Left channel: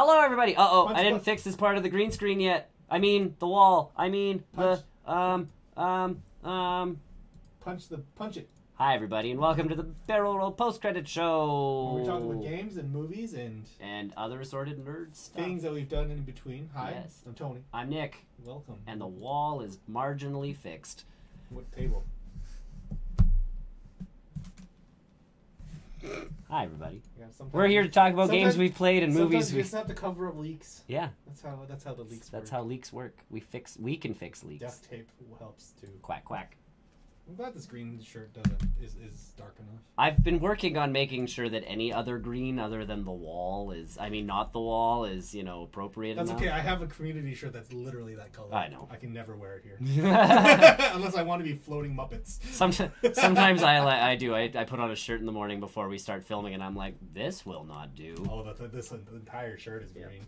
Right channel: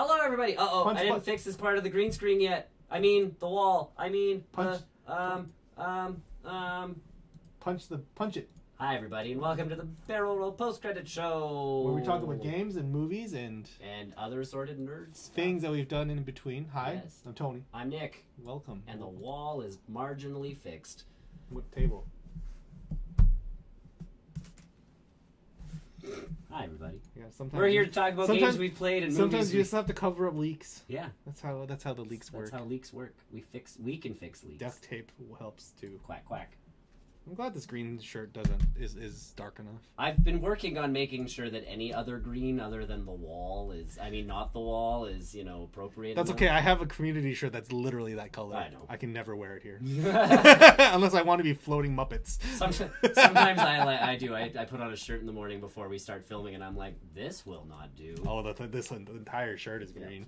Hello, everybody. Punch, I didn't punch. fix this part of the green screen yet. I mean, the wall. I mean, Punch. Punch it. Hi, everybody, and welcome to the Barrel Roll Post-Credit Show. Where we talk about games and movies and other assorted nerds. things that we've done in between. Hi, Yes. I'm Tony. I'm Nick, Welcome. and the wall is marginally fixed. What table? Hi, everybody. Yeah, sometimes We're here to talk about sometimes- games we've played and Sometimes movies. you just have to cover up leaks. Yeah, That's how the leaks work. that's how leaks work. We can fix leaks. Duct tape helps too. Quack quack. I'm glad this green shirt is dark enough. I've been working on making sure that any other green other than the wall is, not the wall, is, appropriate That's enough. okay. I have a community shirt that's literally that color. I know. I can never wear it here. Unless I want to be floating Muppets. Sometimes I do. I put on a shirt in the morning before we start filming, and I'm like, this will not do. Oh, the entire shirt is green.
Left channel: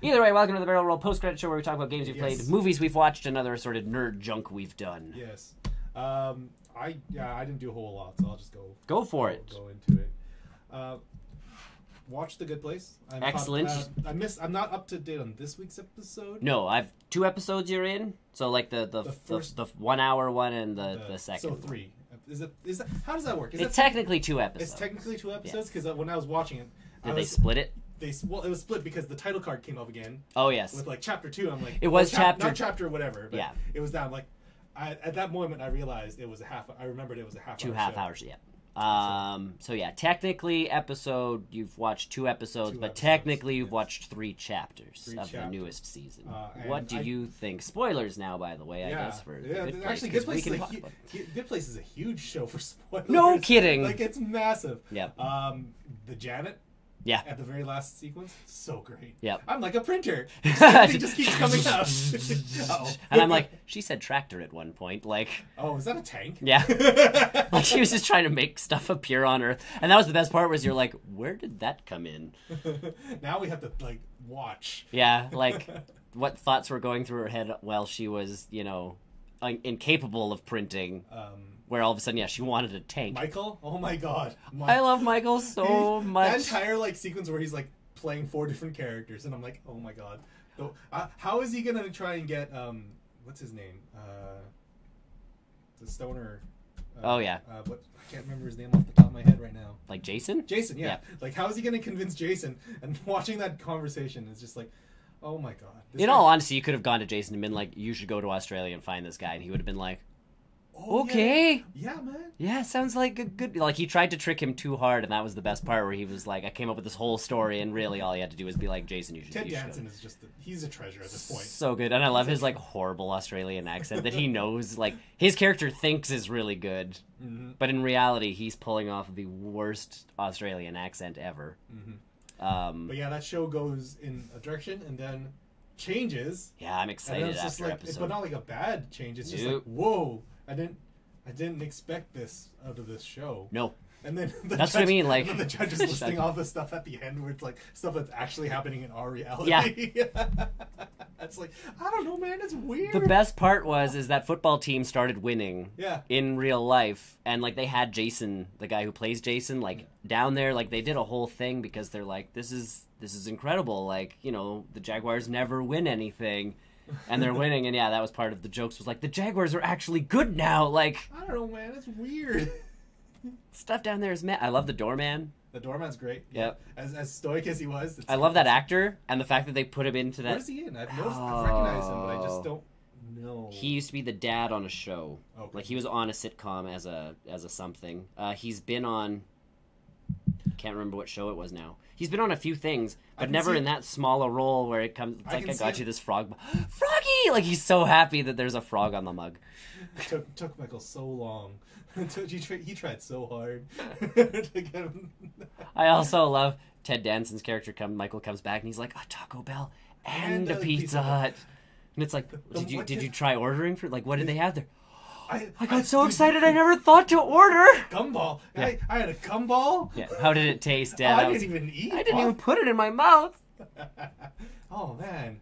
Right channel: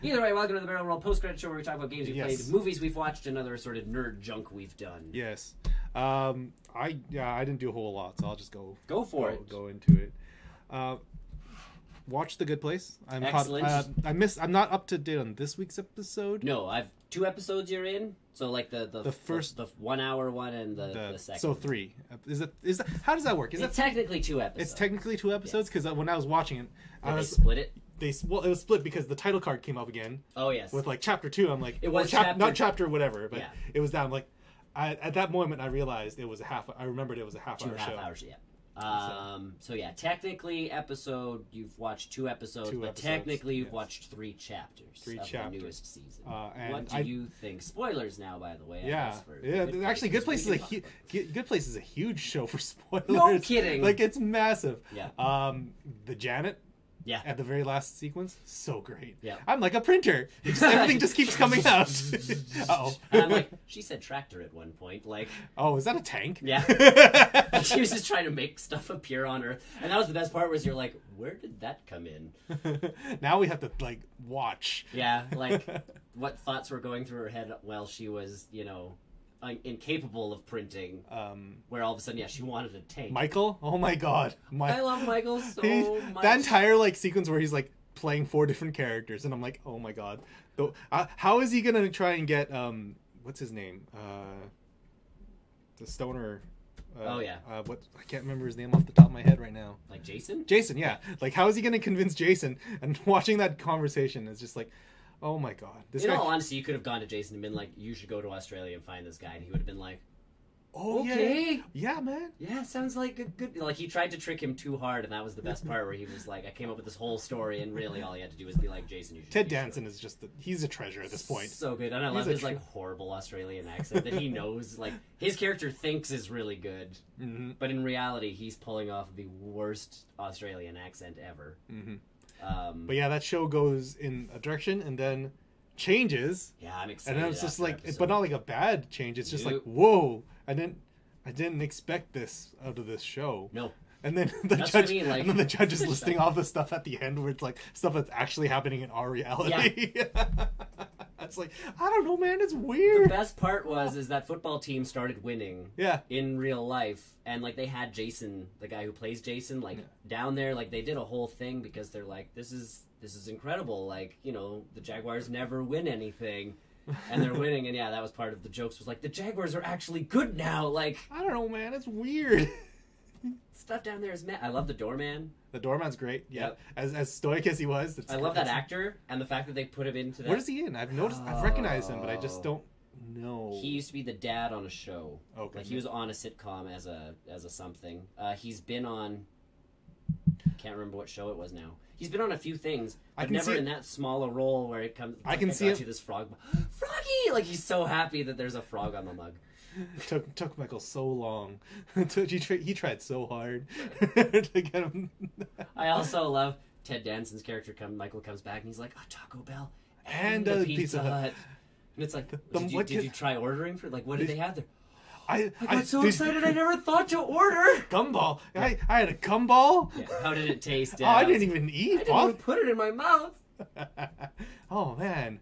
Either way, welcome to the Barrel Roll Post-Credit Show, where we talk about games we've Yes. played, movies we've watched, and other assorted nerd junk we've done. Yes. I didn't do a whole lot, so I'll just Go for it. Go into it. Watch The Good Place. Excellent. I'm not up to date on this week's episode. No, I've 2 episodes you're in. So like the first- the 1 hour one and the second. So 3. Is it? How does that work? It's technically 2 episodes. It's technically 2 episodes because when I was watching it, Did they split it? it was split because the title card came up again Oh yes. with like chapter 2. I'm like, It was not chapter whatever, but Yeah. it was that. I'm like, at that moment I realized it was I remembered it was a half 2 hour half show. hours, yeah. So yeah, technically you've watched 2 episodes, Two but episodes, technically you've yes. watched 3 chapters 3 of chapters. the newest season. And What do you think? Spoilers now, by the way. I Yeah, guess for yeah. Actually, Good Place we is can talk about Good Place is a huge show for spoilers. No kidding. Like it's massive. Yeah. The Janet. Yeah. At the very last sequence, so great. Yeah. I'm like a printer. It just keeps coming out. Oh. And I'm like, she said tractor at one point. Like, oh, is that a tank? yeah. Like she was just trying to make stuff appear on Earth. And that was the best part was you're like, where did that come in? Now we have to like watch. Yeah, like what thoughts were going through her head while she was, incapable of printing. Where all of a sudden, she wanted a tank. Michael? Oh my god. I love Michael so much. That entire like sequence where he's like playing 4 different characters, and I'm like, oh my god. How is he gonna try and get what's his name? The stoner. Oh yeah. I can't remember his name off the top of my head right now. Like Jason? Jason, yeah. Like how is he gonna convince Jason? And watching that conversation is just like, oh my god. In all honesty, you could have gone to Jason and been like, you should go to Australia and find this guy, and he would have been like, oh, okay. Yeah, man. Yeah, sounds like a good... Like, he tried to trick him too hard, and that was the best part, where he was like, I came up with this whole story, and really all he had to do was be like, Jason, you should... Ted Danson is just... he's a treasure at this point. So good, and I love his, horrible Australian accent that he knows, his character thinks is really good, but in reality, he's pulling off the worst Australian accent ever. But yeah, that show goes in a direction, and then changes. Yeah, I'm excited. And it's just like... episode. but not like a bad change, it's just Nope. like, whoa! I didn't expect this out of this show. Nope. And then That's what I mean, like... and then the judge is listing all the stuff at the end where it's like stuff that's actually happening in our reality. Yeah. It's like, I don't know, man, it's weird. The best part is that football team started winning Yeah. in real life, and they had Jason, the guy who plays Jason, down there. They did a whole thing because they're like, this is incredible. The Jaguars never win anything. And they're winning, and that was part of the jokes. Was like, the Jaguars are actually good now. I don't know, man. It's weird. Stuff down there is mad. I love the doorman. The doorman's great. Yeah, Yep. as stoic as he was. I love that actor, and the fact that they put him into that. Where's he in? I've recognized him, but I just don't know. He used to be the dad on a show. Okay. He was on a sitcom as a something. He's been on. Can't remember what show it was now. He's been on a few things, but never in that small a role where it comes. It's I got you this frog, Froggy! He's so happy that there's a frog on the mug. Took Michael so long. He tried so hard to get him. I also love Ted Danson's character. Michael comes back and he's like, a Taco Bell and a Pizza Hut. And it's like, did you try ordering for? What did they have there? I got so excited I never thought to order. Gumball. I had a gumball. Yeah. How did it taste, Dad? Oh, I didn't even eat. I didn't even put it in my mouth. Oh man.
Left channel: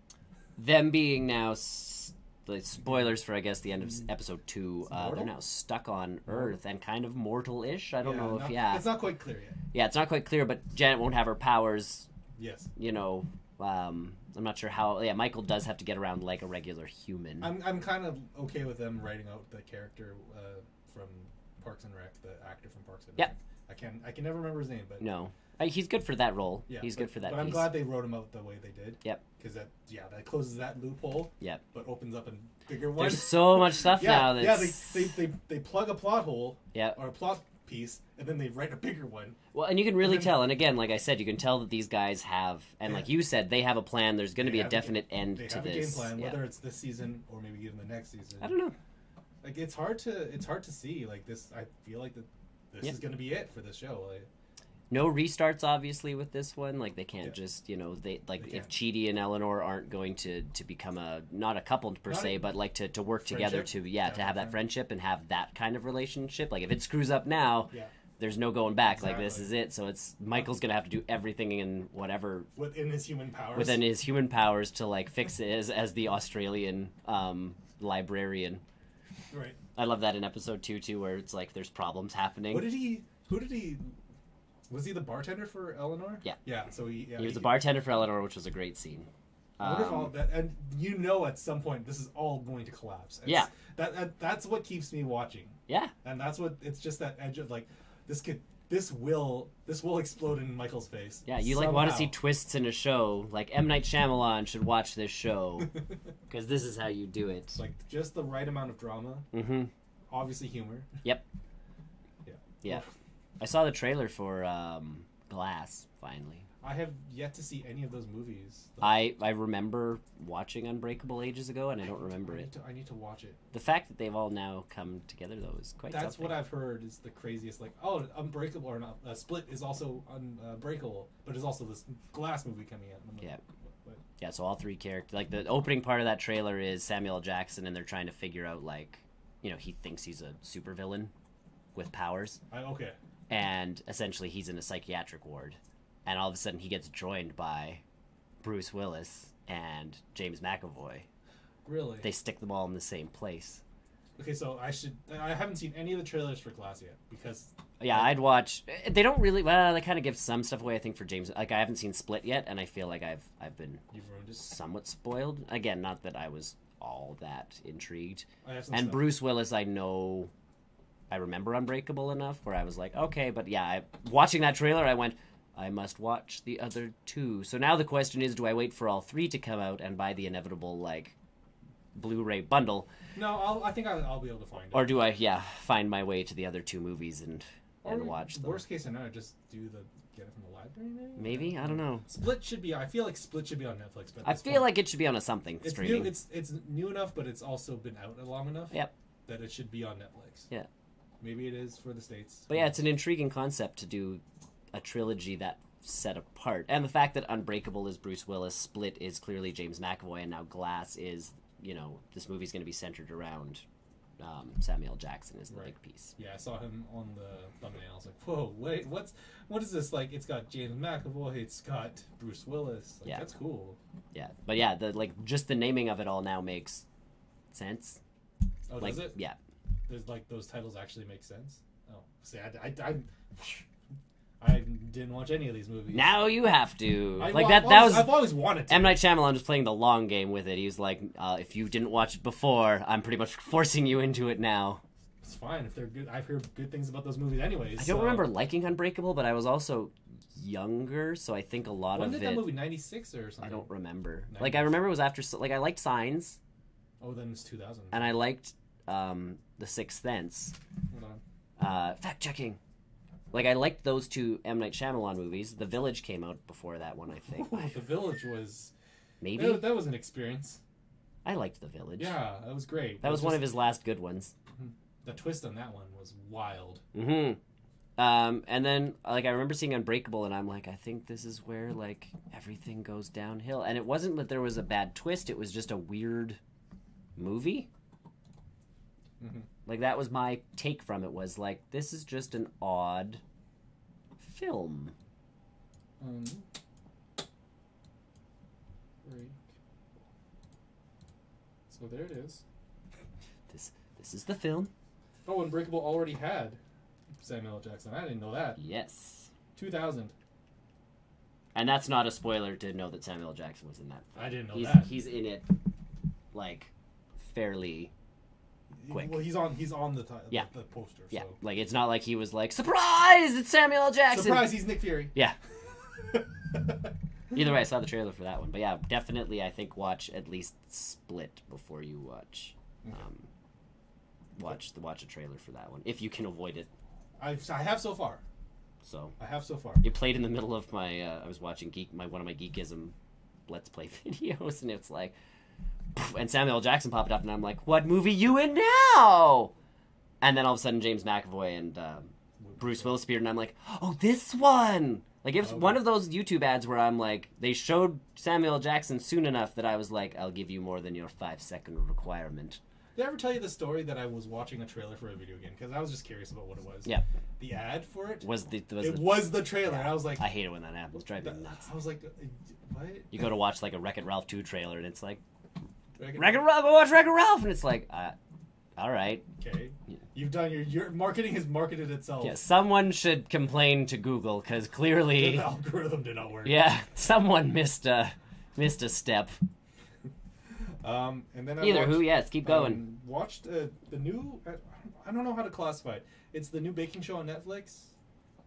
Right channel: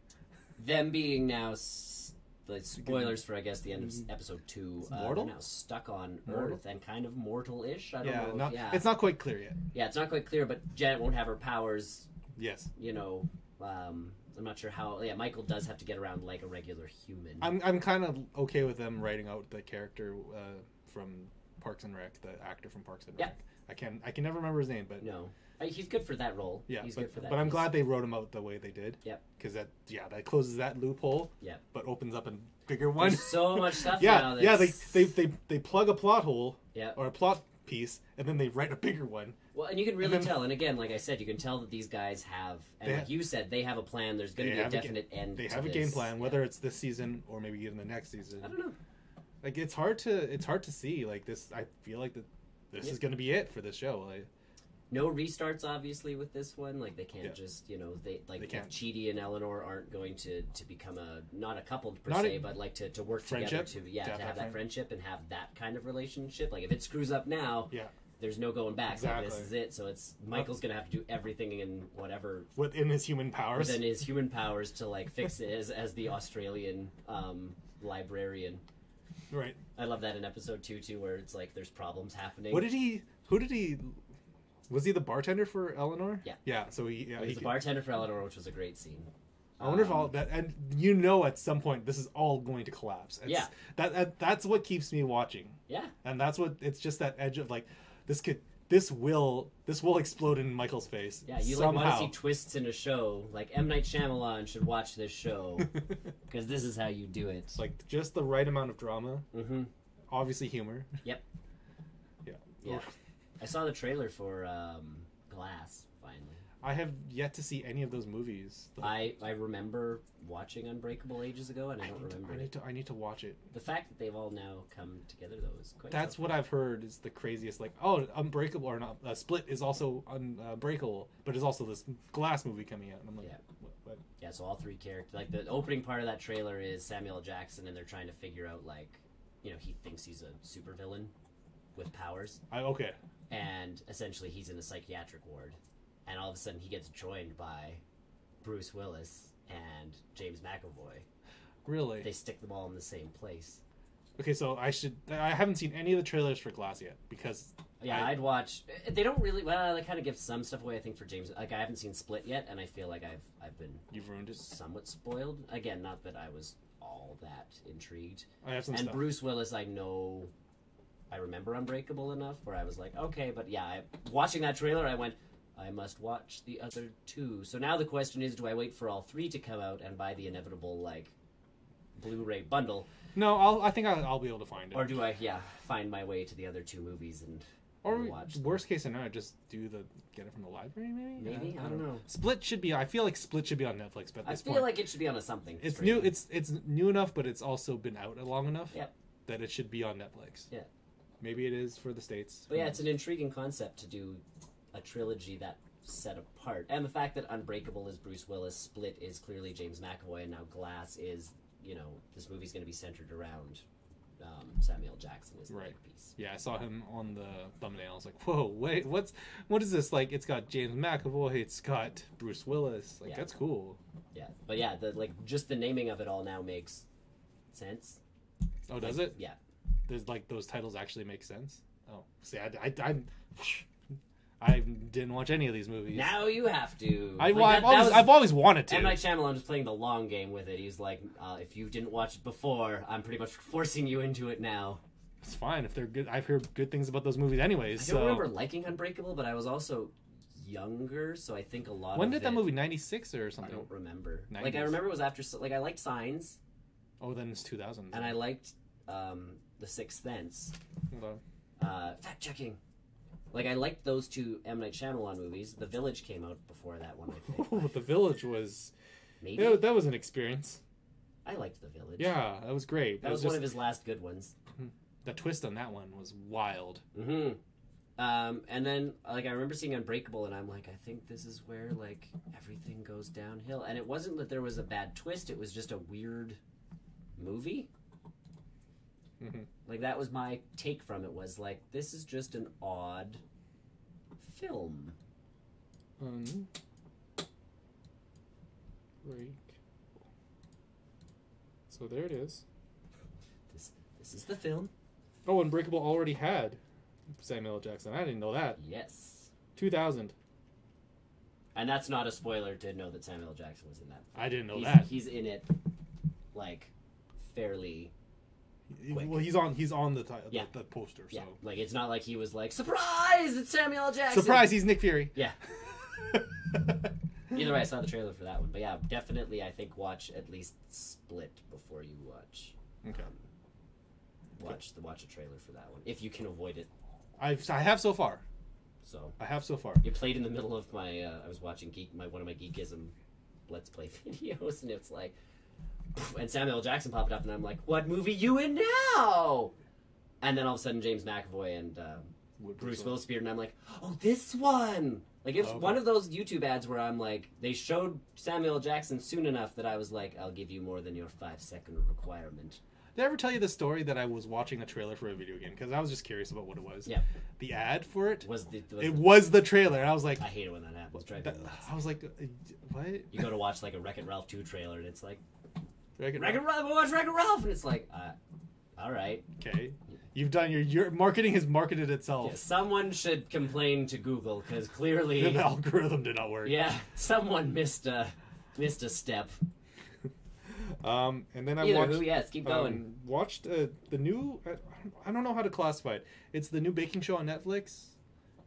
Them being now spoilers for I guess the end of episode 2. They're now stuck on Earth and kind of mortal-ish. I don't know if it's not quite clear yet. Yeah, it's not quite clear, but Janet won't have her powers Yes. you know, I'm not sure how. Yeah, Michael does have to get around like a regular human. I'm kind of okay with them writing out the character from Parks and Rec, the actor from Parks and Rec. Yep. I can never remember his name, but No, he's good for that role. yeah, he's good for that. But I'm piece. glad they wrote him out the way they did. Yep. Because that closes that loophole. Yep. But opens up a bigger one. There's so much stuff now. Yeah, That's... they plug a plot hole. Yeah. Or a plot piece, and then they write a bigger one. Well, and you can really tell. And again, like I said, you can tell that these guys have, and like you said, they have a plan. There's going to be a definite end to this. They have a game plan, whether it's this season or maybe even the next season. I don't know. Like it's hard to see. Like this, I feel like this is going to be it for this show. Like, no restarts, obviously, with this one. Like they can't just, they if Chidi and Eleanor aren't going to become not a couple per se, but like to work together to have that friendship and have that kind of relationship. Like if it screws up now, there's no going back. Exactly. Like this is it. So it's Michael's gonna have to do everything in whatever within his human powers to like fix it as the Australian librarian. Right. I love that in episode 2 too, where it's like there's problems happening. Who did he? Was he the bartender for Eleanor? Yeah. Yeah. So he was the bartender for Eleanor, which was a great scene. I wonder if all that, and at some point this is all going to collapse. That's what keeps me watching. Yeah. And that's what it's just that edge of like this will explode in Michael's face. Yeah, you like want to see twists in a show. Like M. Night Shyamalan should watch this show because this is how you do it. It's like just the right amount of drama. Mm-hmm. Obviously humor. Yep. Yeah. I saw the trailer for Glass finally. I have yet to see any of those movies. I remember watching Unbreakable ages ago, and I don't remember it. I need to watch it. The fact that they've all now come together, though, is quite That's something. what I've heard is the craziest. Like, oh, Unbreakable or not. Split is also Unbreakable, but there's also this Glass movie coming out. And I'm like, yeah, so all three characters. Like, the opening part of that trailer is Samuel L. Jackson, and they're trying to figure out, like, he thinks he's a supervillain with powers. Okay. And essentially he's in a psychiatric ward. And all of a sudden he gets joined by Bruce Willis and James McAvoy. Really? They stick them all in the same place. Okay, so I haven't seen any of the trailers for Glass yet because... Yeah, I'd watch... They don't really... Well, they kind of give some stuff away, I think, for James. Like, I haven't seen Split yet, and I feel like I've been... You've ruined it. Somewhat spoiled. Again, not that I was all that intrigued. I have some and stuff. Bruce Willis, I know... I remember Unbreakable enough where I was like, okay, but yeah, watching that trailer, I went, I must watch the other two. So now the question is, do I wait for all three to come out and buy the inevitable, like, Blu-ray bundle? No, I think I'll be able to find it. Or do I, find my way to the other two movies and watch them? Worst case scenario, just get it from the library, maybe? Maybe? I don't know. Split should be, I feel like Split should be on Netflix. But I feel like it should be on a something. It's streaming. new. It's new enough, but it's also been out long enough. Yep. That it should be on Netflix. Yeah. Maybe it is for the States. But yeah, it's an intriguing concept to do a trilogy that set apart. And the fact that Unbreakable is Bruce Willis, Split is clearly James McAvoy, and now Glass is, this movie's going to be centered around Samuel Jackson is the big piece. Yeah, I saw him on the thumbnail. I was like, whoa, wait, what is this? Like, it's got James McAvoy, it's got Bruce Willis. Like, that's cool. Yeah, but yeah, just the naming of it all now makes sense. Oh, does it? Yeah. There's like those titles actually make sense. Oh, see, I didn't watch any of these movies. Now you have to. I've always wanted to. M. Night Shyamalan was playing the long game with it. He was like, if you didn't watch it before, I'm pretty much forcing you into it now. It's fine if they're good. I've heard good things about those movies, anyways. I don't remember liking Unbreakable, but I was also younger, so I think a lot when of it. When did that movie? 96 or something? I don't remember. 90s. Like I remember it was after. Like I liked Signs. Oh, then it's 2000. And I liked The Sixth Sense. Fact checking. Like I liked those two M. Night Shyamalan movies. The Village came out before that one, I think. Oh, The Village was maybe that was an experience. I liked The Village. Yeah, that was great. That was one of his last good ones. The twist on that one was wild. Mm-hmm. And then I remember seeing Unbreakable, and I'm like, I think this is where like everything goes downhill. And it wasn't that there was a bad twist; it was just a weird movie. Mm-hmm. Like that was my take from it. Was like, this is just an odd film. So there it is. This is the film. Oh, Unbreakable already had Samuel L. Jackson. I didn't know that. Yes. 2000. And that's not a spoiler to know that Samuel L. Jackson was in that. I didn't know that. He's in it, like, fairly quick. Well, he's on the poster. Yeah, So. like, it's not like he was like, surprise, it's Samuel L. Jackson! Surprise, he's Nick Fury. Yeah. Either way, I saw the trailer for that one. But yeah, definitely, I think watch at least Split before you watch. Watch a trailer for that one, if you can avoid it. I have so far. So I have so far. It played in the middle of my. I was watching one of my Geekism Let's Play videos, and it's like, and Samuel L. Jackson popped up, and I'm like, "What movie you in now?" And then all of a sudden, James McAvoy and Bruce Willis appeared, and I'm like, "Oh, this one!" Like, it was one of those YouTube ads where I'm like, they showed Samuel L. Jackson soon enough that I was like, "I'll give you more than your 5-second requirement." Did I ever tell you the story that I was watching a trailer for a video game? Because I was just curious about what it was. Yeah. The ad for it was the trailer. I was like... I hate it when that ad was driving me nuts. I was like, what? You go to watch, like, a Wreck-It Ralph 2 trailer, and it's like, Wreck-It Ralph, go watch Wreck-It Ralph! And it's like, all right. Okay. You've done your marketing has marketed itself. Yeah, someone should complain to Google, because clearly... The algorithm did not work. Yeah, someone missed a step. And then let's keep going. Watched the new. I don't know how to classify it. It's the new baking show on Netflix.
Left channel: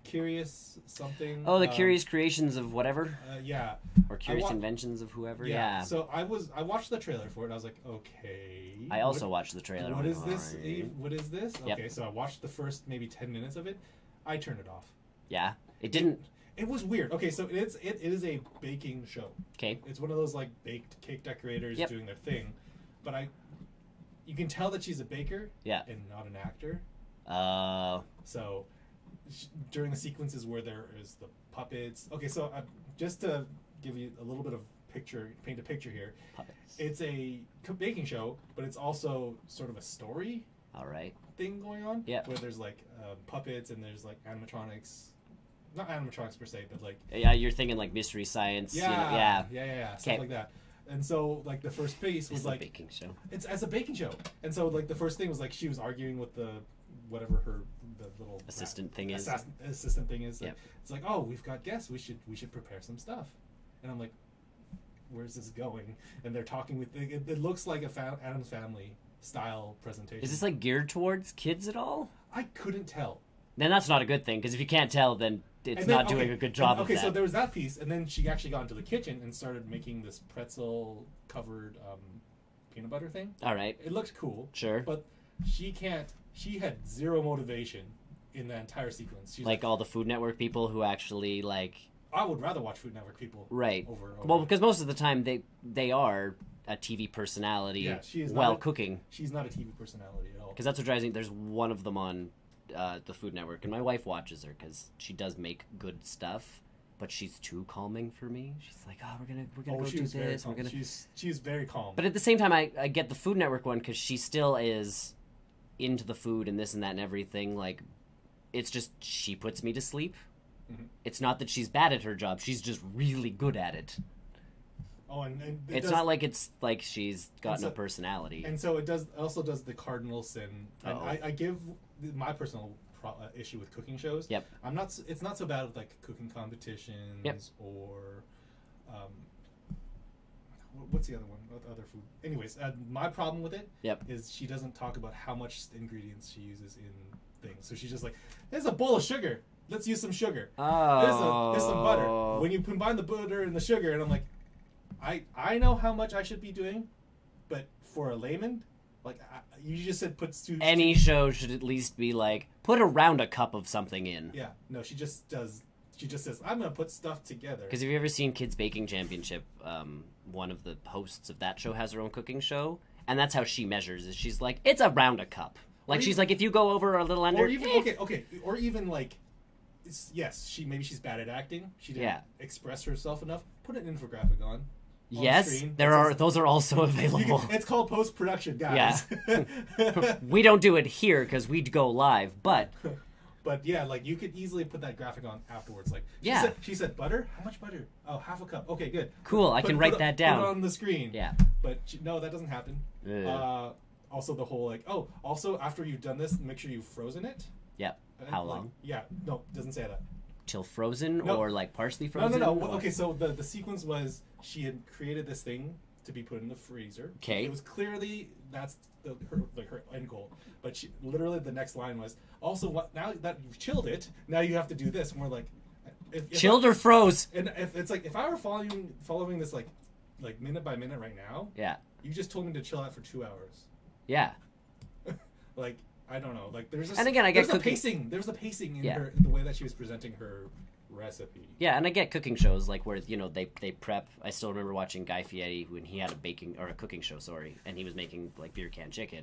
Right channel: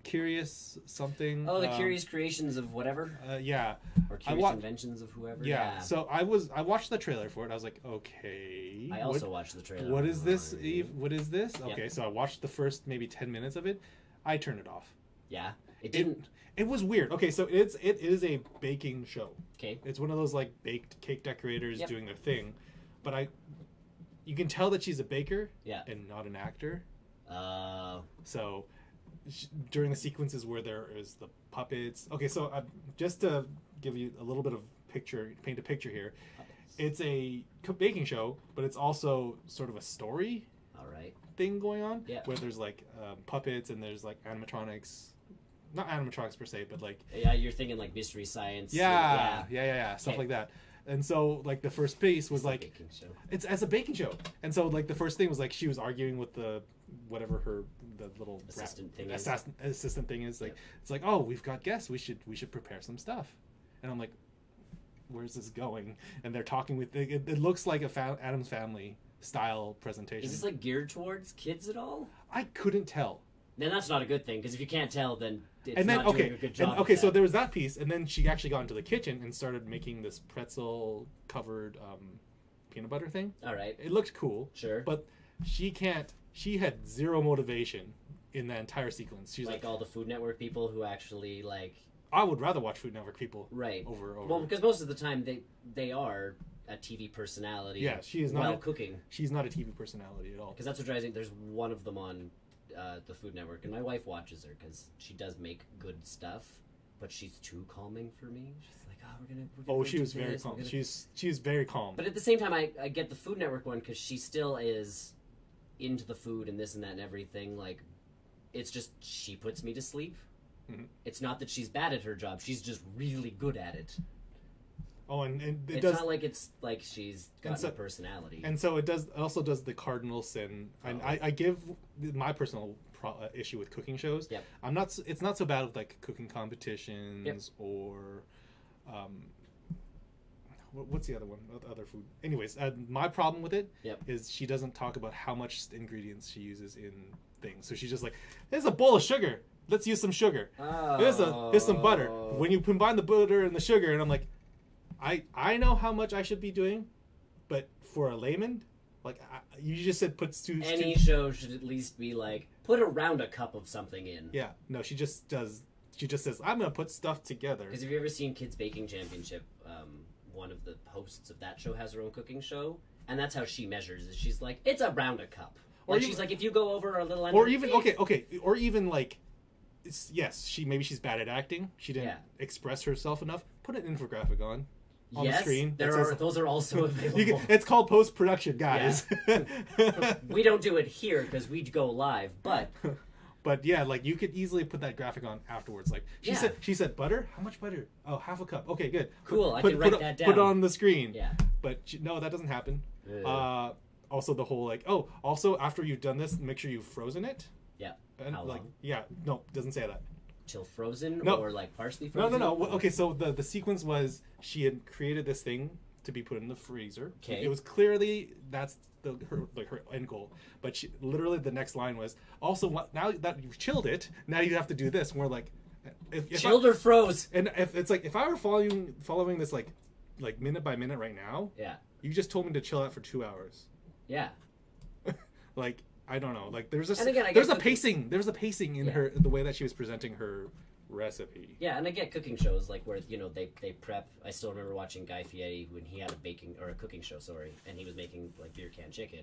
Curious something. Oh, the Curious Creations of whatever. Yeah. Or Curious Inventions of whoever. Yeah. So I watched the trailer for it. I was like, okay. I also watched the trailer. What is this, Eve? What is this? Yep. Okay, so I watched the first maybe 10 minutes of it. I turned it off. Yeah. It didn't. It was weird. Okay, so it is a baking show. Okay. It's one of those like baked cake decorators Yep. doing their thing, but you can tell that she's a baker. Yeah. And not an actor. So during the sequences where there is the puppets. Okay, so just to give you a little bit of paint a picture here. Puppets. It's a baking show, but it's also sort of a story. All right. Thing going on. Yeah. Where there's like puppets and there's like animatronics. Not animatronics per se, but like... Yeah, you're thinking like Mystery Science. Yeah. Stuff like that. And so, like, the first piece was like... baking show. It's as a baking show. And so, like, the first thing was like she was arguing with the little... Assistant thing is. Like, it's like, oh, we've got guests. We should prepare some stuff. And I'm like, where's this going? And they're talking with... It looks like a Addams Family style presentation. Is this like geared towards kids at all? I couldn't tell. Then that's not a good thing, because if you can't tell, then it's not doing a good job. Okay, so there was that piece, and then she actually got into the kitchen and started making this pretzel-covered peanut butter thing. All right. It looked cool. Sure. But she had zero motivation in that entire sequence. She's like all the Food Network people who actually, like... I would rather watch Food Network people. Right. Over. Well, because most of the time they are a TV personality. Yeah, she is while cooking. She's not a TV personality at all. Because that's what drives me. There's one of them on the Food Network, and my wife watches her because she does make good stuff, but she's too calming for me. She's like, "Oh, we're gonna." Oh, she was very calm. She's very calm. But at the same time, I get the Food Network one because she still is into the food and this and that and everything. Like, it's just she puts me to sleep. Mm-hmm. It's not that she's bad at her job; she's just really good at it. Oh, and it's not like it's like she's got no personality. And so it also does the cardinal sin. And I give my personal issue with cooking shows. Yep. It's not so bad with like cooking competitions or what's the other one? Other food. Anyways, my problem with it is she doesn't talk about how much ingredients she uses in things. So she's just like, "There's a bowl of sugar. Let's use some sugar. Oh. There's some butter." When you combine the butter and the sugar, and I'm like, I know how much I should be doing, but for a layman, like you just said, any show should at least be like put around a cup of something in. Yeah, no, she just does. She just says, "I'm gonna put stuff together." Because have you ever seen Kids Baking Championship? One of the hosts of that show has her own cooking show, and that's how she measures. Is she's like, it's around a cup. Like she's like, if you go over a little under, or even or even like, yes, she's bad at acting. She didn't express herself enough. Put an infographic on. Yes, the those are also available. It's called post-production, guys. Yeah. We don't do it here because we go live, but yeah, like you could easily put that graphic on afterwards. Like she said butter. How much butter? Oh, half a cup. Okay, good. Cool. I can write that down. Put it on the screen. Yeah. But no, that doesn't happen. Also, the whole like, also after you've done this, make sure you've frozen it. Yeah. How long? Yeah. No, it doesn't say that. till frozen No. or like partially No, frozen? no, no. Okay, so the sequence was she had created this thing to be put in the freezer. Okay. It was clearly that's her end goal. But she, literally the next line was also now that you've chilled it, now you have to do this. And we're like, if Chilled or froze? And if it's like if I were following this like minute by minute right now, Yeah. you just told me to chill out for 2 hours. Yeah. Like I don't know. Like there's And again, I guess there's a pacing. There's a pacing in Yeah. her the way that she was presenting her recipe. Yeah, and I get cooking shows like where they prep. I still remember watching Guy Fieri when he had a cooking show, and he was making like beer can chicken,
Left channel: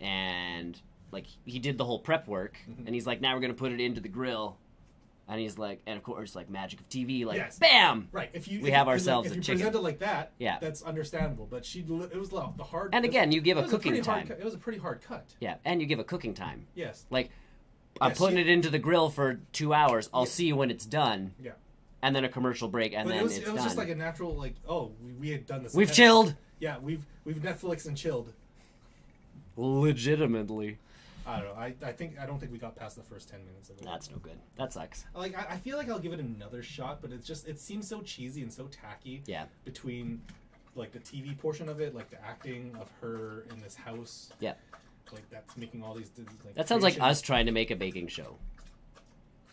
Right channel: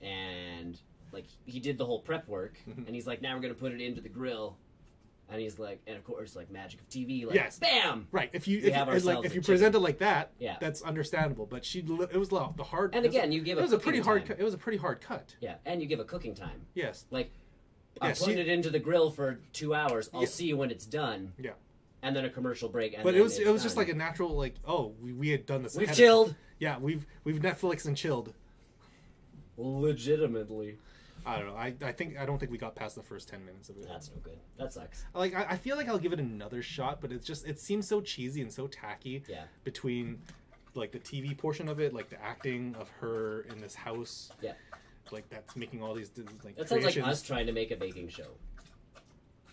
and like he did the whole prep work, and he's like, now we're gonna put it into the grill, and he's like, and of course like magic of TV, like Yes. bam, Right. If you have ourselves if a you chicken. present it like that, Yeah. that's understandable. But it was the hard. And again, you give a cooking pretty time. hard. It was a pretty hard cut. Yeah, and you give a cooking time. Yes. Like I'm Yes, putting it into the grill for 2 hours. I'll Yeah. see you when it's done. Yeah. And then a commercial break, and But then it was it's just done. like a natural we had done this. We've ahead of chilled. time. Yeah, we've Netflix and chilled. Legitimately. I don't know. I don't think we got past the first 10 minutes of it. That's no good. That sucks. Like I feel like I'll give it another shot, but it seems so cheesy and so tacky. Yeah. Between like the TV portion of it, like the acting of her in this house. Yeah. Like that's making all these. Like, That sounds like creations. us trying to make a baking show.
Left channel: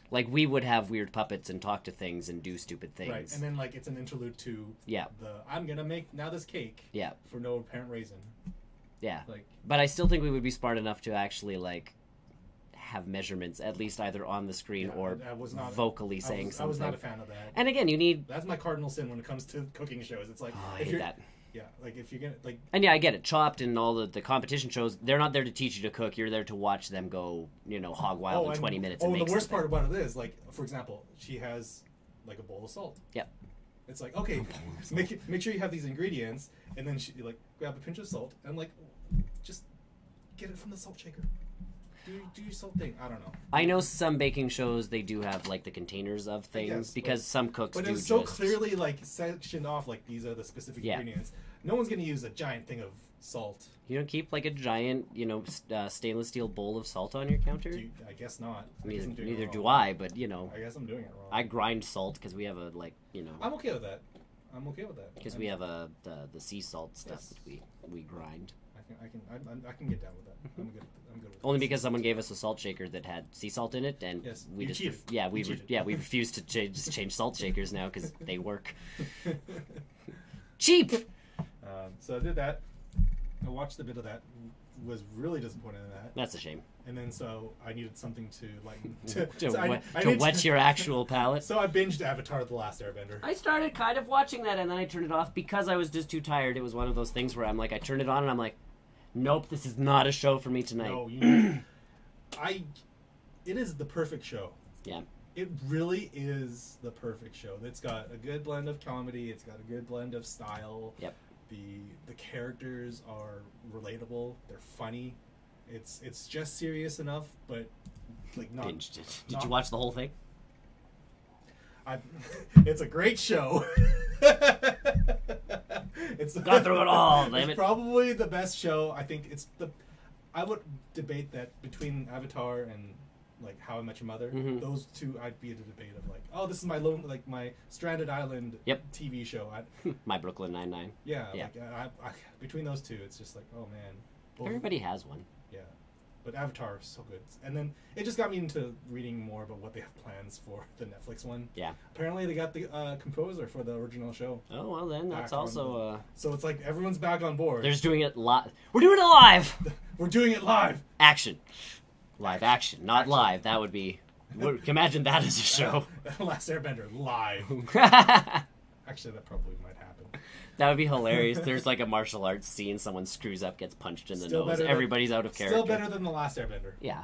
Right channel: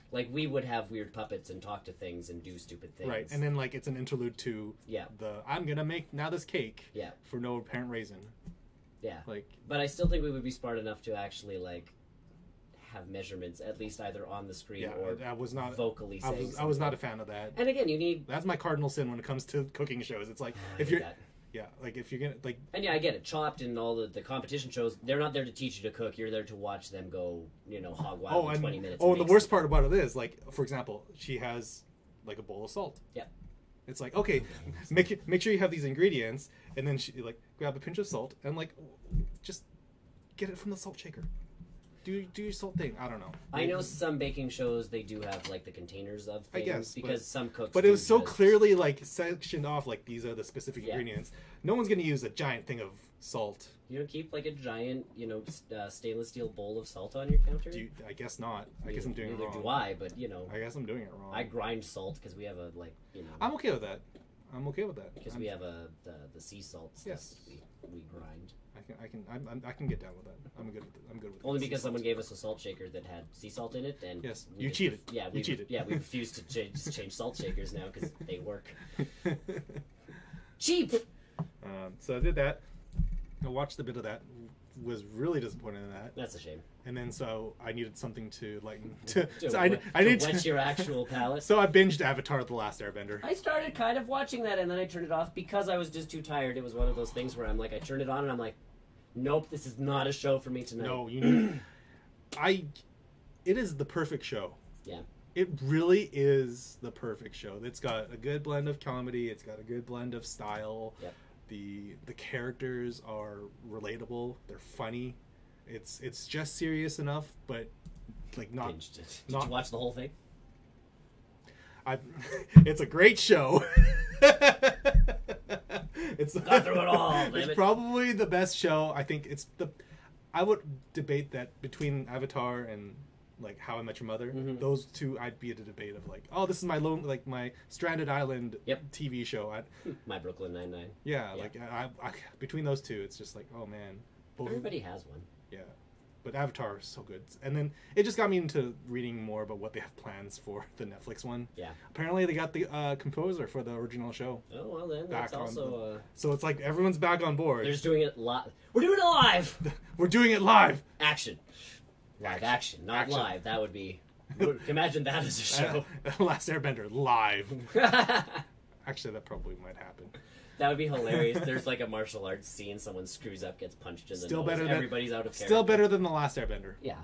Like we would have weird puppets and talk to things and do stupid things. Right, and then like it's an interlude to Yeah. I'm gonna make now this cake. Yeah. For no apparent reason. Yeah. Like But I still think we would be smart enough to actually like have measurements at least either on the screen yeah, or I was not vocally saying something. I was not a fan of that. And again, you need That's my cardinal sin when it comes to cooking shows. It's like I if hate you're that. yeah, like if you're gonna like And yeah, I get it. Chopped and all the competition shows, they're not there to teach you to cook. You're there to watch them go, hog wild in 20 minutes. Oh, and and the make worst something. part about it is like, for example, she has like a bowl of salt. Yep. It's like okay, make sure you have these ingredients, and then she like grab a pinch of salt and like just get it from the salt shaker. Do your salt thing. I don't know. I know some baking shows they do have like the containers of things guess, because some cooks. But do it was so just- clearly like sectioned off. Like these are the specific Yeah. ingredients. No one's gonna use a giant thing of salt. You don't keep like a giant, stainless steel bowl of salt on your counter. I guess not. I guess I'm doing Neither it wrong. do I, but I guess I'm doing it wrong. I grind salt because we have a I'm okay with that. I'm okay with that. because we have the sea salt stuff Yes. that we grind. I can get down with that. I'm good with it. I'm good with Only this. because someone gave us a salt shaker that had sea salt in it, and Yes, we you just, cheated. Yeah, we You cheated. we refuse to change salt shakers now because they work cheap. So I did that. I watched a bit of that. Was really disappointed in that. That's a shame. And then so I needed something to lighten To whet your actual palate. So I binged Avatar: The Last Airbender. I started kind of watching that, and then I turned it off because I was just too tired. It was one of those things where I'm like, I turned it on, and I'm like, nope, this is not a show for me tonight. No, you know, it is the perfect show. Yeah. It really is the perfect show. It's got a good blend of comedy. It's got a good blend of style. Yep. The characters are relatable. They're funny. It's just serious enough, but like not. Binged it. Did you watch the whole thing? It's a great show. Got through it all. Damn It's it. probably the best show. I think I would debate that between Avatar and like How I Met Your Mother. Mhm. Those two, I'd be at a debate of like, oh, this is my my Stranded Island Yep. TV show. My Brooklyn Nine-Nine. Yeah, Yeah. like I, between those two, it's just like, oh man. Both- Everybody has one. Yeah, but Avatar is so good, and then it just got me into reading more about what they have plans for the Netflix one. Yeah. Apparently, they got the composer for the original show, Oh, well then, that's Back on also... so it's like everyone's back on board. They're just doing it live. We're doing it live! We're doing it live. Action. Live action, not Action. live. That would be... Imagine that as a show. Last Airbender live. Actually, that probably might happen. That would be hilarious. There's like a martial arts scene. Someone screws up, gets punched in the Still nose. better than- Everybody's out of character. Still better than the Last Airbender. Yeah.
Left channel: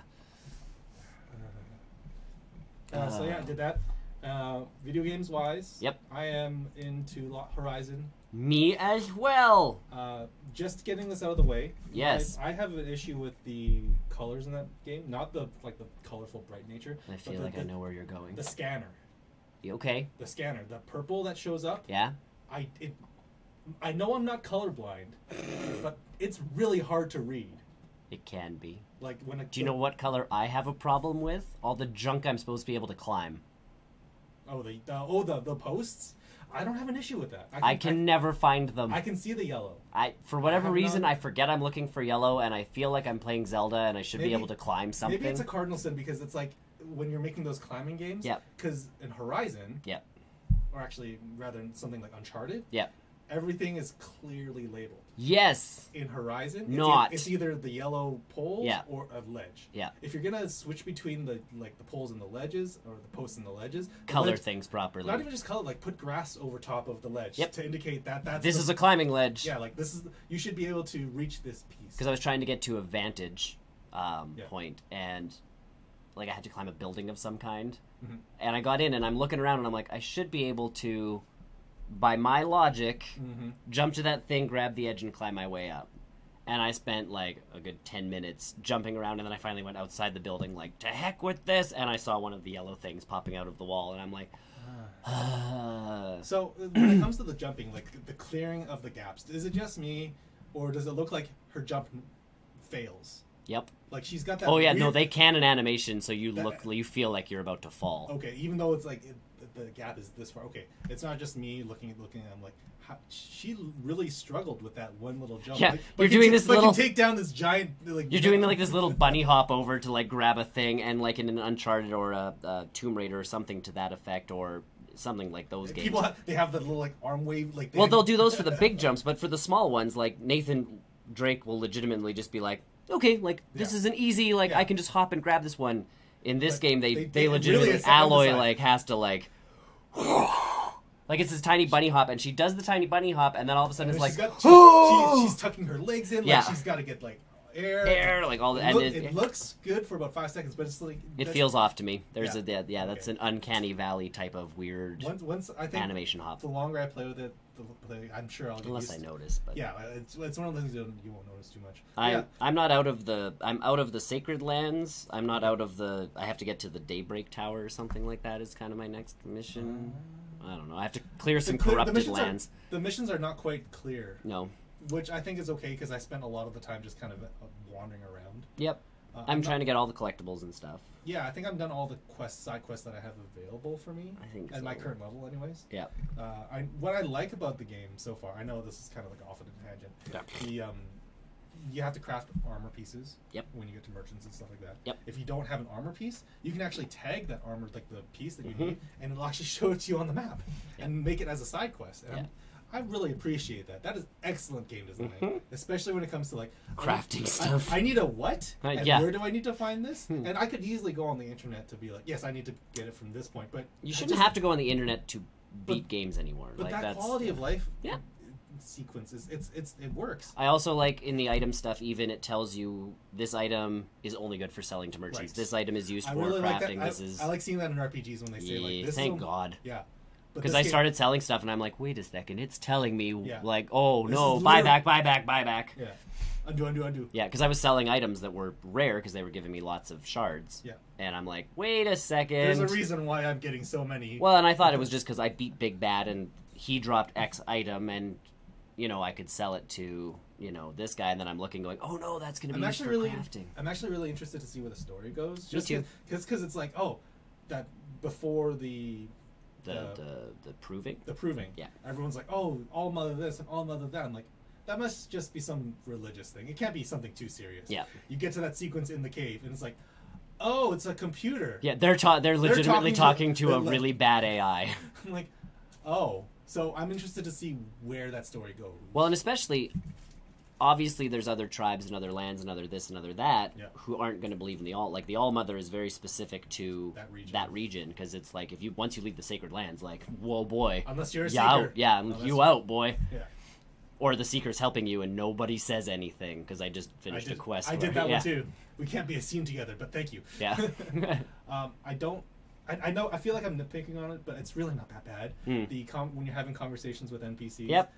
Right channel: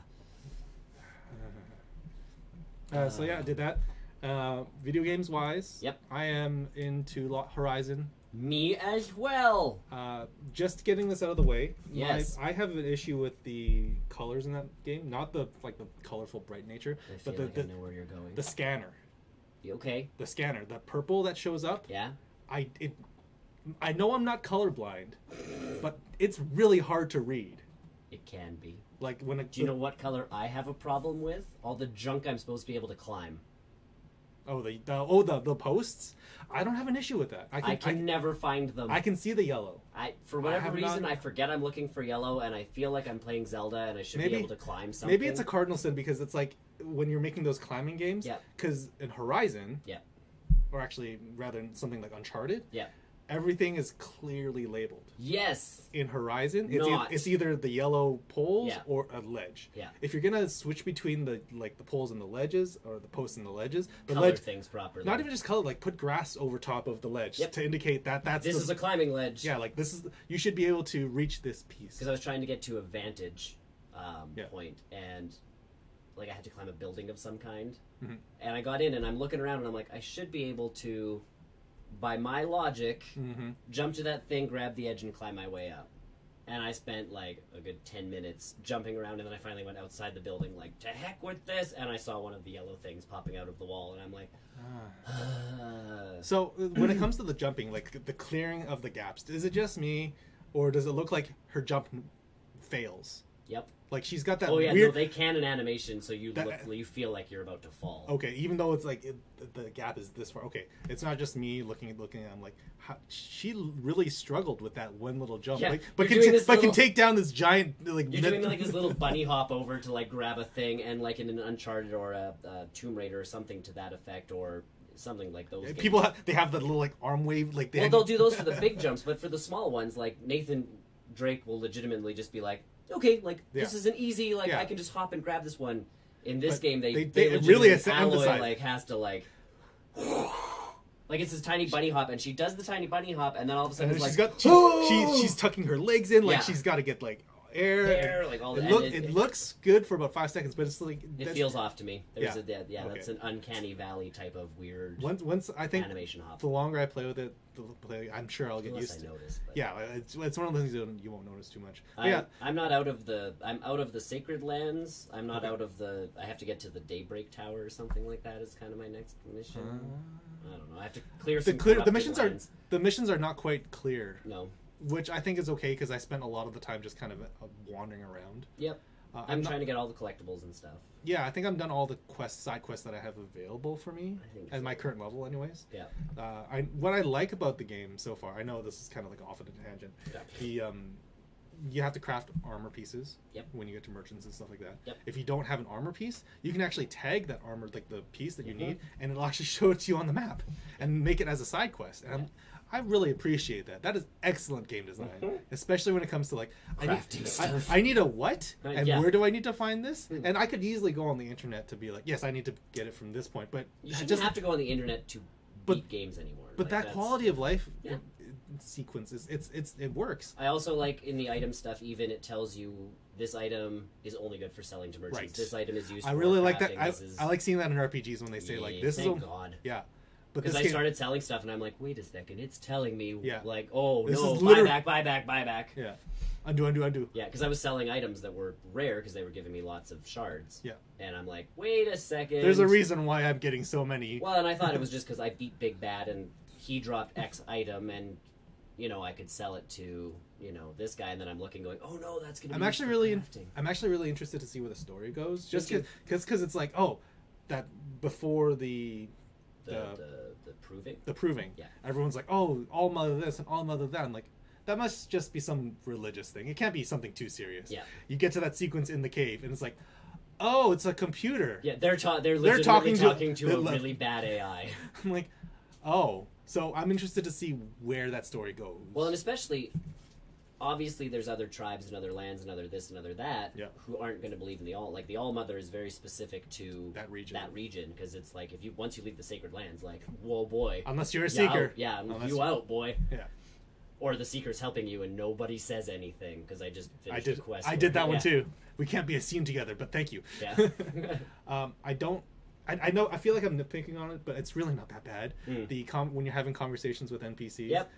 So yeah, I did that. Video games wise, Yep. I am into Horizon. Me as well. Just getting this out of the way. Yes. I have an issue with the colors in that game, not the colorful bright nature, I but feel like I know where you're going. the scanner. You okay? The scanner, the purple that shows up. Yeah? I know I'm not colorblind, but it's really hard to read. It can be. Like when Do you know what color I have a problem with? All the junk I'm supposed to be able to climb. The posts. I don't have an issue with that. I can never find them. I can see the yellow. For whatever reason, I forget I'm looking for yellow, and I feel like I'm playing Zelda, and I should be able to climb something. Maybe it's a cardinal sin because it's like when you're making those climbing games. Yeah. Because in Horizon. Yeah. Or actually, rather something like Uncharted. Yeah. Everything is clearly labeled. Yes. In Horizon, it's either the yellow poles or a ledge. Yeah. If you're gonna switch between the poles and the ledges, or the posts and the ledges, color things properly. Not even just color, like put grass over top of the ledge to indicate that's this is a climbing ledge. Yeah, like this is you should be able to reach this piece. Because I was trying to get to a vantage point, and like I had to climb a building of some kind, and I got in, and I'm looking around, and I'm like, I should be able to, by my logic, jump to that thing, grab the edge, and climb my way up. And I spent like a good 10 minutes jumping around, and then I finally went outside the building, like, to heck with this, and I saw one of the yellow things popping out of the wall, and I'm like, So when it comes to the jumping, like the clearing of the gaps, is it just me, or does it look like her jump fails? Yep. Like she's got that. Oh yeah, weird... no, they can in animation, so you feel like you're about to fall. Okay, even though it's like the gap is this far. Okay, it's not just me looking. I'm like, she really struggled with that one little jump. Yeah, like, you're doing this little. Can take down this giant. Like you're doing like this little bunny hop over to like grab a thing, and like in an Uncharted or a Tomb Raider or something to that effect, or something like those games. People they have that little like arm wave. Like they'll do those for the big jumps, but for the small ones, like Nathan Drake will legitimately just be like, okay, like this is an easy, like I can just hop and grab this one. In this game, they legitimately really Alloy like has to like it's this tiny bunny hop, and she does the tiny bunny hop, and then all of a sudden it's like she's tucking her legs in, like she's got to get like air, like all the. It looks good for about 5 seconds, but it's like it feels off to me. There's that's an uncanny valley type of weird. Once I think animation hop. The longer I play with it, I'm sure I'll get unless used I notice. But. Yeah, it's one of the things you won't notice too much. I'm not out of the. I'm out of the Sacred Lands. I'm not out of the. I have to get to the Daybreak Tower or something like that. Is kind of my next mission. I don't know. I have to clear some corrupted lands. The missions are not quite clear. No. Which I think is okay because I spent a lot of the time just kind of wandering around. Yep. I'm trying to get all the collectibles and stuff. Yeah, I think I've done all the side quests that I have available for me at my current level, anyways. Yeah. What I like about the game so far, I know this is kind of like off on a tangent. Yeah. You have to craft armor pieces. Yep. When you get to merchants and stuff like that. Yep. If you don't have an armor piece, you can actually tag that armor, like the piece that you need, and it'll actually show it to you on the map and make it as a side quest. And I really appreciate that. That is excellent game design, especially when it comes to like crafting stuff. I need a what? And where do I need to find this? And I could easily go on the internet to be like, yes, I need to get it from this point. But you shouldn't have to go on the internet to beat games anymore. But like, that quality of life sequences, it works. I also like in the item stuff, even it tells you this item is only good for selling to merchants. Right. This item is used for crafting. Like that. I like seeing that in RPGs when they say like this. Thank God. Yeah. Because I started selling stuff, and I'm like, wait a second, it's telling me, like, oh, this no, buy back. Yeah. Undo. Yeah, because I was selling items that were rare because they were giving me lots of shards. Yeah. And I'm like, wait a second. There's a reason why I'm getting so many. Well, and I thought it was just because I beat Big Bad, and he dropped X item, and, I could sell it to, this guy, and then I'm looking going, oh, no, that's going to be crafting. I'm actually really interested to see where the story goes. Just because it's like, that before the proving? The proving. Yeah. Everyone's like, oh, all mother this and all mother that. I'm like, that must just be some religious thing. It can't be something too serious. Yeah. You get to that sequence in the cave, and it's like, oh, it's a computer. Yeah, they're legitimately talking to a really bad AI. I'm like, oh. So I'm interested to see where that story goes. Well, and especially, obviously, there's other tribes and other lands and other this and other that who aren't going to believe in the All. Like, the All Mother is very specific to that region because it's like, once you leave the Sacred Lands, like, whoa, boy. Unless you're a Seeker. Out, boy. Yeah. Or the Seeker's helping you and nobody says anything because I just finished a quest. I did that one too. We can't be a scene together, but thank you. Yeah. I know. I feel like I'm nitpicking on it, but it's really not that bad. When you're having conversations with NPCs. Yep.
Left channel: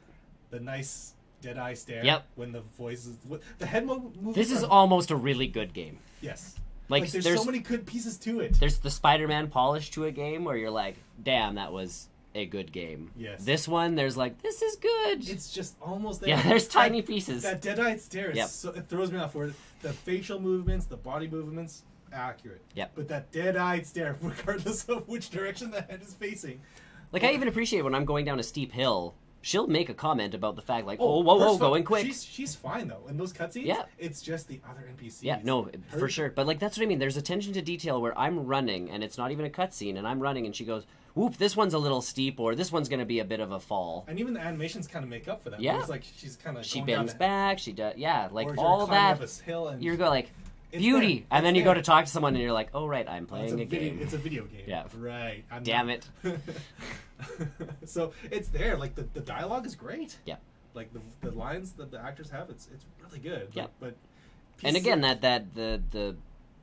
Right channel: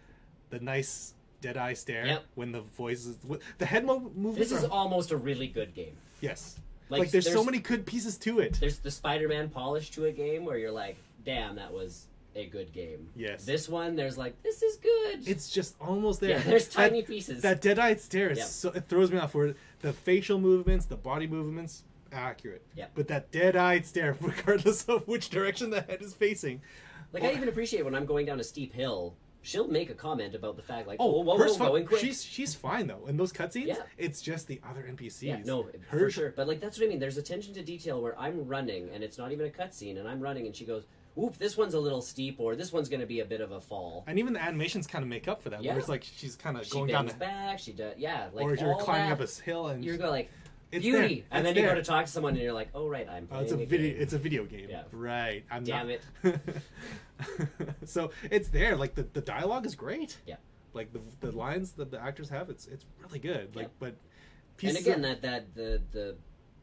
The nice dead-eye stare. Yep. When the voices, the head moves. This is almost a really good game. Yes. Like there's so many good pieces to it. There's the Spider-Man polish to a game where you're like, damn, that was a good game. Yes. This one, there's like, this is good. It's just almost there. Yeah, there's tiny pieces. That dead-eyed stare, it throws me off. Where the facial movements, the body movements, accurate. Yep. But that dead-eyed stare, regardless of which direction the head is facing. Like, I even appreciate when I'm going down a steep hill, she'll make a comment about the fact, like, Oh, whoa, hers going quick. She's fine, though. In those cutscenes, Yeah. it's just the other NPCs. Yeah, no, for sure. But, like, that's what I mean. There's attention to detail where I'm running, and it's not even a cutscene, and I'm running, and she goes, whoop, this one's a little steep, or this one's going to be a bit of a fall. And even the animations kind of make up for that. Yeah. It's like she's kind of She going down bends back, she does, yeah, like, or all you're climbing that. up a hill and You go, like, it's beauty. there. And It's then you there. go to talk to someone, and you're like, oh, right, I'm Oh, it's playing a a video. game. It's a video game. Yeah. Right. Damn it. So it's there. Like the dialogue is great. Yeah. Like the lines that the actors have, it's really good. Yeah. Like, but And pieces again, of-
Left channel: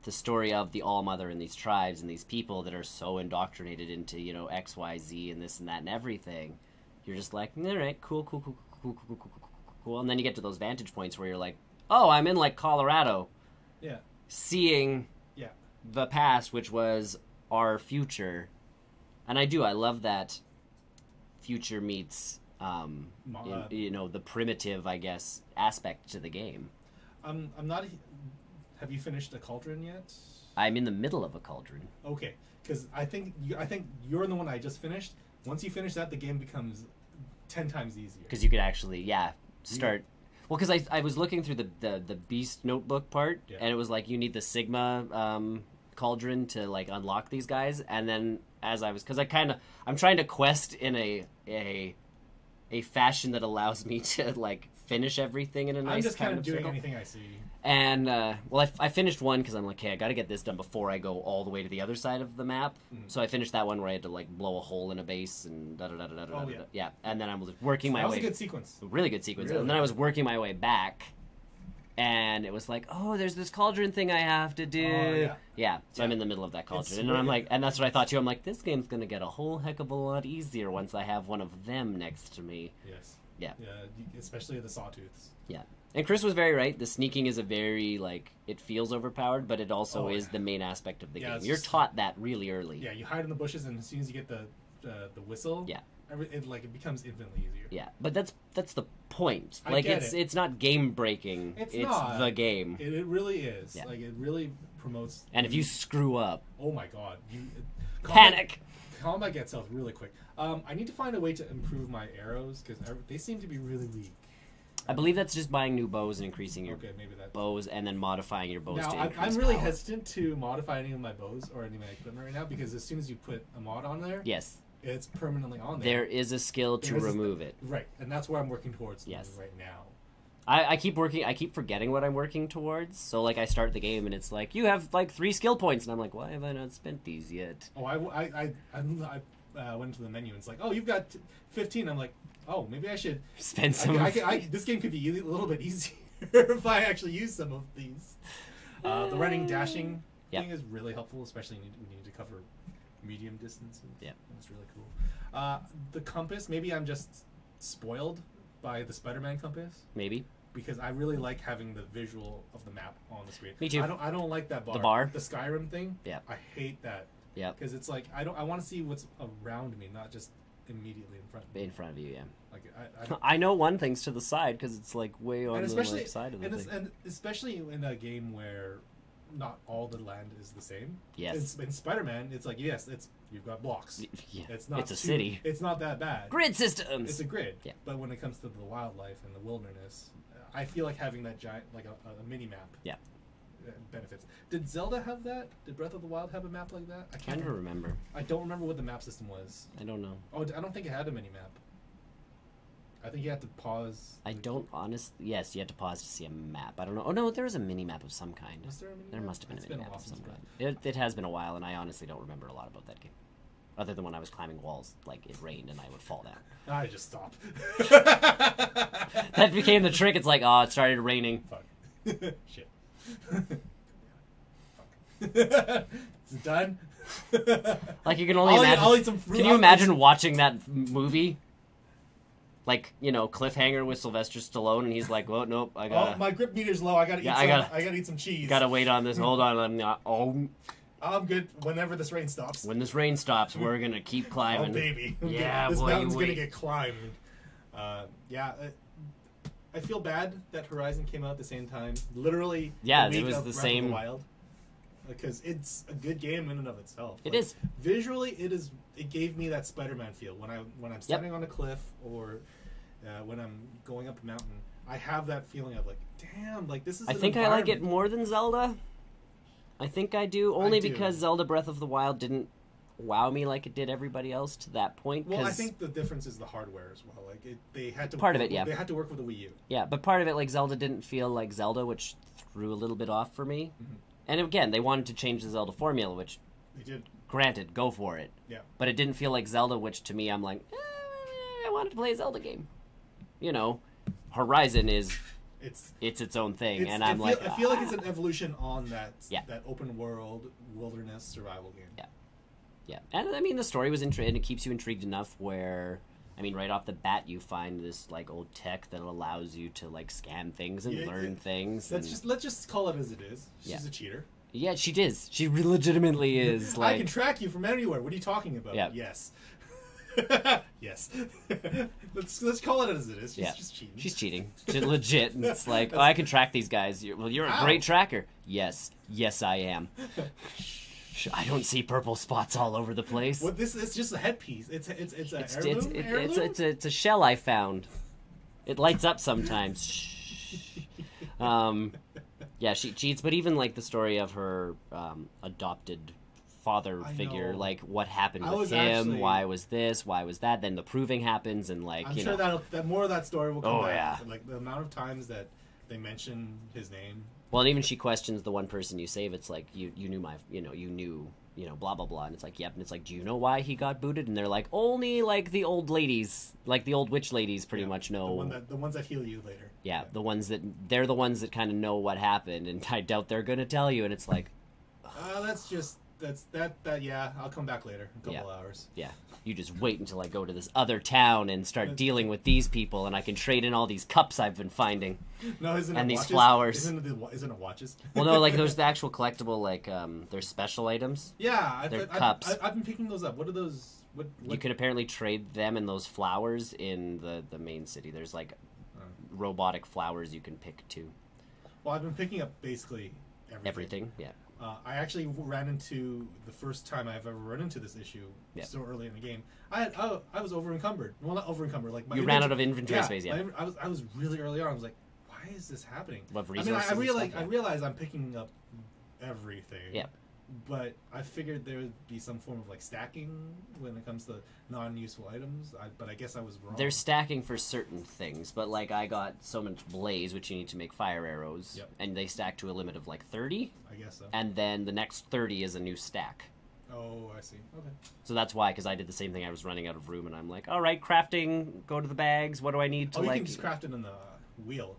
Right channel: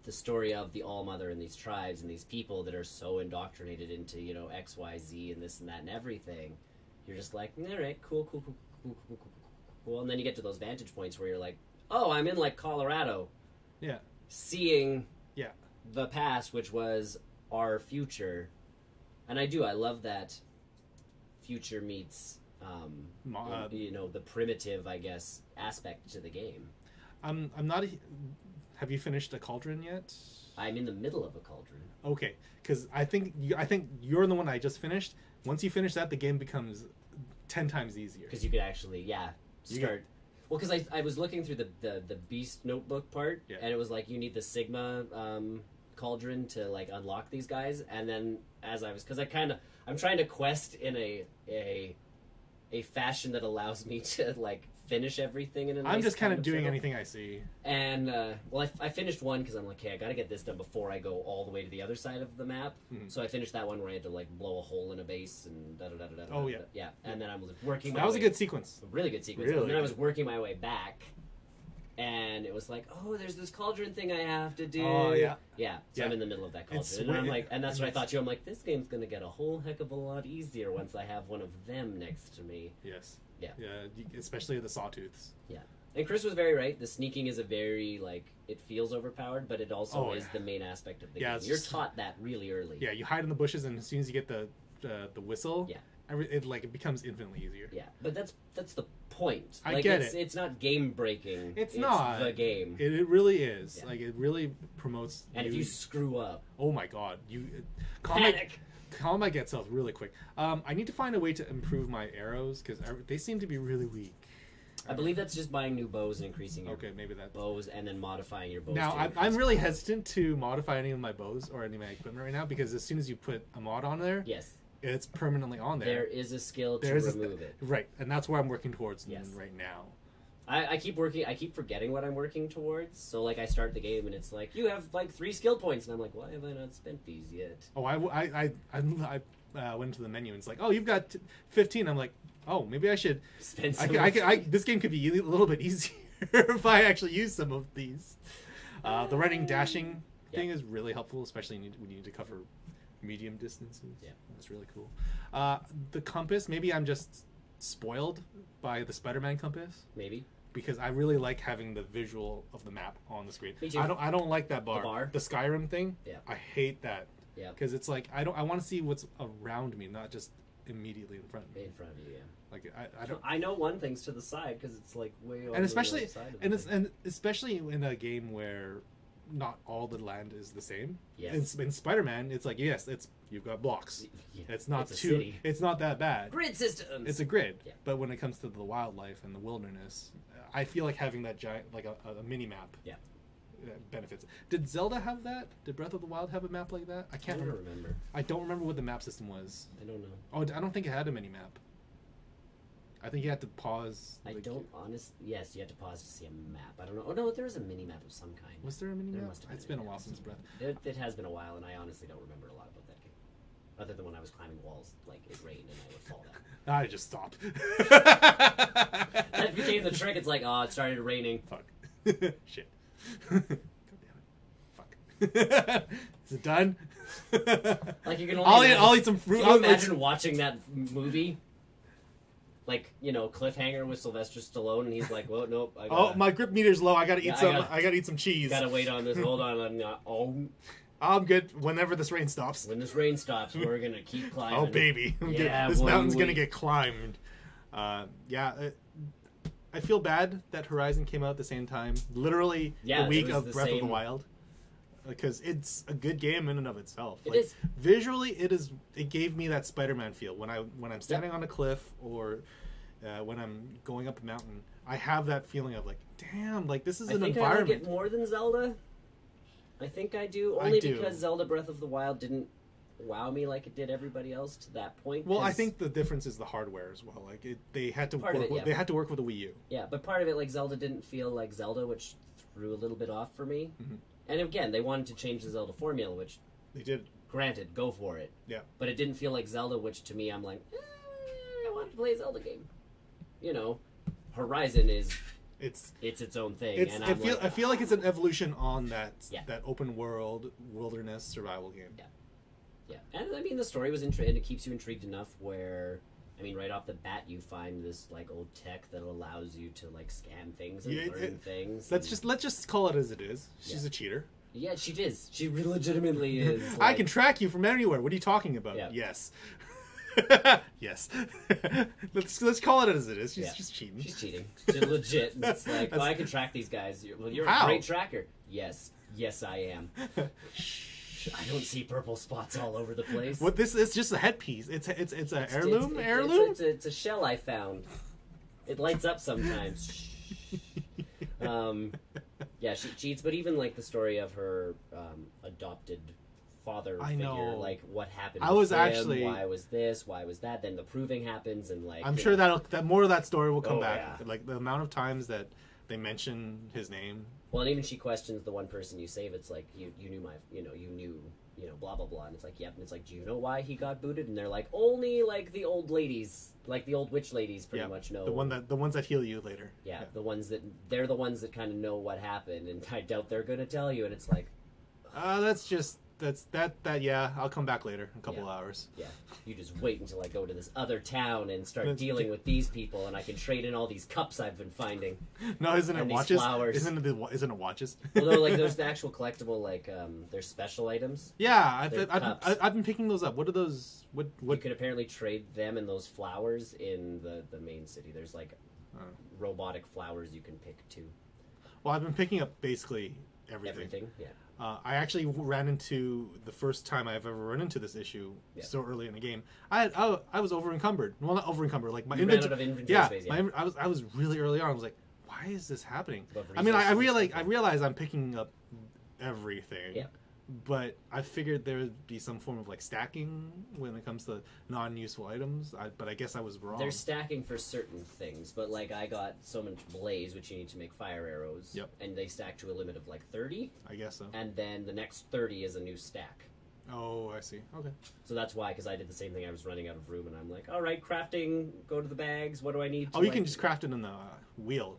the story of the All-Mother and these tribes and these people that are so indoctrinated into, you know, X, Y, Z and this and that and everything, you're just like, all right, cool. And then you get to those vantage points where you're like, oh, I'm in, like, Colorado. Yeah. Seeing Yeah. the past, which was our future. And I love that future meets, you know, the primitive, I guess, aspect to the game. I'm not. Have you finished the Cauldron yet? I'm in the middle of a cauldron. Okay, because I think you're the one I just finished. Once you finish that, the game becomes 10 times easier. Because you could actually, start. Well, because I was looking through the Beast Notebook part, and it was like you need the Sigma cauldron to, like, unlock these guys. And then as I was, because I'm trying to quest in a fashion that allows me to, like, finish everything in a nice. I'm just kind of doing fiddle. anything I see. And I finished one because I'm like, okay, I got to get this done before I go all the way to the other side of the map. Mm-hmm. So I finished that one where I had to, like, blow a hole in a base and da da da da da. Oh, da, yeah. da. Yeah. And then I was working my way. That was a good sequence. Really good sequence. Really? And then I was working my way back, and it was like, oh, there's this cauldron thing I have to do. Oh, yeah. Yeah. So Yeah. I'm in the middle of that cauldron, It's and I'm really- like, and that's what I thought too. I'm like, this game's gonna get a whole heck of a lot easier once I have one of them next to me. Yes. Yeah. Yeah, especially the sawtooths. Yeah. And Chris was very right. The sneaking is a very, like, it feels overpowered, but it also Oh, is yeah. the main aspect of the Yeah, game. it's You're just- taught that really early. Yeah, you hide in the bushes, and as soon as you get the whistle, Yeah. it becomes infinitely easier. Yeah. But that's the point. I Like, get it. it's not game breaking. It's not. the game. It really is. Yeah. Like, it really promotes. And if you screw up, oh my god, panic. Combat gets off really quick. I need to find a way to improve my arrows because they seem to be really weak. I believe that's just buying new bows and increasing your Okay, maybe that's. bows and then modifying your bows. Now, to I'm increase really power. hesitant to modify any of my bows or any of my equipment right now because as soon as you put a mod on there, Yes, it's permanently on there. there is a skill to There's remove it. Right, and that's where I'm working towards Yes. right now. I keep working. I keep forgetting what I'm working towards. So, like, I start the game and it's like, you have, like, 3 skill points, and I'm like, why have I not spent these yet? Oh, I went to the menu and it's like, oh, you've got 15. I'm like, oh, maybe I should. Spend some. This game could be a little bit easier if I actually use some of these. The running, dashing thing is really helpful, especially when you need to cover medium distances. Yeah, that's really cool. The compass, maybe I'm just spoiled by the Spider-Man compass Maybe. because I really like having the visual of the map on the screen. Me too. I don't like that bar. The bar? The Skyrim thing. Yeah. I hate that. Yeah. Because it's like I want to see what's around me, not just immediately in front of me. In front of you, yeah. Like I don't, I know one thing's to the side because it's, like, way on and the especially left side of the and, thing. and especially in a game where not all the land is the same. Yes. In Spider-Man, it's like you've got blocks. Yeah. It's not It's a city. It's not that bad. Grid systems. It's a grid. Yeah. But when it comes to the wildlife and the wilderness, I feel like having that giant, like a mini map. Yeah. Benefits. Did Zelda have that? Did Breath of the Wild have a map like that? I I can't never remember. I don't remember what the map system was. I don't know. Oh, I don't think it had a mini map. I think you had to pause. I don't honestly. Yes, you had to pause to see a map. I don't know. Oh no, there was a mini map of some kind. Was there a mini There map? must have been. It's a been mini a while map of since some Breath. kind. It has been a while, and I honestly don't remember a lot about that game. Other than when I was climbing walls, like it rained and I would fall down. I just stopped. That became the trick. It's like, oh, it started raining. Fuck. Shit. Fuck. Is it done? Like you can only I'll imagine. eat some fruit. Can you imagine watching that movie? Like, you know, Cliffhanger with Sylvester Stallone, and he's like, "Well, nope, I Oh, gotta, my grip meter's low. I gotta eat Yeah, some. I gotta eat some cheese. gotta wait on this. Hold on, I'm not. Oh, I'm good. Whenever this rain stops. when this rain stops, we're gonna keep climbing." Oh baby. I'm Yeah, good. This boy, mountain's we- gonna get climbed. I feel bad that Horizon came out at the same time. Literally Yeah, the it week was of the Breath same- of the Wild. because it's a good game in and of itself. It is. Visually, it is. It gave me that Spider-Man feel when I'm standing on a cliff or when I'm going up a mountain. I have that feeling of like, damn, like this is. I think I like it more than Zelda. I think I do, only because Zelda Breath of the Wild didn't wow me like it did everybody else to that point. Well, I think the difference is the hardware as well. Like they had to they had to work with the Wii U. Yeah, but part of it, like Zelda, didn't feel like Zelda, which threw a little bit off for me. Mm-hmm. And again, they wanted to change the Zelda formula, which they did. Granted, go for it. Yeah. But it didn't feel like Zelda, which to me, I'm like, I wanted to play a Zelda game. You know, Horizon is it's its own thing, and I feel like it's an evolution on that open world wilderness survival game. Yeah. Yeah, and I mean the story was and it keeps you intrigued enough where, I mean, right off the bat you find this like old tech that allows you to like scan things and learn things. Let's just call it as it is. She's a cheater. Yeah, she is. She legitimately is. Like, I can track you from anywhere. What are you talking about? Yeah. Yes. Yes. let's call it as it is. She's cheating. She's cheating. She's legit. And it's like, I can track these guys. You're a great tracker. Yes, I am. I don't see purple spots all over the place. What it's just a headpiece. It's an heirloom. It's a shell I found. It lights up sometimes. Yeah, she cheats. But even like the story of her adopted father figure, like what happened with him, why was this, why was that? Then the proving happens, and like I'm sure that more of that story will come back. Yeah. Like the amount of times that they mention his name. Well, and even she questions the one person you save. It's like you knew my, you knew, blah blah blah, and it's like, yep. And it's like, do you know why he got booted? And they're like, only like the old ladies, like the old witch ladies, pretty much know. The ones that heal you later. Yeah, the ones that they're the ones that kind of know what happened, and I doubt they're gonna tell you. And it's like, yeah. I'll come back later in a couple hours. Yeah. You just wait until I go to this other town and start dealing with these people, and I can trade in all these cups I've been finding. No, isn't and it these watches? Flowers? Isn't it watches? Well, no, like there's the actual collectible, like there's special items. Yeah, I've been picking those up. What are those? What? You could apparently trade them and those flowers in the main city. There's like robotic flowers you can pick too. Well, I've been picking up basically everything. Yeah. I actually ran into the first time I've ever run into this issue so early in the game. I was over encumbered. Well, not over encumbered. Like you ran out of inventory space. Yeah, I was really early on. I was like, why is this happening? I mean, I realize I'm picking up everything. Yeah. But I figured there would be some form of like stacking when it comes to non-useful items. But I guess I was wrong. They're stacking for certain things, but like I got so much blaze, which you need to make fire arrows, and they stack to a limit of like 30. I guess so. And then the next 30 is a new stack. Oh, I see. Okay. So that's why, because I did the same thing. I was running out of room, and I'm like, all right, crafting. Go to the bags. What do I need to? You can just craft it in the wheel.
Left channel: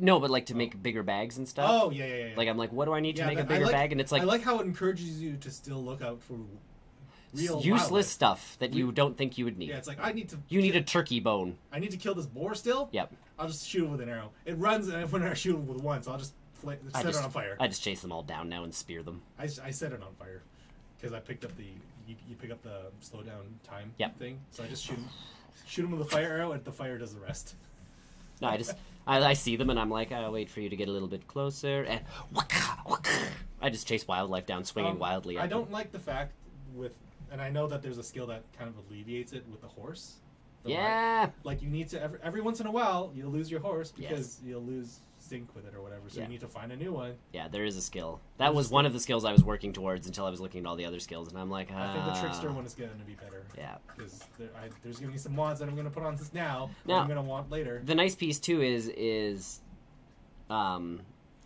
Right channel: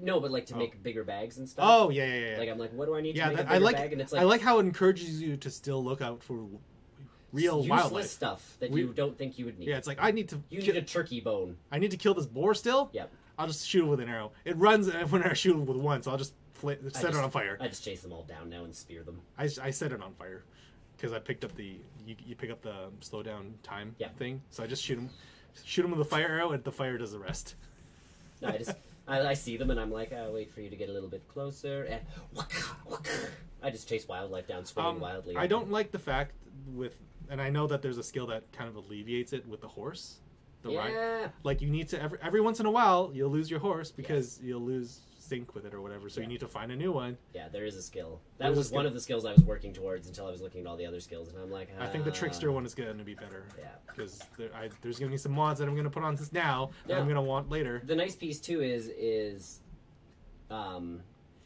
No, but like to make bigger bags and stuff. Oh, yeah. Like I'm like, what do I need to make a bigger bag? And it's like I like how it encourages you to still look out for real useless wildlife. Stuff that you don't think you would need. Yeah, it's like You need a turkey bone. I need to kill this boar still. Yep. I'll just shoot it with an arrow. It runs, and when I shoot it with one, so I'll just set it on fire. I just chase them all down now and spear them. I set it on fire because I picked up you pick up the slow down time thing. So I just shoot them with a fire arrow, and the fire does the rest. No, I see them, and I'm like, I'll wait for you to get a little bit closer, and I just chase wildlife down, swinging wildly. I don't like the fact and I know that there's a skill that kind of alleviates it with the horse. Like you need to every once in a while you'll lose your horse because you'll lose sync with it or whatever, so you need to find a new one. Yeah, there is a skill. That was one of the skills I was working towards until I was looking at all the other skills, and I'm like, I think the trickster one is going to be better. Yeah, because there's going to be some mods that I'm going to put on now that I'm going to want later. The nice piece too is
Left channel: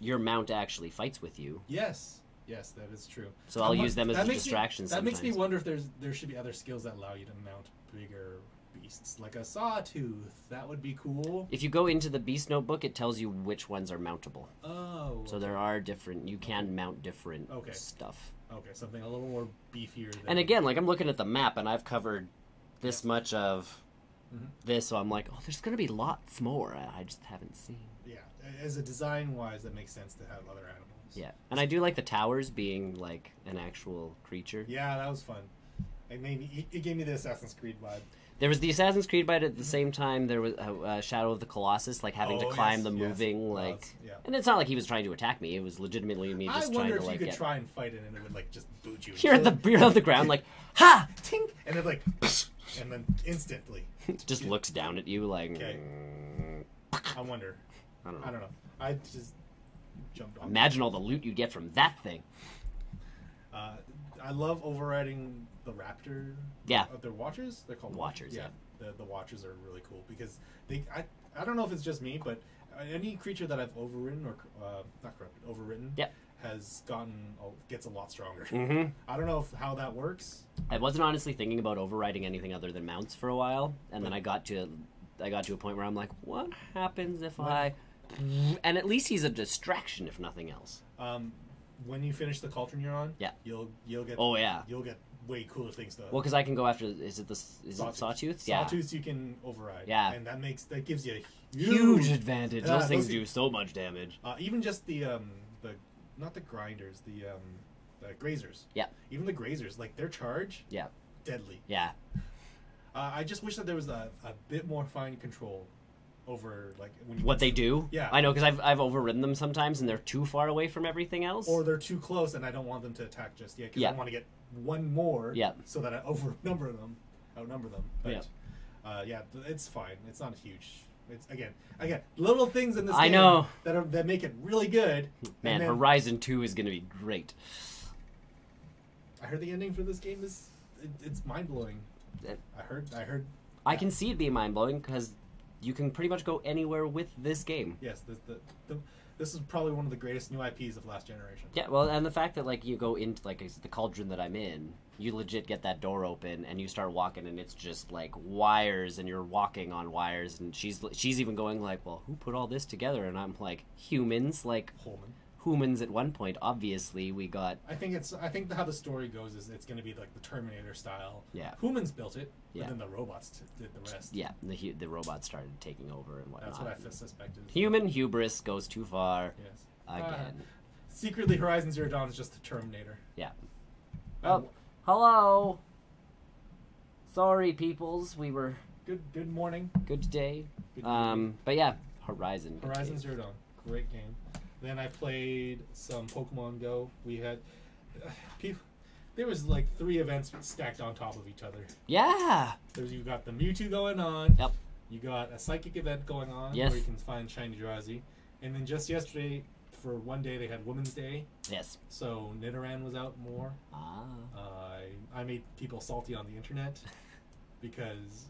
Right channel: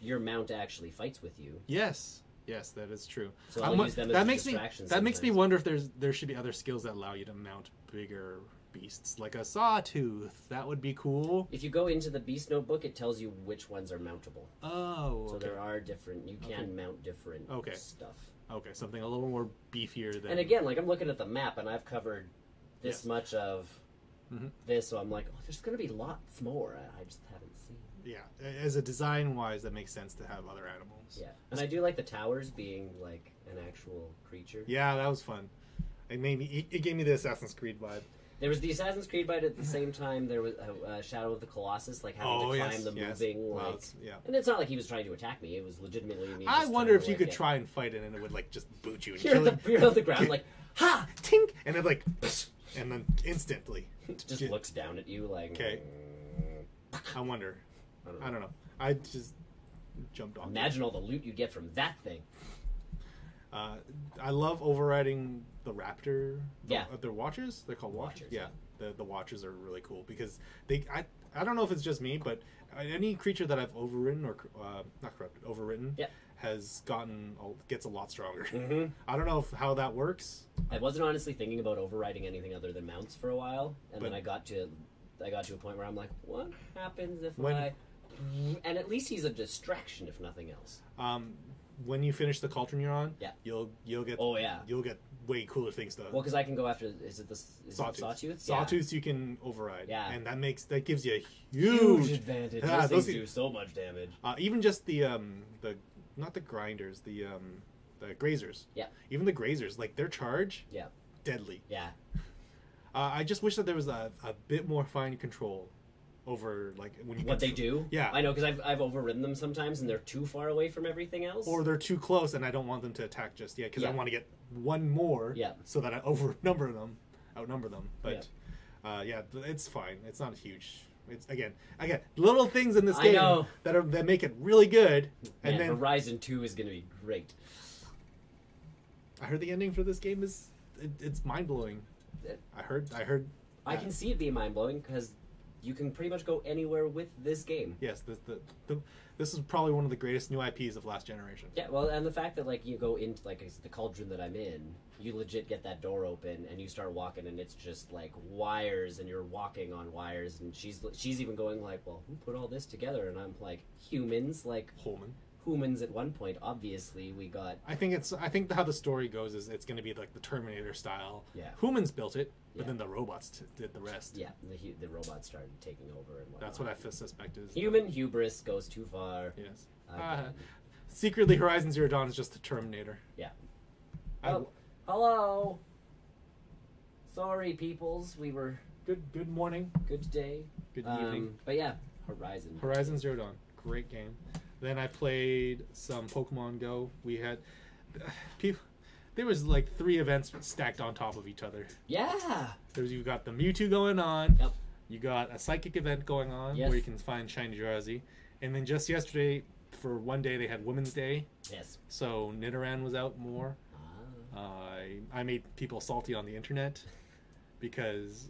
your mount actually fights with you. Yes, that is true. So I'll use them as distractions. That makes me wonder if there should be other skills that allow you to mount bigger beasts, like a sawtooth. That would be cool. If you go into the beast notebook, it tells you which ones are mountable. Oh. So there are different. You can mount different stuff. Okay, something a little more beefier. And again, like I'm looking at the map, and I've covered this much of this, so I'm like, oh, there's going to be lots more. I just haven't seen. Yeah, as a design-wise, that makes sense to have other animals. Yeah, and I do like the towers being like an actual creature. Yeah, that was fun. It gave me the Assassin's Creed vibe. There was the Assassin's Creed, but at the same time, there was Shadow of the Colossus, like having to climb the moving, like. Yeah. And it's not like he was trying to attack me. It was legitimately me. Just I wonder if trying you to, could try and fight it, and it would like just boot you. You're on the ground, like ha, tink, and it like, and then instantly, it just looks down at you like. Okay. I wonder. I don't know. I just jumped off. Imagine all the loot you get from that thing. I love overriding the raptor. Yeah. They're watchers. They're called watchers. Yeah. The watchers are really cool because I don't know if it's just me, but any creature that I've overridden or not corrupted, overridden. Yep. Has gets a lot stronger. Mm-hmm. I don't know how that works. I wasn't honestly thinking about overriding anything other than mounts for a while, and then I got to a point where I'm like, what happens if and at least he's a distraction if nothing else. When you finish the Cauldron you're on, yeah, you'll get you'll get way cooler things done. Well, because I can go after is it Sawtooths? Yeah. Sawtooths you can override. Yeah, and that gives you a huge advantage. Yeah, those things do so much damage. Even just the not the grinders, the grazers. Yeah. Even the grazers, like their charge. Yeah. Deadly. Yeah. I just wish that there was a bit more fine control over like when you what they do. Yeah. I know because I've overridden them sometimes and they're too far away from everything else, or they're too close and I don't want them to attack just yet because yeah. I want to get one more. Yeah. So that I outnumber them. But yeah, it's fine. It's not huge. It's again little things in this game know. that make it really good. Man, and then, Horizon 2 is going to be great. I heard the ending for this game it's mind blowing. I heard. I can see it being mind blowing because you can pretty much go anywhere with this game. Yes, this is probably one of the greatest new IPs of last generation. Yeah, well, and the fact that like you go into like the cauldron that I'm in, you legit get that door open and you start walking and it's just like wires and you're walking on wires and she's even going like, well, who put all this together? And I'm like, humans, like humans at one point. Obviously, we got. I think how the story goes is it's going to be like the Terminator style. Yeah, humans built it, but then the robots did the rest. Yeah, the robots started taking over and whatnot. That's what I suspected. Human hubris goes too far. Yes. Again. Secretly, Horizon Zero Dawn is just the Terminator. Yeah. Oh, hello. Sorry, peoples. We were good morning. Good day. Good evening. But yeah, Horizon Zero Dawn, great game. Then I played some Pokemon Go. We had people. There was like 3 events stacked on top of each other. Yeah. You got the Mewtwo going on. Yep. You got a psychic event going on yes. where you can find shiny Jirazi. And then just yesterday, for one day, they had Women's Day. Yes. So Nidoran was out more. I made people salty on the internet because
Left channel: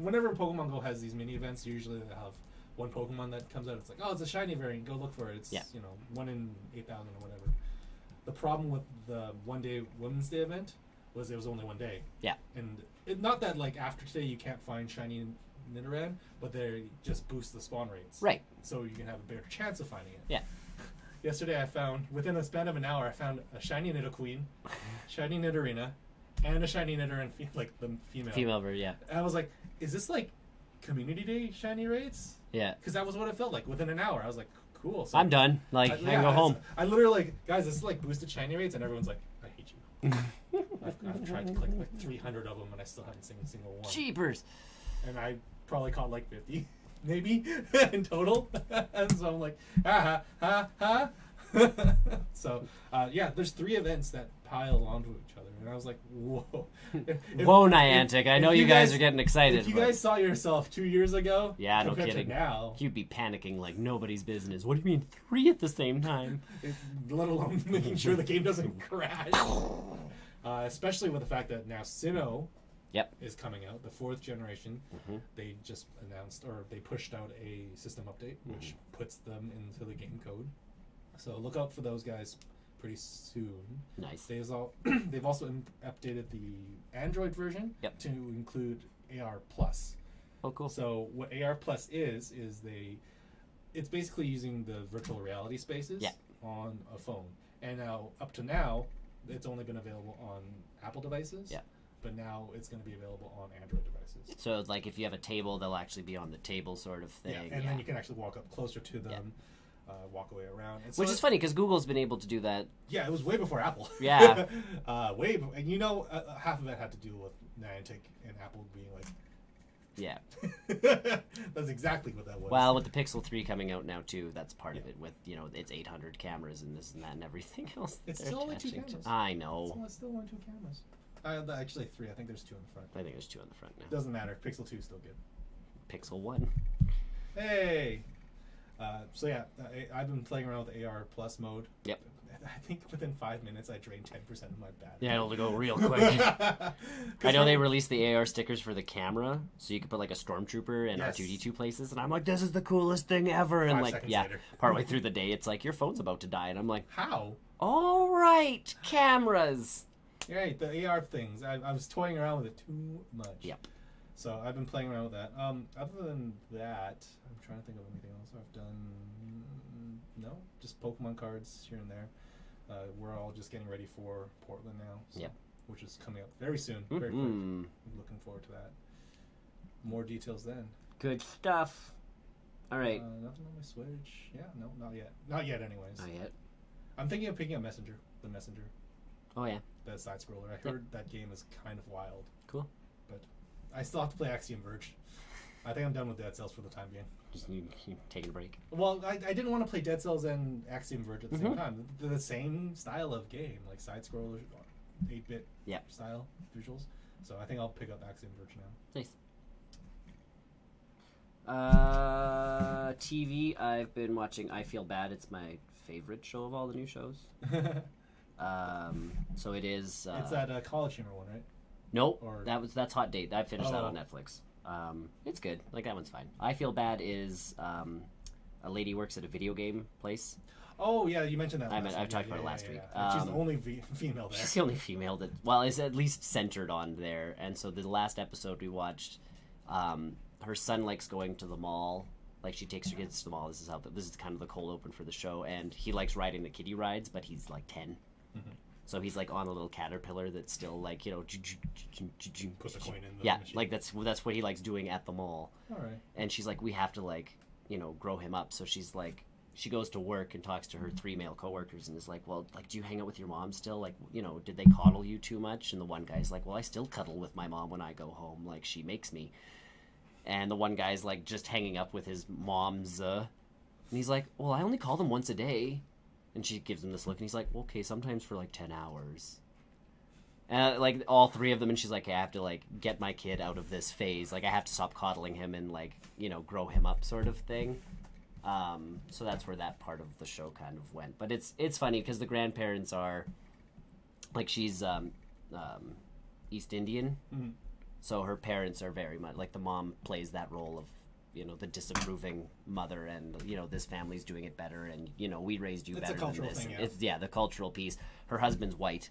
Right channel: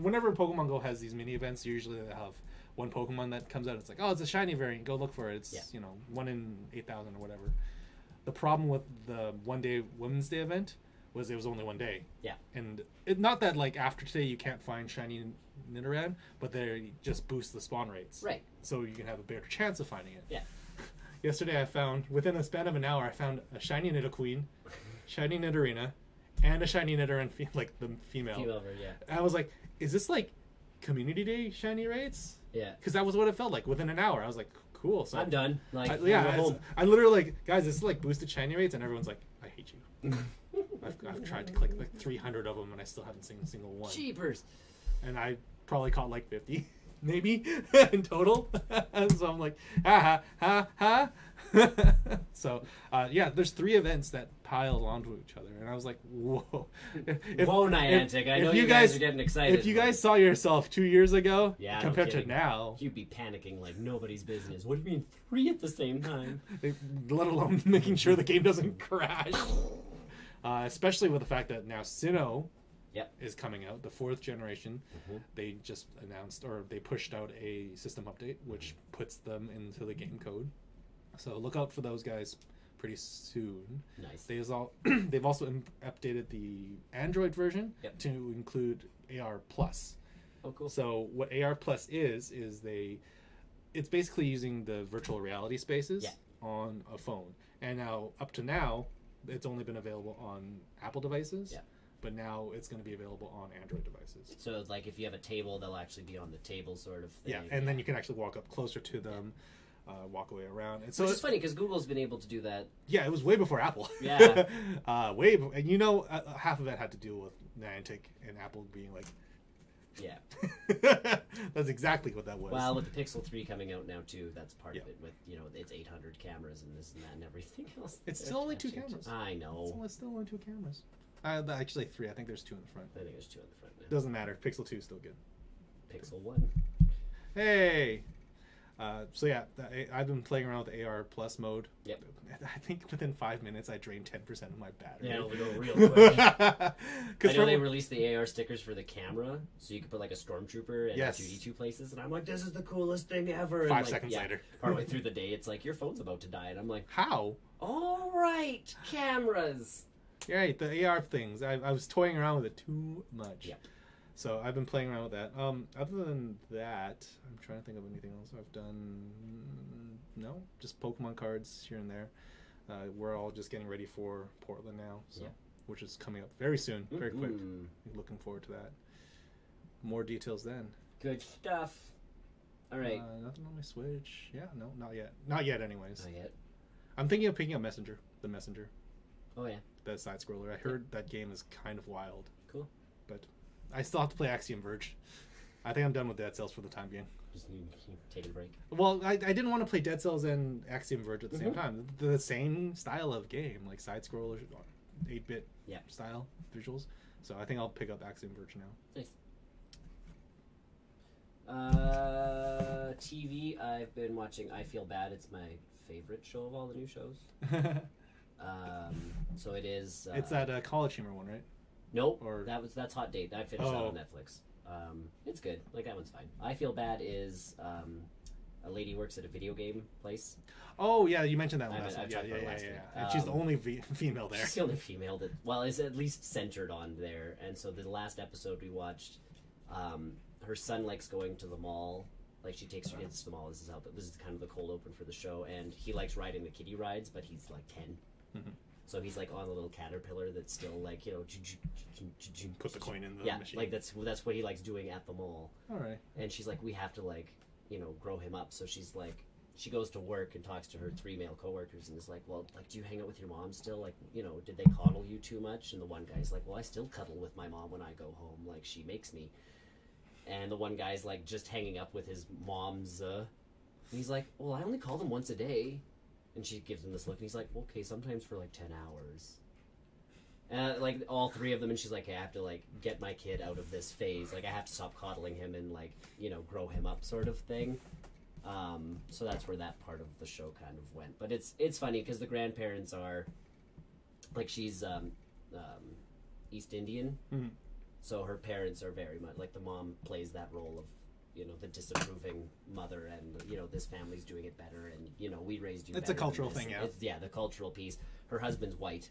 whenever Pokemon Go has these mini events, usually they have one Pokemon that comes out. It's like, oh, it's a shiny variant. Go look for it. It's 1 in 8,000 or whatever. The problem with the one-day Women's Day event was it was only one day. Yeah. And not that like after today you can't find shiny Nidoran, but they just boost the spawn rates. Right. So you can have a better chance of finding it. Yeah. Yesterday I found, within a span of an hour, I found a shiny Nidoqueen, shiny Nidorina, and a shiny Nidoran, like the female. Female version, yeah. I was like, is this like Community Day shiny rates? Yeah. Because that was what it felt like. Within an hour, I was like, cool. So I'm done. Like, I go home. I literally like, guys, this is like boosted shiny rates, and everyone's like, I hate you. I've tried to click like 300 of them, and I still haven't seen a single one. Cheapers. And I probably caught like 50, maybe, in total. So I'm like, So, yeah, there's 3 events that piled onto each other, and I was like, whoa. Whoa, Niantic. I know you guys are getting excited. If you guys saw yourself 2 years ago, compared to now, you'd be panicking like nobody's business. What do you mean 3 at the same time? Let alone making sure the game doesn't crash. Especially with the fact that now Sinnoh is coming out, the 4th generation. Mm-hmm. They just announced, or they pushed out a system update, which puts them into the game code. So look out for those guys pretty soon. Nice. They've also updated the Android version to include AR Plus. Oh, cool. So what AR Plus is it's basically using the virtual reality spaces on a phone. And now, up to now, it's only been available on Apple devices. Yeah. But now it's going to be available on Android devices. So, like, if you have a table, they'll actually be on the table sort of thing. Yeah, and then you can actually walk up closer to them, walk away around. And so which is funny, because Google's been able to do that. Yeah, it was way before Apple. Yeah. And half of it had to do with Niantic and Apple being like, Yeah. That's exactly what that was. Well, with the Pixel 3 coming out now too, that's part of it. With it's 800 cameras and this and that and everything else. It's still only 2 cameras. I know. It's still only 2 cameras. Actually 3. I think there's 2 in the front. I think there's 2 in the front now. Doesn't matter. Pixel 2 is still good. Pixel 1. Hey. So yeah, I've been playing around with the AR Plus mode. Yep. I think within 5 minutes I drained 10% of my battery. Yeah, it'll go real quick. I know they released the AR stickers for the camera, so you could put like a Stormtrooper and R2-D2 places, and I'm like, this is the coolest thing ever. And 5 seconds later. Partway through the day, it's like, your phone's about to die, and I'm like, how? All right, cameras. You're right, the AR things. I was toying around with it too much. Yep. So I've been playing around with that. Other than that, I'm trying to think of anything else I've done. No, just Pokemon cards here and there. We're all just getting ready for Portland now, so, which is coming up very soon, very quick. Looking forward to that. More details then. Good stuff. All right. Nothing on my Switch. Yeah, no, not yet. Not yet, anyways. Not yet. I'm thinking of picking up Messenger. The Messenger. Oh yeah. The side scroller. I heard that game is kind of wild. Cool. But I still have to play Axiom Verge. I think I'm done with Dead Cells for the time being. Just you taking a break. Well, I didn't want to play Dead Cells and Axiom Verge at the same time. The same style of game, like side scroller, 8-bit style visuals. So I think I'll pick up Axiom Verge now. Nice. TV, I've been watching I Feel Bad. It's my favorite show of all the new shows. So it is. It's that college humor one, right? Nope. That's Hot Date. I finished that on Netflix. It's good. Like, that one's fine. I Feel Bad is a lady works at a video game place. Oh yeah, you mentioned that. I talked about it last week. She's the only female there. She's the only female that is at least centered on there. And so the last episode we watched, her son likes going to the mall. Like, she takes her kids to the mall. This is kind of the cold open for the show, and he likes riding the kiddie rides, but he's like 10. So he's like on a little caterpillar that's still like, put the coin in the machine. Like that's what he likes doing at the mall. All right. And she's like, we have to grow him up. So she's like, she goes to work and talks to her 3 male coworkers and is like, well, like, do you hang out with your mom still? Like, did they coddle you too much? And the one guy's like, well, I still cuddle with my mom when I go home. Like, she makes me. And the one guy's like just hanging up with his mom's. And he's like, well, I only call them once a day. And she gives him this look, and he's like, well, okay, sometimes for like 10 hours. Like, all 3 of them, and she's like, I have to like get my kid out of this phase. Like, I have to stop coddling him and like, grow him up, sort of thing. So that's where that part of the show kind of went. But it's funny because the grandparents are, like, she's East Indian, so her parents are very much like, the mom plays that role of, the disapproving mother, and this family's doing it better, and we raised you better. It's a cultural thing, yeah. It's the cultural piece. Her husband's white,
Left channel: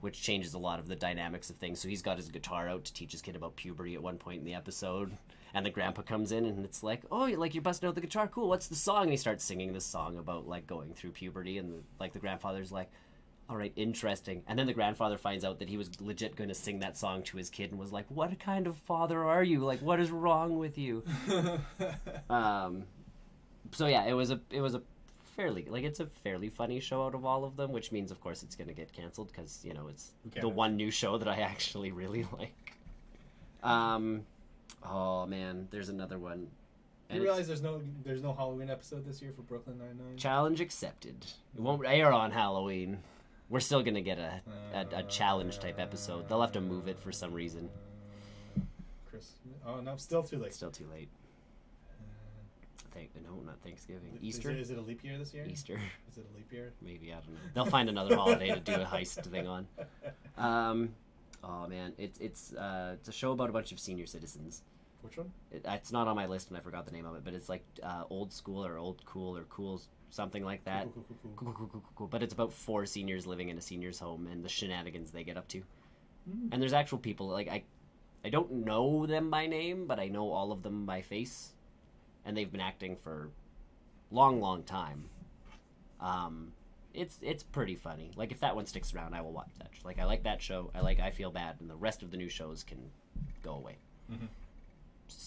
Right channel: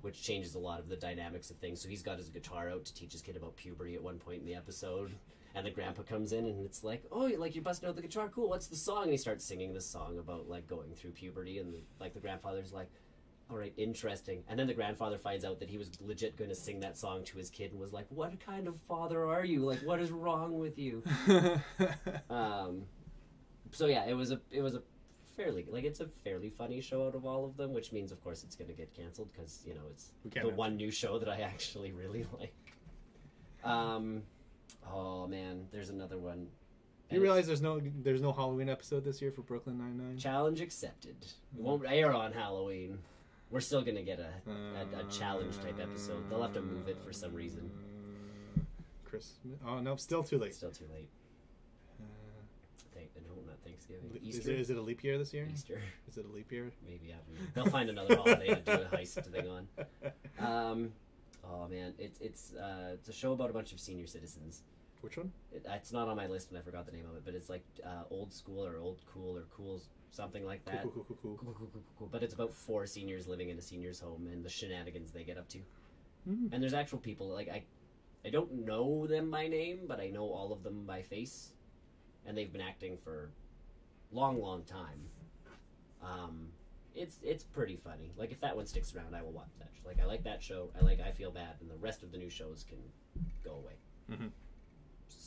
which changes a lot of the dynamics of things. So he's got his guitar out to teach his kid about puberty at one point in the episode, and the grandpa comes in, and it's like, oh, you're busting out the guitar, cool, what's the song? And he starts singing this song about like going through puberty, and the grandfather's like, all right, interesting. And then the grandfather finds out that he was legit going to sing that song to his kid and was like, what kind of father are you? Like, what is wrong with you? So yeah, it was a fairly, like, it's a fairly funny show out of all of them, which means, of course, it's going to get canceled because, it's the one new show that I actually really like. Oh man, there's another one. You realize there's no Halloween episode this year for Brooklyn Nine-Nine? Challenge accepted. It won't air on Halloween. We're still going to get a challenge type episode. They'll have to move it for some reason. Oh, no, still too late. Still too late. No, not Thanksgiving. Easter? Is it a leap year this year? Easter. Is it a leap year? Maybe, I don't know. They'll find another holiday to do a heist thing on. Oh, man. It's a show about a bunch of senior citizens. Which one? It's not on my list, and I forgot the name of it, but it's like Old School or Old Cool or Cool, something like that. Cool. But it's about 4 seniors living in a senior's home and the shenanigans they get up to. And there's actual people, like, I don't know them by name, but I know all of them by face, and they've been acting for long time. It's pretty funny. Like, if that one sticks around, I will watch that. Like, I like that show. I Feel Bad, and the rest of the new shows can go away.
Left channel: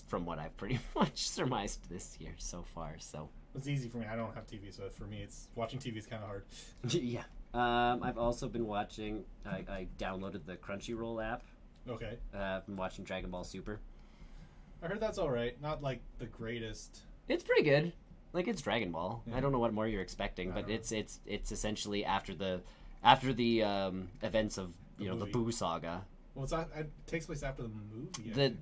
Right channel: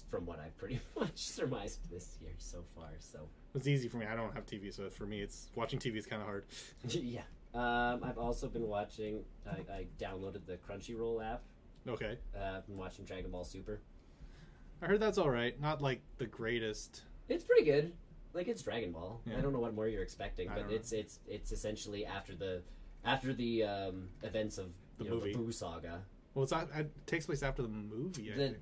From what I've pretty much surmised this year so far. So it's easy for me. I don't have TV, so for me, watching TV is kind of hard. Yeah. I've also been watching. I downloaded the Crunchyroll app. Okay. I've been watching Dragon Ball Super. I heard that's all right. Not like the greatest. It's pretty good. Like, it's Dragon Ball. Yeah. I don't know what more you're expecting, but it's essentially after the events of the movie. Boo saga. Well, it takes place after the movie.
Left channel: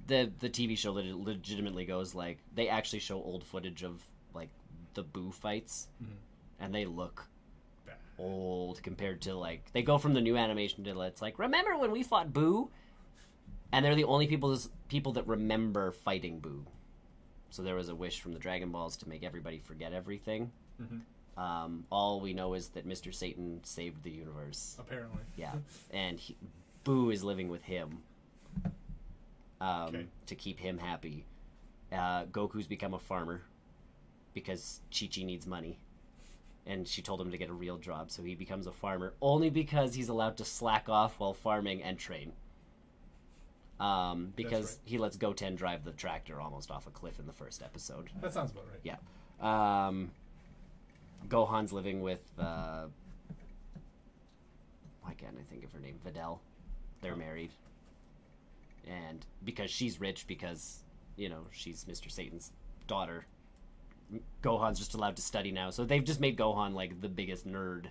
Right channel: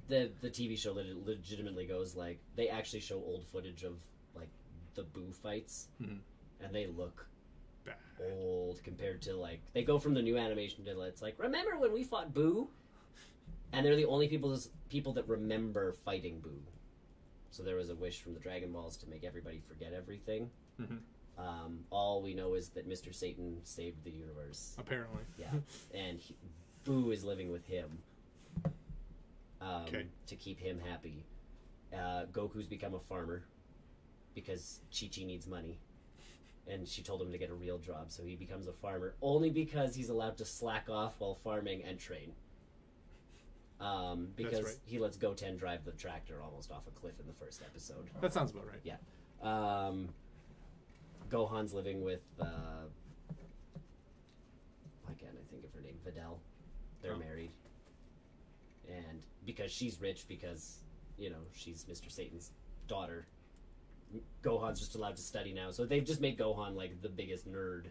The TV show legitimately goes like they actually show old footage of like the Boo fights, and they look bad. Old compared to like they go from the new animation to it's like remember when we fought Boo, and they're the only people that remember fighting Boo. So there was a wish from the Dragon Balls to make everybody forget everything. All we know is that Mr. Satan saved the universe. Apparently. Yeah, and Boo is living with him to keep him happy. Goku's become a farmer because Chi-Chi needs money. And she told him to get a real job, so he becomes a farmer only because he's allowed to slack off while farming and train. Because he lets Goten drive the tractor almost off a cliff in the first episode. That sounds about right. Yeah. Gohan's living with why can't I think of her name? Videl. They're married. And because she's rich, because, she's Mr. Satan's daughter, Gohan's just allowed to study now. So they've just made Gohan, like, the biggest nerd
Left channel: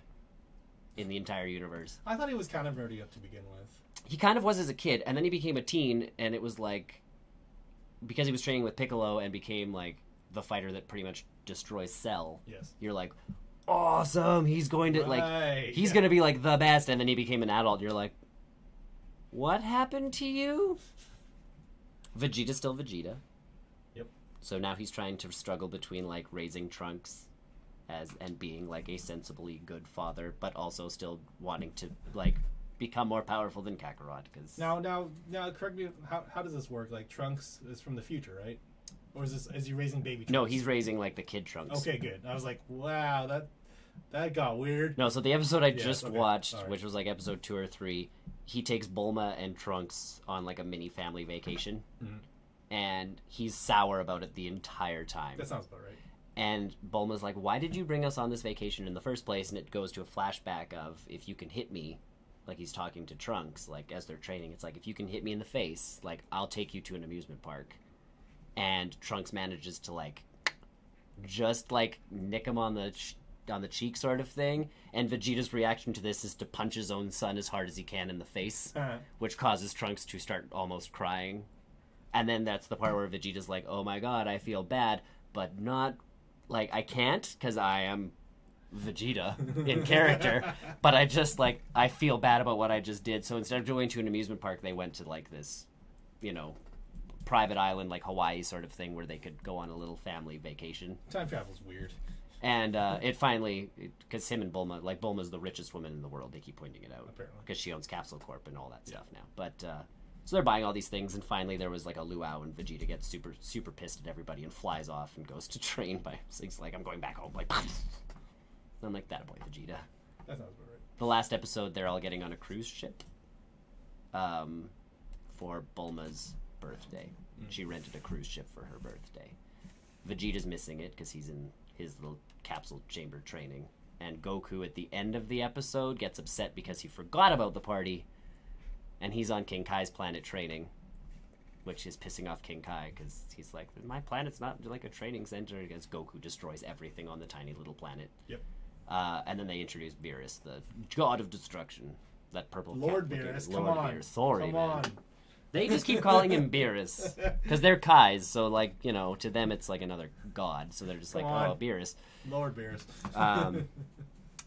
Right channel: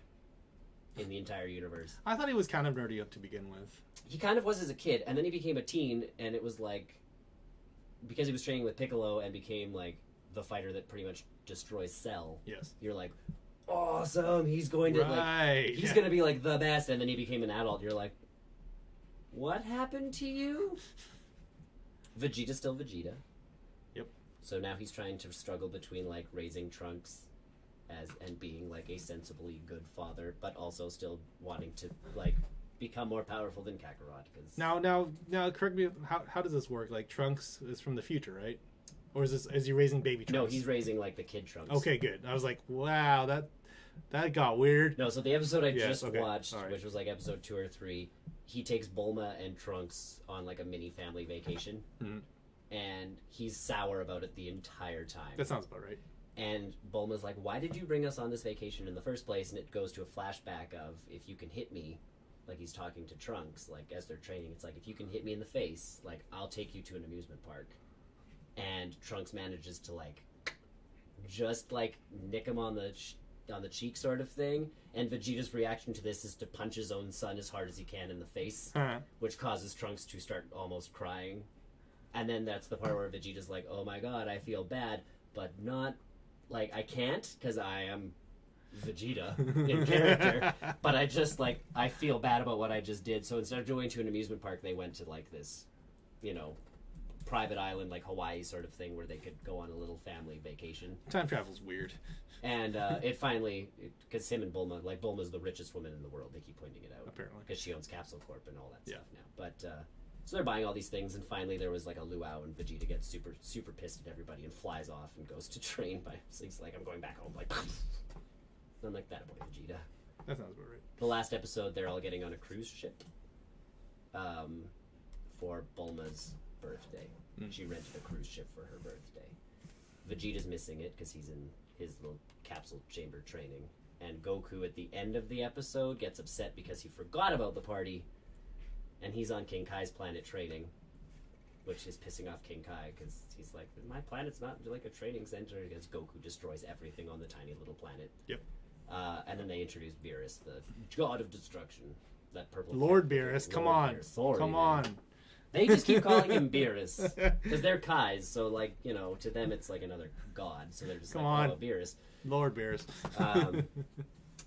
in the entire universe. I thought he was kind of nerdy to begin with. He kind of was as a kid, and then he became a teen, and it was like, because he was training with Piccolo and became, like, the fighter that pretty much destroys Cell. Yes. You're like, awesome, he's going to, he's yeah. going to be, like, the best, and then he became an adult, you're like, what happened to you? Vegeta's still Vegeta. Yep. So now he's trying to struggle between, like, raising Trunks and being, like, a sensibly good father, but also still wanting to, like, become more powerful than Kakarot. Cause Now, correct me, how does this work? Like, Trunks is from the future, right? Or is he raising baby Trunks? No, he's raising, like, the kid Trunks. Okay, good. I was like, wow, that got weird. No, so the episode I just okay. watched, Right. which was, like, episode 2 or 3, he takes Bulma and Trunks on, like, a mini family vacation. And he's sour about it the entire time. That sounds about right. And Bulma's like, why did you bring us on this vacation in the first place? And it goes to a flashback of, if you can hit me, like he's talking to Trunks, like as they're training, it's like, if you can hit me in the face, like I'll take you to an amusement park. And Trunks manages to like just like nick him on the cheek sort of thing, and Vegeta's reaction to this is to punch his own son as hard as he can in the face, which causes Trunks to start almost crying. And then that's the part where Vegeta's like, oh my god, I feel bad, but not like I can't because I am Vegeta in character, but I just like I feel bad about what I just did. So instead of going to an amusement park, they went to like this, private island like Hawaii sort of thing where they could go on a little family vacation. Time travel's weird. And it finally, because him and Bulma, like Bulma's the richest woman in the world, they keep pointing it out. Apparently. Because she owns Capsule Corp and all that stuff now. But, so they're buying all these things, and finally there was like a luau, and Vegeta gets super, super pissed at everybody and flies off and goes to train by, he's like, I'm going back home, like, I'm like, that boy Vegeta. That sounds about right. The last episode, they're all getting on a cruise ship for Bulma's birthday. She rented a cruise ship for her birthday. Vegeta's missing it because he's in his little capsule chamber training. And Goku, at the end of the episode, gets upset because he forgot about the party. And he's on King Kai's planet training, which is pissing off King Kai because he's like, my planet's not like a training center. Because Goku destroys everything on the tiny little planet. Yep. And then they introduce Beerus, the god of destruction. That purple Lord Beerus, come on. Sorry, come man. on. They just keep calling him Beerus because they're Kais, so like to them it's like another god. So they're just Come like, on. oh, Beerus. Lord Beerus.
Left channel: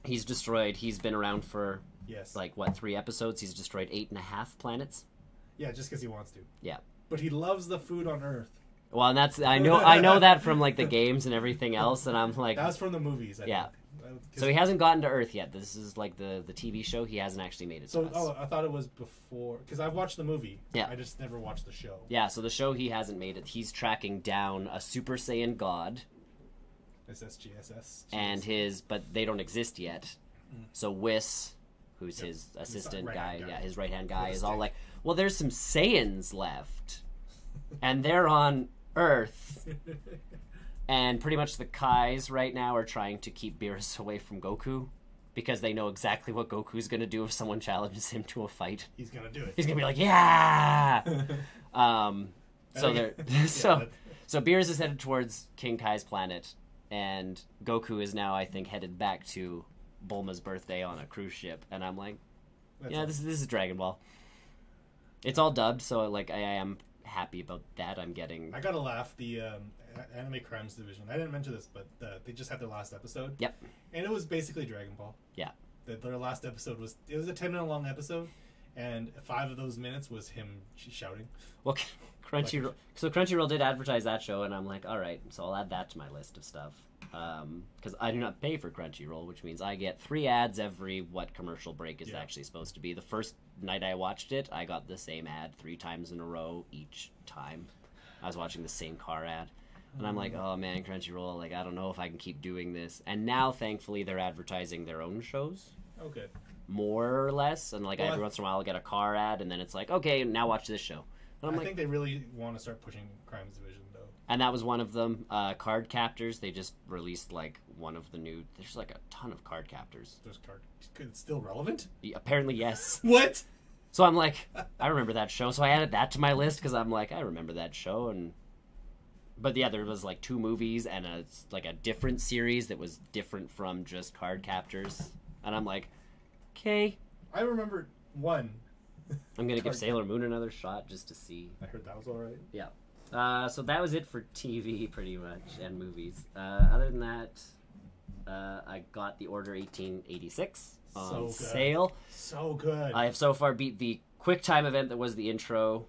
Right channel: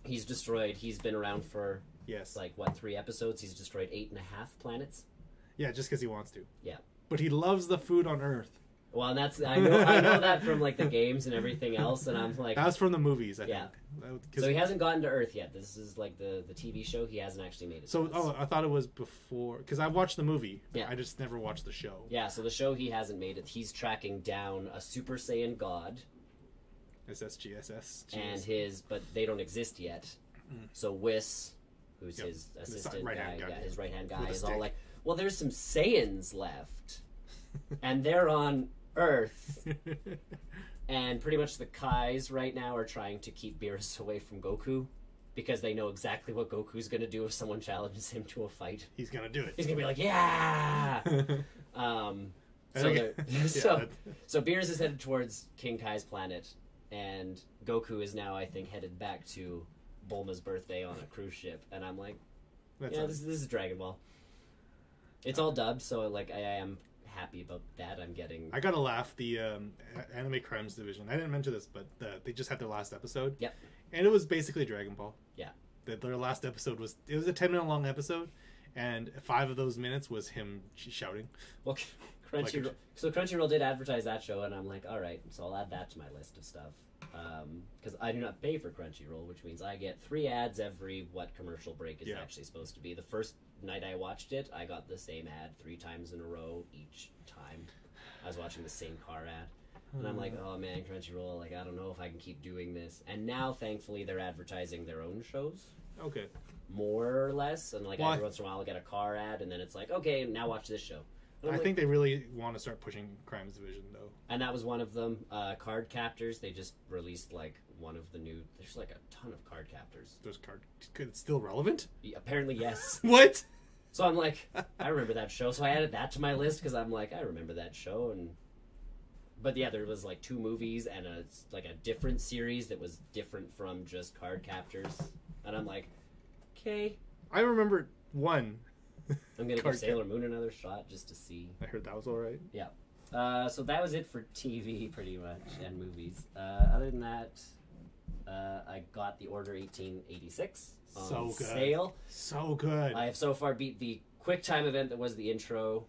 He's destroyed. He's been around for Yes. like what 3 episodes? He's destroyed 8.5 planets. Yeah, just because he wants to. Yeah. But he loves the food on Earth. Well, and that's I know that from like the games and everything else, and I'm like, That was from the movies. I yeah. think. So he hasn't gotten to Earth yet. This is like the TV show. He hasn't actually made it. So, to us. I thought it was before, because I watched the movie. Yeah. I just never watched the show. Yeah, so the show he hasn't made it. He's tracking down a Super Saiyan God. SSGSS. And but they don't exist yet. So Whis, who's his assistant right-hand guy, guy. His right-hand guy, is Mistake. all like, well, there's some Saiyans left, and they're on Earth, and pretty much the Kais right now are trying to keep Beerus away from Goku, because they know exactly what Goku's going to do if someone challenges him to a fight. He's going to do it. He's going to be like, yeah! So Yeah, so Beers is headed towards King Kai's planet, and Goku is now, I think, headed back to Bulma's birthday on a cruise ship, and I'm like, this is Dragon Ball. It's all dubbed, so like I am happy about that. I gotta laugh. The Anime Crimes Division. I didn't mention this, but they just had their last episode. Yep. And it was basically Dragon Ball. Yeah. Their last episode was a 10-minute long episode, and 5 of those minutes was him shouting. Well, Crunchyroll did advertise that show, and I'm like, all right, so I'll add that to my list of stuff. Because I do not pay for Crunchyroll, which means I get 3 ads every commercial break is actually supposed to be. The first night I watched it, I got the same ad 3 times in a row each time. I was watching the same car ad. And I'm like, oh man, Crunchyroll, like I don't know if I can keep doing this. And now, thankfully, they're advertising their own shows. Okay. More or less. And like every once in a while I'll get a car ad, and then it's like, okay, now watch this show. I think they really want to start pushing Crimes Division, though. And that was one of them. Card Captors, they just released like one of the new... There's like a ton of Card Captors. It's still relevant? Apparently, yes. What? So I'm like, I remember that show. So I added that to my list because I'm like, I remember that show. But yeah, there was like 2 movies and a different series that was different from just Card Captors. And I'm like, okay. I remember one. I'm going to give Sailor Moon another shot just to see. I heard that was alright. Yeah. So that was it for TV, pretty much, and movies. Other than that, I got the Order 1886 on sale. So good. I have so far beat the QuickTime event that was the intro.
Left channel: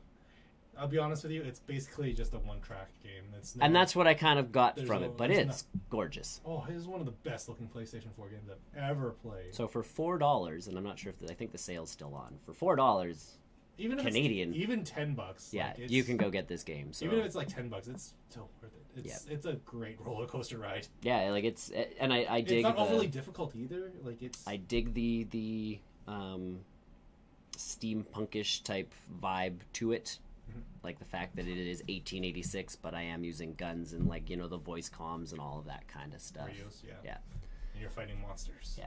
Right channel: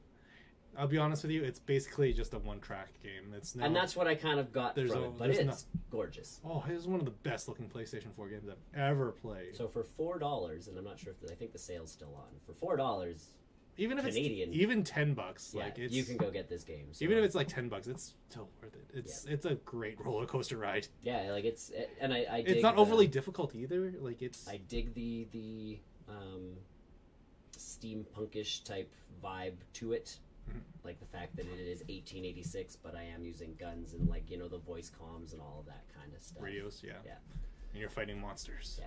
I'll be honest with you, it's basically just a one-track game. And that's what I kind of got from it, but it's gorgeous. Oh, it is one of the best-looking PlayStation 4 games I've ever played. So for $4, and I'm not sure if I think the sale's still on, for $4, even if Canadian, even $10, yeah, like you can go get this game. So. Even if it's like $10, it's still worth it. It's a great roller coaster ride. Yeah, like and I dig. It's not overly difficult either. Like I dig the steampunkish type vibe to it. Like the fact that it is 1886, but I am using guns and like the voice comms and all of that kind of stuff. Radios, yeah. And you're fighting monsters. Yeah.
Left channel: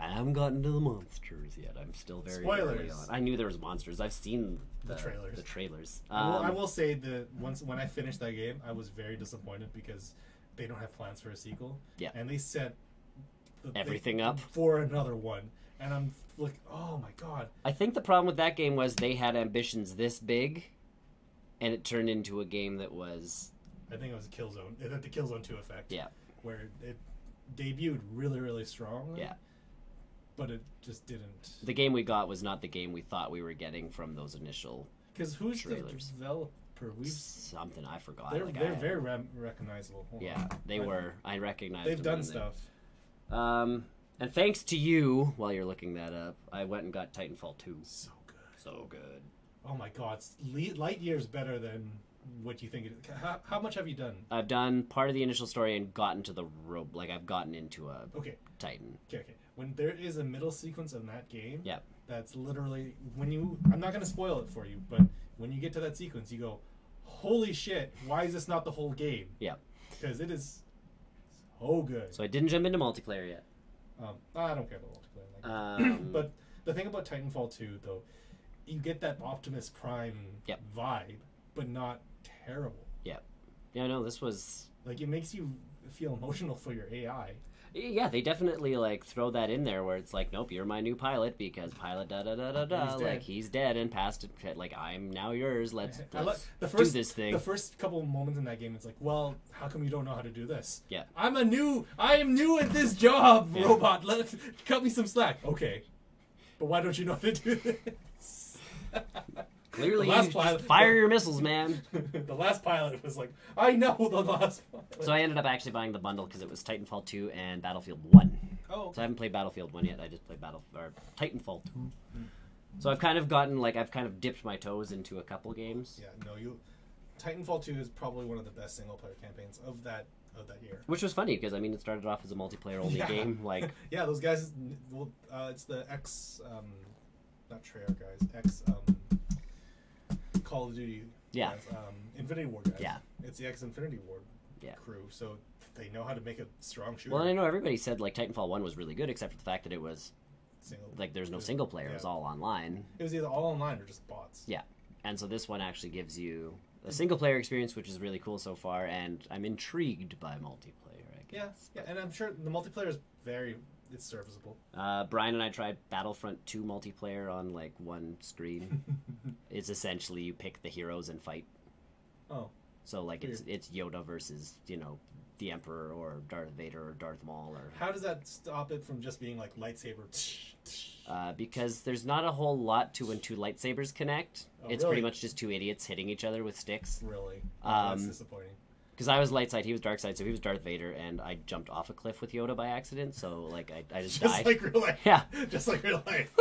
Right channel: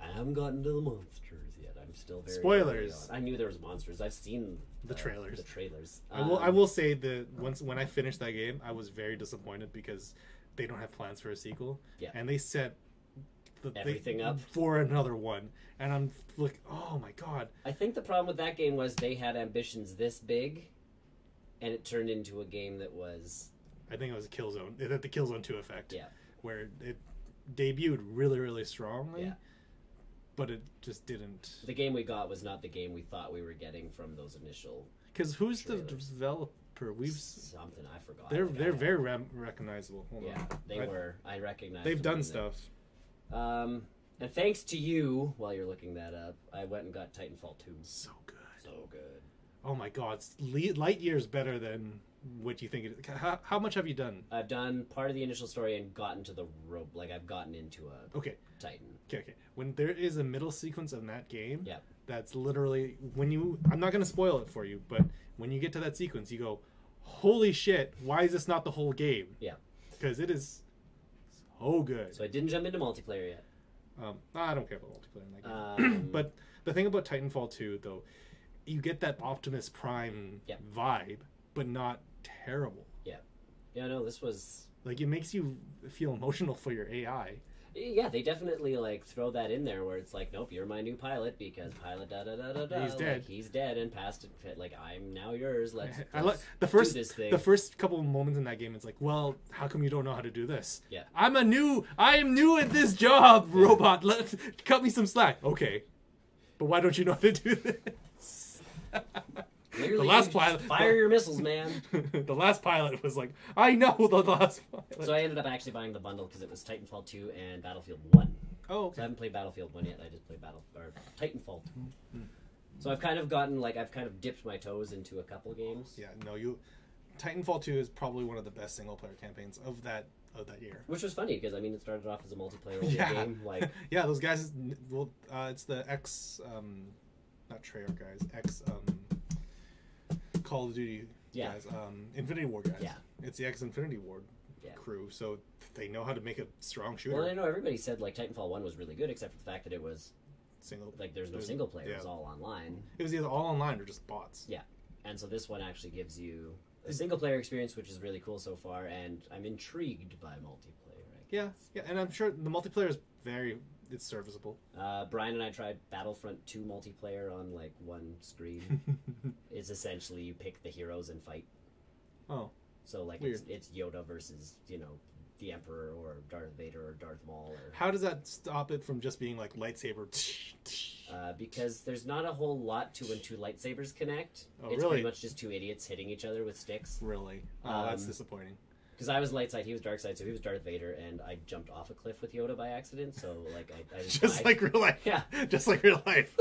I haven't gotten to the monsters yet. I'm still very spoilers. I knew there was monsters. I've seen the trailers. The trailers. I will say that when I finished that game, I was very disappointed because they don't have plans for a sequel. Yeah. And they set everything up for another one. And I'm like, oh my god. I think the problem with that game was they had ambitions this big. And it turned into a game that was... I think it was a Killzone. It had the Killzone 2 effect. Yeah. Where it debuted really, really strongly. Yeah. But it just didn't... The game we got was not the game we thought we were getting from those initial Because who's trailers. The developer? Something I forgot. They're very recognizable. Hold on. They were. I recognize They've done stuff. And thanks to you, while you're looking that up, I went and got Titanfall 2. So good. So good. Oh my god, it's light years better than what you think it is. How much have you done? I've done part of the initial story and gotten to the rope. Like, I've gotten into a Titan. Okay. When there is a middle sequence in that game, yeah, that's literally I'm not going to spoil it for you, but when you get to that sequence, you go, holy shit, why is this not the whole game? Yeah. Because it is so good. So I didn't jump into multiplayer yet. I don't care about multiplayer in that game. But the thing about Titanfall 2, though, you get that Optimus Prime vibe, but not terrible. Yeah. Yeah, no, this was... Like, it makes you feel emotional for your AI. Yeah, they definitely, like, throw that in there where it's like, nope, you're my new pilot because pilot da-da-da-da-da. He's dead. Like, he's dead and passed it. Like, I'm now yours. Let's do this thing. The first couple of moments in that game, it's like, well, how come you don't know how to do this? Yeah. I am new at this job, robot. Cut me some slack. Okay. But why don't you know how to do this? Clearly, the last pilot, fire your missiles, man. The last pilot was like, I know the last pilot. So I ended up actually buying the bundle because it was Titanfall 2 and Battlefield 1. Oh. So I haven't played Battlefield 1 yet. I just played Titanfall 2. So I've kind of dipped my toes into a couple games. Yeah, no, Titanfall 2 is probably one of the best single player campaigns of that year. Which was funny because it started off as a multiplayer only game. Like yeah, those guys. Well, it's the not Treyarch guys. Call of Duty guys. Infinity War guys. Yeah. It's the Infinity War crew, so they know how to make a strong shooter. Well, I know everybody said like Titanfall 1 was really good, except for the fact that it was there's no single player. It was all online. It was either all online or just bots. Yeah. And so this one actually gives you a single-player experience, which is really cool so far, and I'm intrigued by multiplayer. Yeah, and I'm sure the multiplayer is it's serviceable. Brian and I tried Battlefront 2 multiplayer on like one screen. It's essentially you pick the heroes and fight. Oh. So like it's Yoda versus, the Emperor or Darth Vader or Darth Maul. Or how does that stop it from just being like lightsaber? Because there's not a whole lot to when two lightsabers connect. It's really? pretty much just two idiots hitting each other with sticks. Really? That's disappointing. Because I was light side, he was dark side, so he was Darth Vader, and I jumped off a cliff with Yoda by accident, so like I just died. Like real life. Yeah. Just like real life.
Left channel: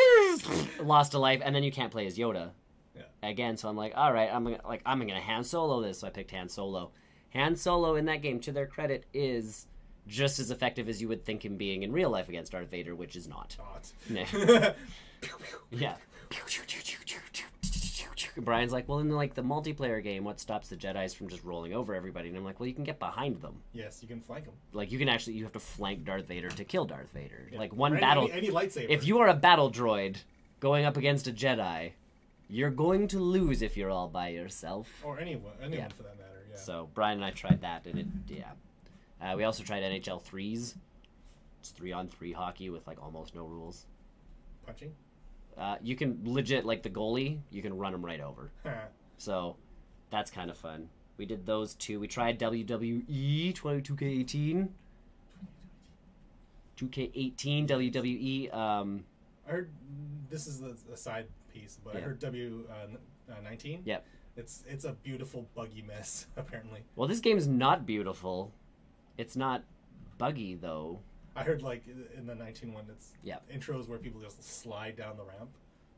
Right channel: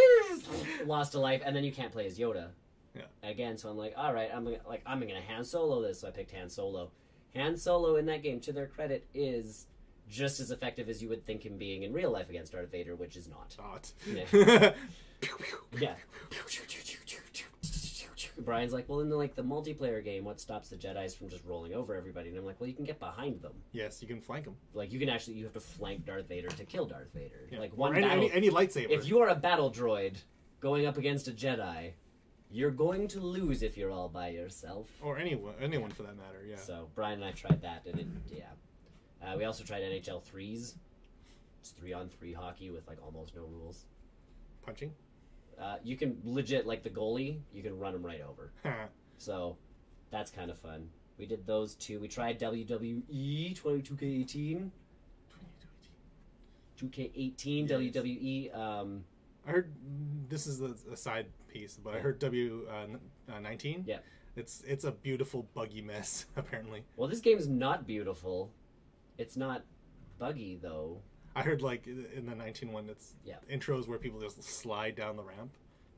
Lost a life, and then you can't play as Yoda. Yeah. Again, so I'm like, all right, I'm gonna Han Solo this, so I picked Han Solo. Han Solo in that game, to their credit, is just as effective as you would think him being in real life against Darth Vader, which is not. Yeah. Brian's like, well, in the multiplayer game, what stops the Jedis from just rolling over everybody? And I'm like, well, you can get behind them. Yes, you can flank them. Like, you have to flank Darth Vader to kill Darth Vader. Yeah. Like, one or battle... Any lightsaber. If you are a battle droid going up against a Jedi, you're going to lose if you're all by yourself. Or anyone for that matter, yeah. So, Brian and I tried that, and we also tried NHL 3s. It's 3-on-3 hockey with, almost no rules. Punching? You can legit, the goalie, you can run him right over. So, that's kind of fun. We did those two. We tried WWE 2K18. 2K18 WWE. I heard, this is a side piece, but I heard W19. Yep. It's a beautiful, buggy mess, apparently. Well, this game's not beautiful. It's not buggy, though. I heard, in the 19 one, it's intros where people just slide down the ramp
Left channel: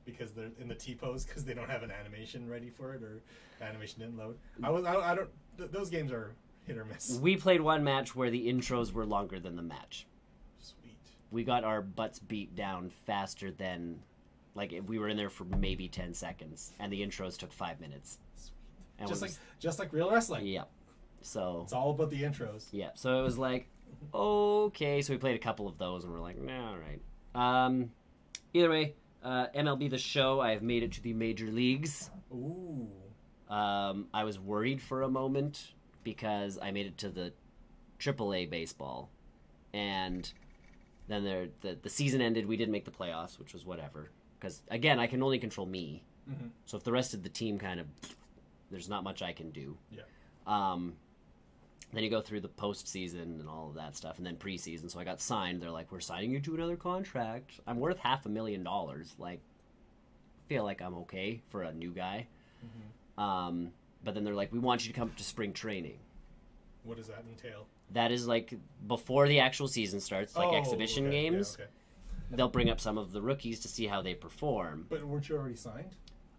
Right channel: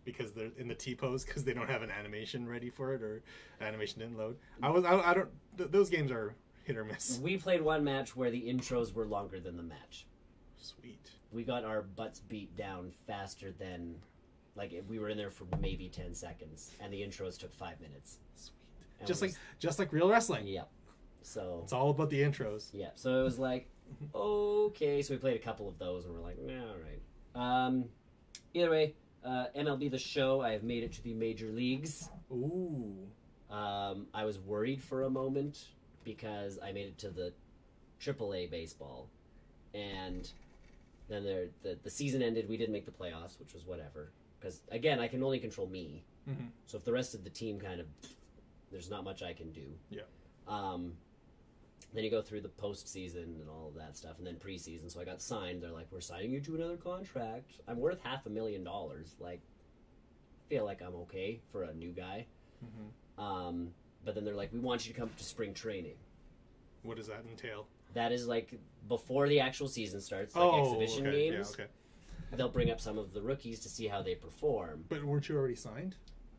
because they're in the T-pose because they don't have an animation ready for it or animation didn't load. Those games are hit or miss. We played one match where the intros were longer than the match. Sweet. We got our butts beat down faster than, we were in there for maybe 10 seconds, and the intros took 5 minutes. Sweet. Just like real wrestling. Yeah. So it's all about the intros. Yeah. So it was okay, so we played a couple of those, and we're like, nah, all right. Either way, MLB The Show, I have made it to the major leagues. Ooh. I was worried for a moment because I made it to the AAA baseball, and then the season ended. We didn't make the playoffs, which was whatever. Because, again, I can only control me. Mm-hmm. So if the rest of the team there's not much I can do. Yeah. Then you go through the postseason and all of that stuff, and then preseason. So I got signed. They're like, we're signing you to another contract. I'm worth $500,000. I feel like I'm okay for a new guy. Mm-hmm. But then they're like, we want you to come to spring training. What does that entail? That is before the actual season starts, exhibition games. Yeah, okay. They'll bring up some of the rookies to see how they perform. But weren't you already signed?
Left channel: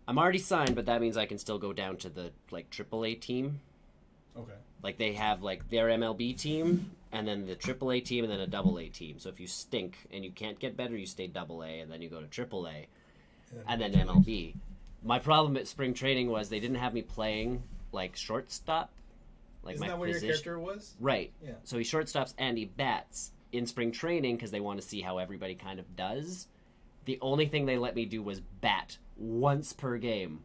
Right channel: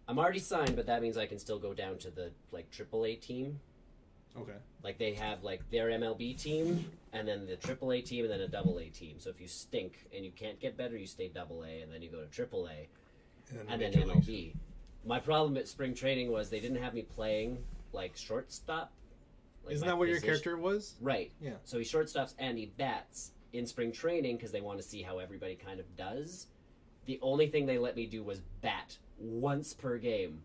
I'm already signed, but that means I can still go down to the AAA team. Okay. They have their MLB team, and then the AAA team, and then a AA team. So if you stink and you can't get better, you stay AA, and then you go to AAA, and then MLB. My problem at spring training was they didn't have me playing shortstop. Isn't that what your character was? Right. Yeah. So he shortstops and he bats in spring training because they want to see how everybody kind of does. The only thing they let me do was bat once per game.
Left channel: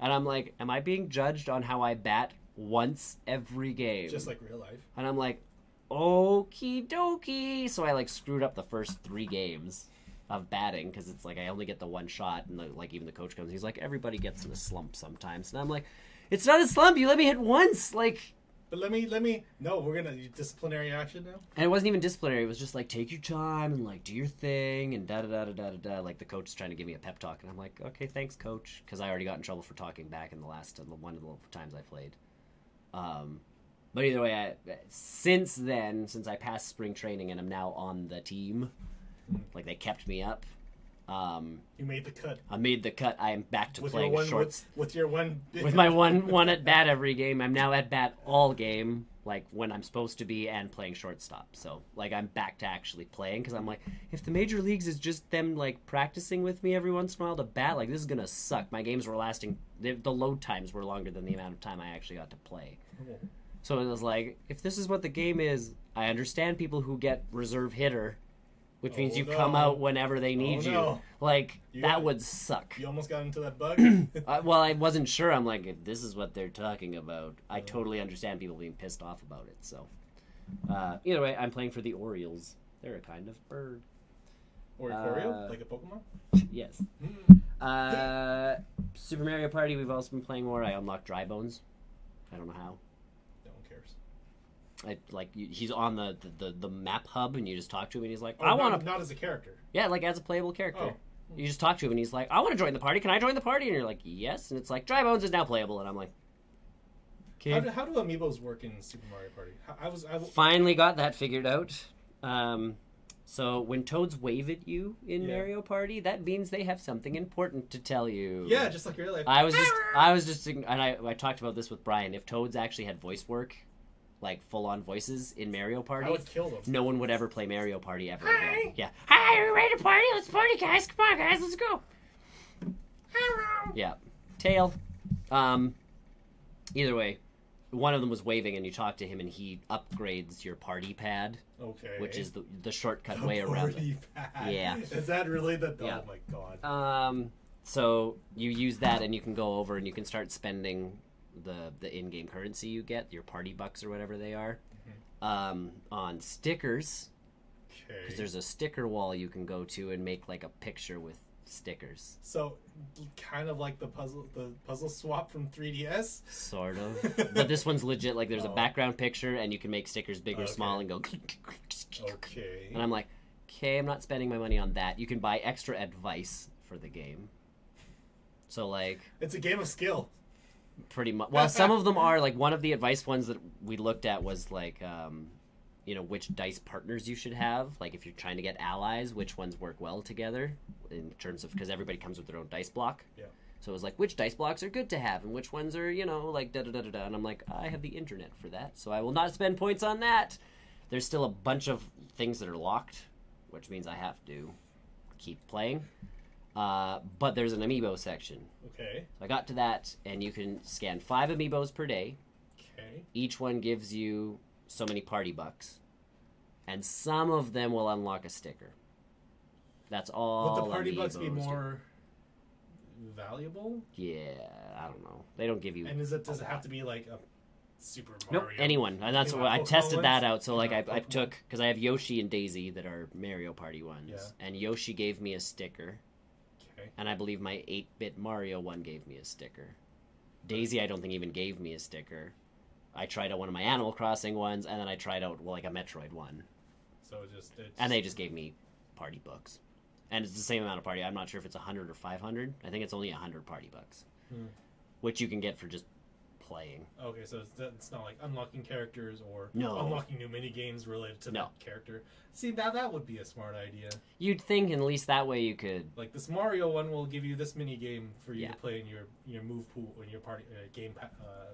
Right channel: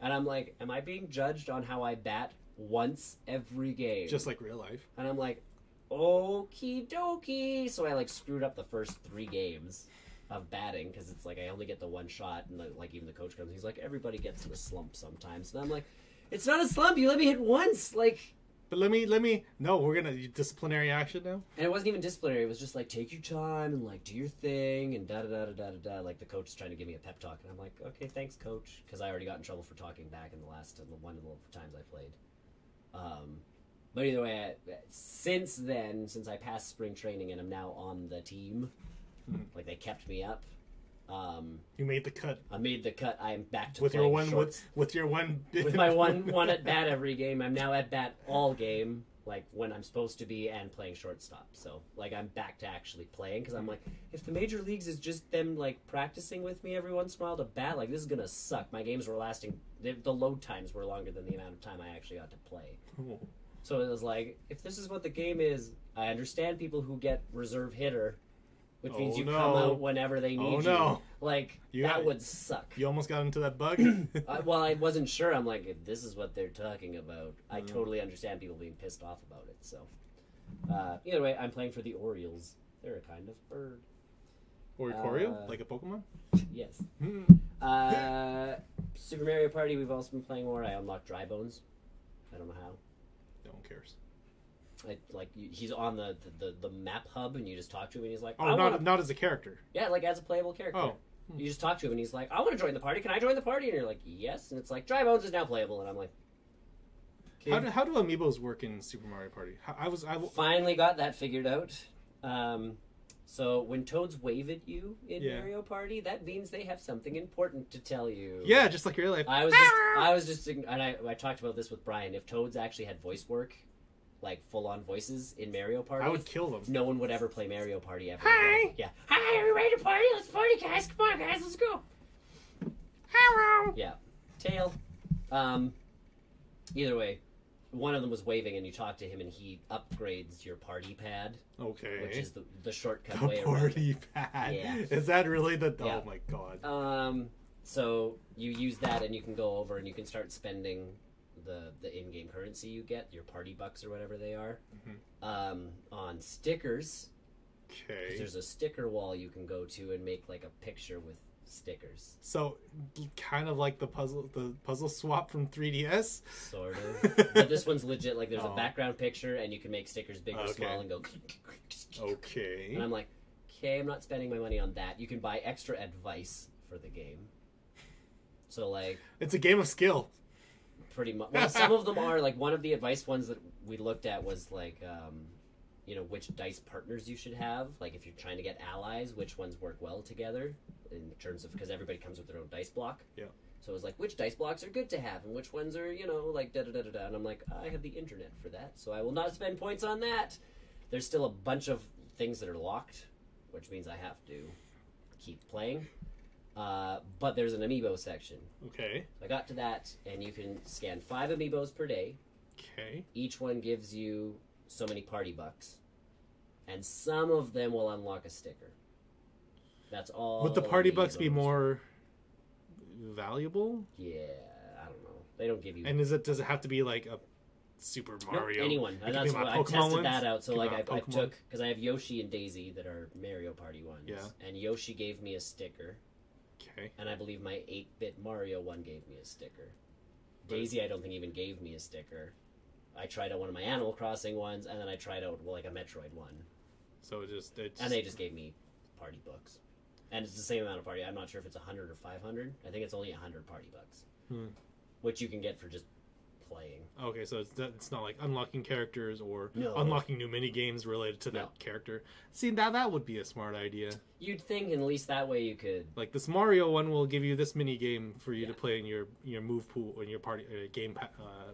And I'm like, am I being judged on how I bat once every game? Just like real life. And I'm like, okie dokie. So I screwed up the first 3 games of batting because it's I only get the one shot. And even the coach comes, he's like, everybody gets in a slump sometimes. And I'm like, it's not a slump. You let me hit once. But let me. No, we're gonna disciplinary action now. And it wasn't even disciplinary. It was just take your time and do your thing and da da da da da da. The coach is trying to give me a pep talk, and I'm like, okay, thanks, coach, because I already got in trouble for talking back in the last one of the times I played. But either way, since I passed spring training and I'm now on the team, they kept me up. You made the cut. I made the cut. I am back to with playing your one shorts. with your one with my one at bat every game. I'm now at bat all game, when I'm supposed to be, and playing shortstop. So I'm back to actually playing because I'm like, if the major leagues is just them practicing with me every once in a while to bat, this is gonna suck. My games were lasting. The load times were longer than the amount of time I actually got to play. Cool. So it was if this is what the game is, I understand people who get reserve hitter. which means Oh, you no. come out whenever they need Oh, you. no. Like, You- that would suck. You almost got into that bug. Well, I wasn't sure. I'm like, if this is what they're talking about, I totally understand people being pissed off about it. So, either way, I'm playing for the Orioles. They're a kind of bird. Or Oreo, like a Pokemon. Yes. Super Mario Party, we've also been playing more. I unlocked Dry Bones. I don't know how. No one cares. He's on the map hub, and you just talk to him, and he's like, Oh, I want to. not as a character. Yeah, like as a playable character. Oh. You just talk to him, and he's like, I want to join the party. Can I join the party? And you're like, yes. And it's like, Dry Bones is now playable. And I'm like, okay. How do amiibos work in Super Mario Party? I Finally got that figured out. So when toads wave at you in Yeah. Mario Party, that means they have something important to tell you. Yeah, just like real life. I was just, and I talked about this with Brian. If toads actually had voice work, like full-on voices in Mario Party, I would kill them. no one would ever play Mario Party ever. Hi. Yeah. Hi, are we ready to party? Let's party, guys. Come on, guys. Let's go. Hello. Yeah. Tail. Either way, one of them was waving, and you talk to him, and he upgrades your party pad, Okay. which is the shortcut the way around. party pad. Yeah. Is that really the? Yeah. Oh my god. So you use that, and you can go over, and you can start spending the in-game currency you get, your party bucks or whatever they are, on stickers. Okay. Because there's a sticker wall you can go to and make like a picture with stickers. So, kind of like the puzzle swap from 3DS. Sort of. But this one's legit. Like, there's a Oh. background picture, and you can make stickers big or Okay. small and go. Okay. And I'm like, okay, I'm not spending my money on that. You can buy extra advice for the game. So, like, It's a game of skill. pretty much. Well, some of them are like one of the advice ones that we looked at was like, which dice partners you should have. Like, if you're trying to get allies, which ones work well together in terms of, because everybody comes with their own dice block. Yeah. So it was like, which dice blocks are good to have, and which ones are, like da da da da da. And I'm like, I have the internet for that, so I will not spend points on that. There's still a bunch of things that are locked, which means I have to keep playing. But there's an amiibo section. Okay. So I got to that, and you can scan 5 amiibos per day. Okay. Each one gives you so many party bucks. And some of them will unlock a sticker. That's all. Would the party bucks be amiibos. more valuable? Yeah, I don't know. They don't give you. And does it have to be like a Super Nope, Mario? anyone. And that's Give why I out Pokemon tested ones? that out. So, Give like, out I Pokemon? took, because I have Yoshi and Daisy that are Mario Party ones. Yeah. And Yoshi gave me a sticker. Okay. And I believe my 8-bit Mario one gave me a sticker. Daisy, I don't think even gave me a sticker. I tried out one of my Animal Crossing ones, and then I tried out, like, a Metroid one. So it's And they just gave me party bucks. And it's the same amount of party. I'm not sure if it's 100 or 500. I think it's only 100 party bucks. Which you can get for just playing. Okay, so it's not like unlocking characters or No. unlocking new mini games related to No. that character. See, that would be a smart idea. You'd think at least that way you could. Like this Mario one will give you this mini game for you Yeah. to play in your move pool in your party game.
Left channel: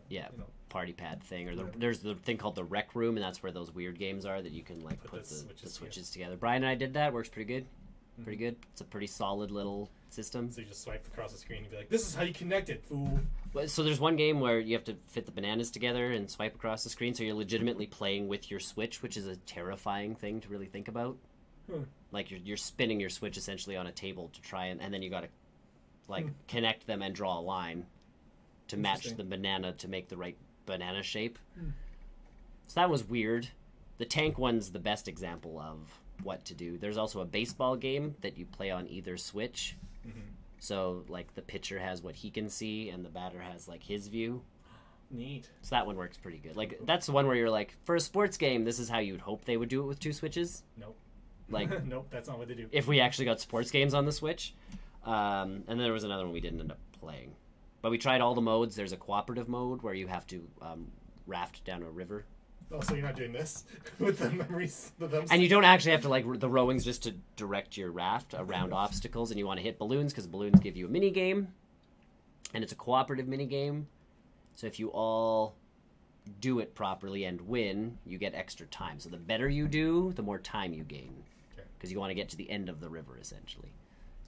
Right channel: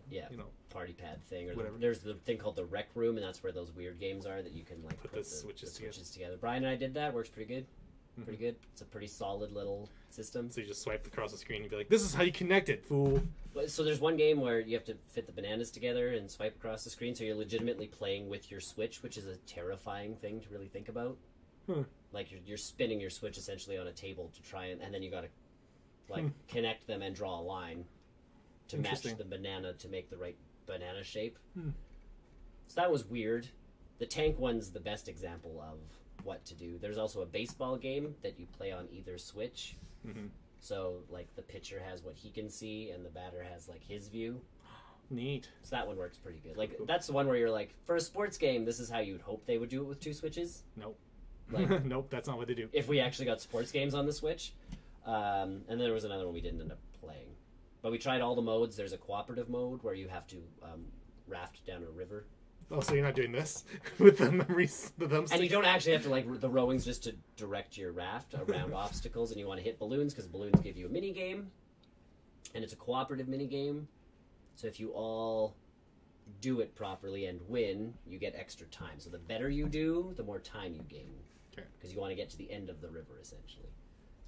Yeah. You know, Party pad thing, or Whatever. there's the thing called the rec room, and that's where those weird games are that you can like Put put the the switches switches together. Brian and I did that. Works pretty good. Pretty good. It's a pretty solid little system. so you just swipe across the screen and be like, "This is how you connect it, fool." So there's one game where you have to fit the bananas together and swipe across the screen, so you're legitimately playing with your Switch, which is a terrifying thing to really think about. Like you're spinning your Switch essentially on a table to try and then you got to like connect them and draw a line to match Interesting. the banana to make the right banana shape. So that was weird. The tank one's the best example of what to do. There's also a baseball game that you play on either Switch. So, like, the pitcher has what he can see, and the batter has, like, his view. Neat. So that one works pretty good. Like, that's the one where you're like, for a sports game, this is how you would hope they would do it with 2 Switches. Nope. Like, Nope, that's not what they do. if we actually got sports games on the Switch. And then there was another one we didn't end up playing. But we tried all the modes. There's a cooperative mode where you have to raft down a river. Oh, so you're not doing this with the memories, the thumbsticks? And you don't actually have to, like, the rowing's just to direct your raft around obstacles, and you want to hit balloons, because balloons give you a mini game, and it's a cooperative mini game. So if you all do it properly and win, you get extra time. So the better you do, the more time you gain. Okay. Because you want to get to the end of the river, essentially.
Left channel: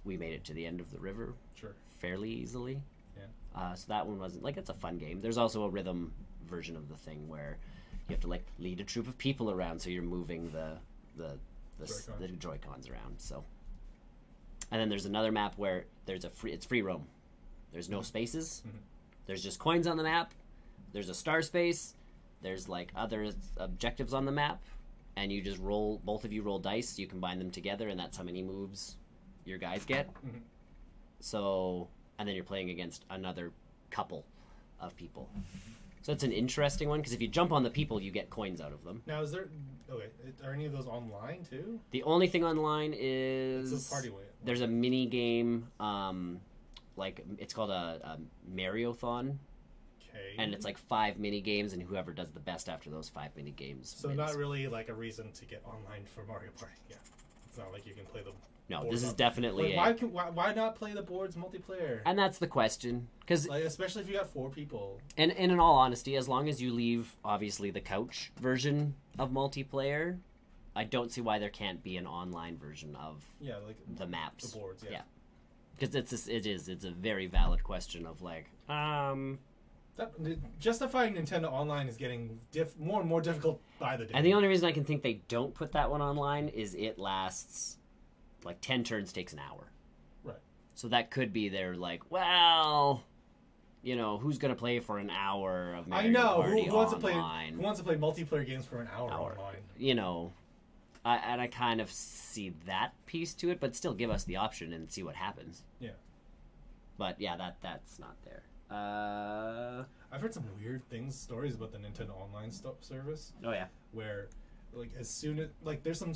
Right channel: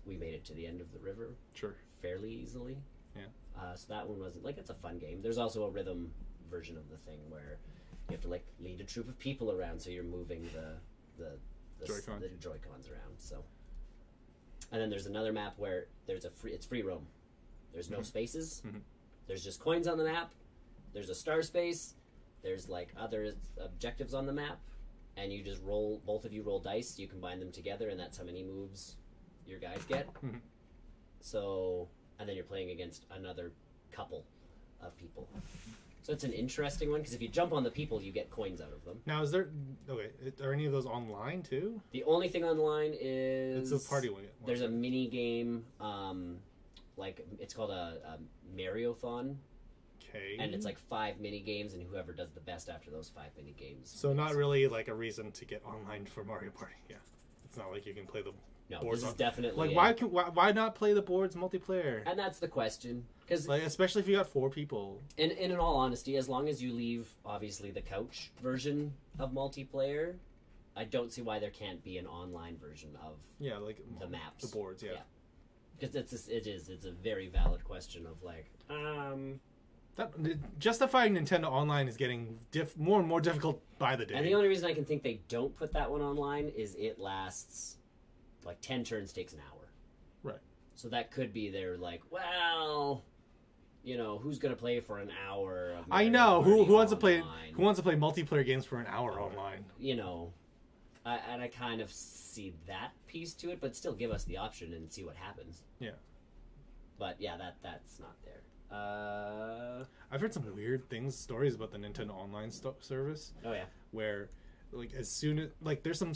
We made it to the end of the river Sure. fairly easily. Yeah. So that one wasn't, like, it's a fun game. There's also a rhythm version of the thing where you have to, like, lead a troop of people around, so you're moving the the Joy-Cons around. So, and then there's another map where it's free roam. There's no spaces. Mm-hmm. There's just coins on the map. There's a star space. There's like other objectives on the map, and you just roll. Both of you roll dice. You combine them together, and that's how many moves your guys get. Mm-hmm. So, and then you're playing against another couple of people. So it's an interesting one because if you jump on the people, you get coins out of them. Now, are any of those online too? The only thing online is it's a party way. There's a mini game, like it's called a Mariothon, Okay. and it's like 5 mini games, and whoever does the best after those 5 mini games. So not really like a reason to get online for Mario Party. Yeah, it's not like you can play the. No, boards this is definitely like why not play the boards multiplayer? and that's the question because Like especially if you got 4 people. and in all honesty, as long as you leave obviously the couch version of multiplayer, I don't see why there can't be an online version of Yeah, like the maps, the boards. Yeah. because it's a very valid question of like That, justifying Nintendo Online is getting more and more difficult by the day. and the only reason I can think they don't put that one online is it lasts like 10 turns takes an hour. Right. So that could be their like, well, you know, who's gonna play for an hour of Mario I know Party who wants online? to play multiplayer games for an hour online. You know, I kind of see that piece to it, but still give us the option and see what happens. Yeah. But yeah, that's not there. I've heard some weird stories about the Nintendo Online service. Oh yeah. Where, like, as soon as there's some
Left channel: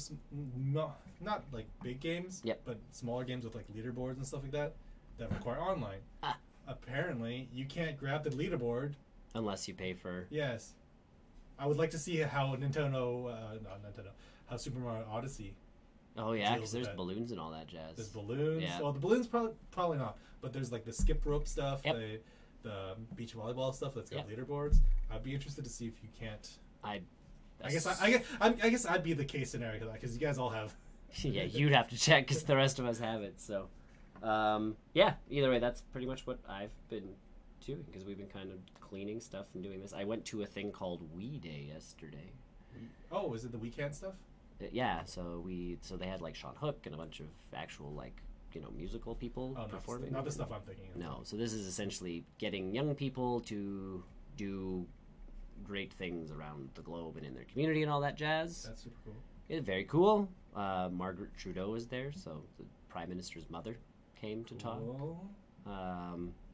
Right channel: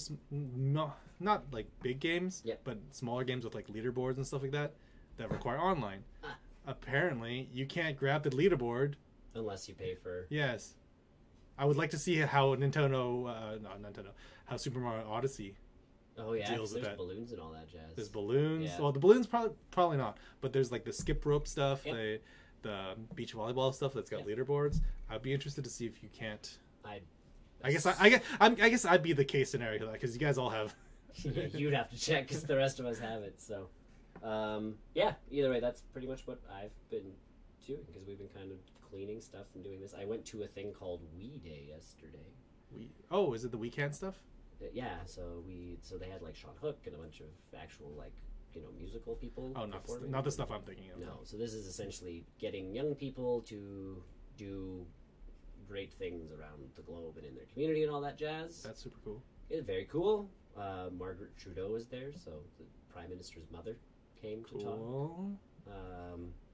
not like big games, Yep. but smaller games with like leaderboards and stuff like that require online. Apparently, you can't grab the leaderboard Unless you pay for. Yes, I would like to see how how Super Mario Odyssey. Oh yeah, deals because with there's that. balloons and all that jazz. There's balloons. Yeah. Well, the balloons probably not, but there's like the skip rope stuff, Yep. the beach volleyball stuff that's got Yep. leaderboards. I'd be interested to see if you can't. I guess I'd be the case scenario because you guys all have. Yeah, you'd have to check because the rest of us have it. So, yeah. Either way, that's pretty much what I've been doing because we've been kind of cleaning stuff and doing this. I went to a thing called Wii Day yesterday. Oh, is it the weekend stuff? Yeah, so they had like Sean Hook and a bunch of actual like musical people performing. Not the stuff I'm thinking of. No, so this is essentially getting young people to do great things around the globe and in their community and all that jazz. That's super cool. It's very cool. Margaret Trudeau is there, so the Prime Minister's mother came to talk,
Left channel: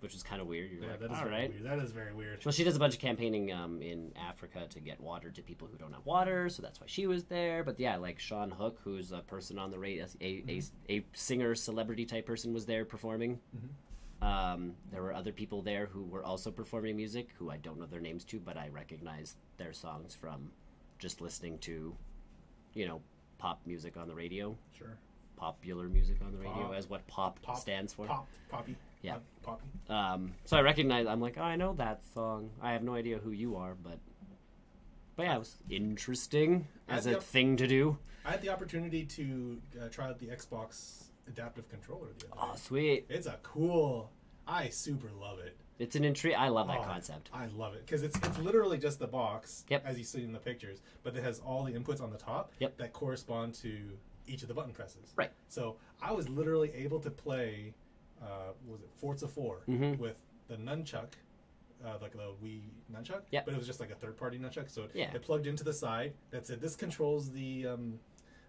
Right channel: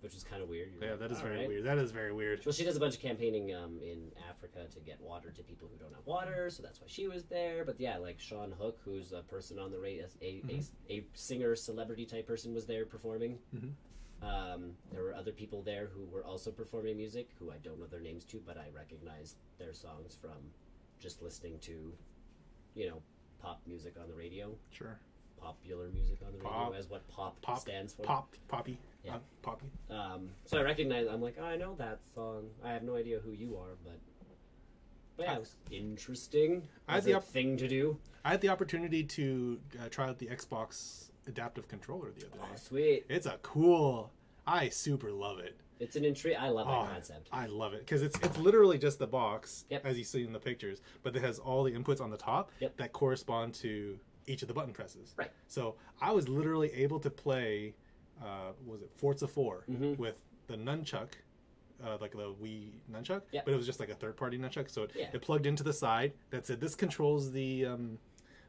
which is kind of weird. You're like, that is all very right. weird. That is very weird. Well, she does a bunch of campaigning in Africa to get water to people who don't have water, so that's why she was there. But yeah, like Sean Hook, who's a person on the radio, a singer, celebrity type person, was there performing. Mm-hmm. There were other people there who were also performing music, who I don't know their names to, but I recognize their songs from just listening to, pop music on the radio. Sure. Popular music on the radio, Pop. as what pop stands for. Poppy. Yeah. Poppy. So I recognize. I'm like, oh, I know that song. I have no idea who you are, but yeah, it was interesting as a thing to do. I had the opportunity to try out the Xbox adaptive controller the other day. Oh, sweet! It's a cool. I super love it. It's an intrigue. I love that concept. I love it because it's literally just the box, Yep. as you see in the pictures, but it has all the inputs on the top Yep. that correspond to each of the button presses. Right. So I was literally able to play, was it Forza 4 Mhm. with the nunchuck, like the Wii nunchuck, Yep. but it was just like a third-party nunchuck. So Yeah. it plugged into the side. That said, this controls the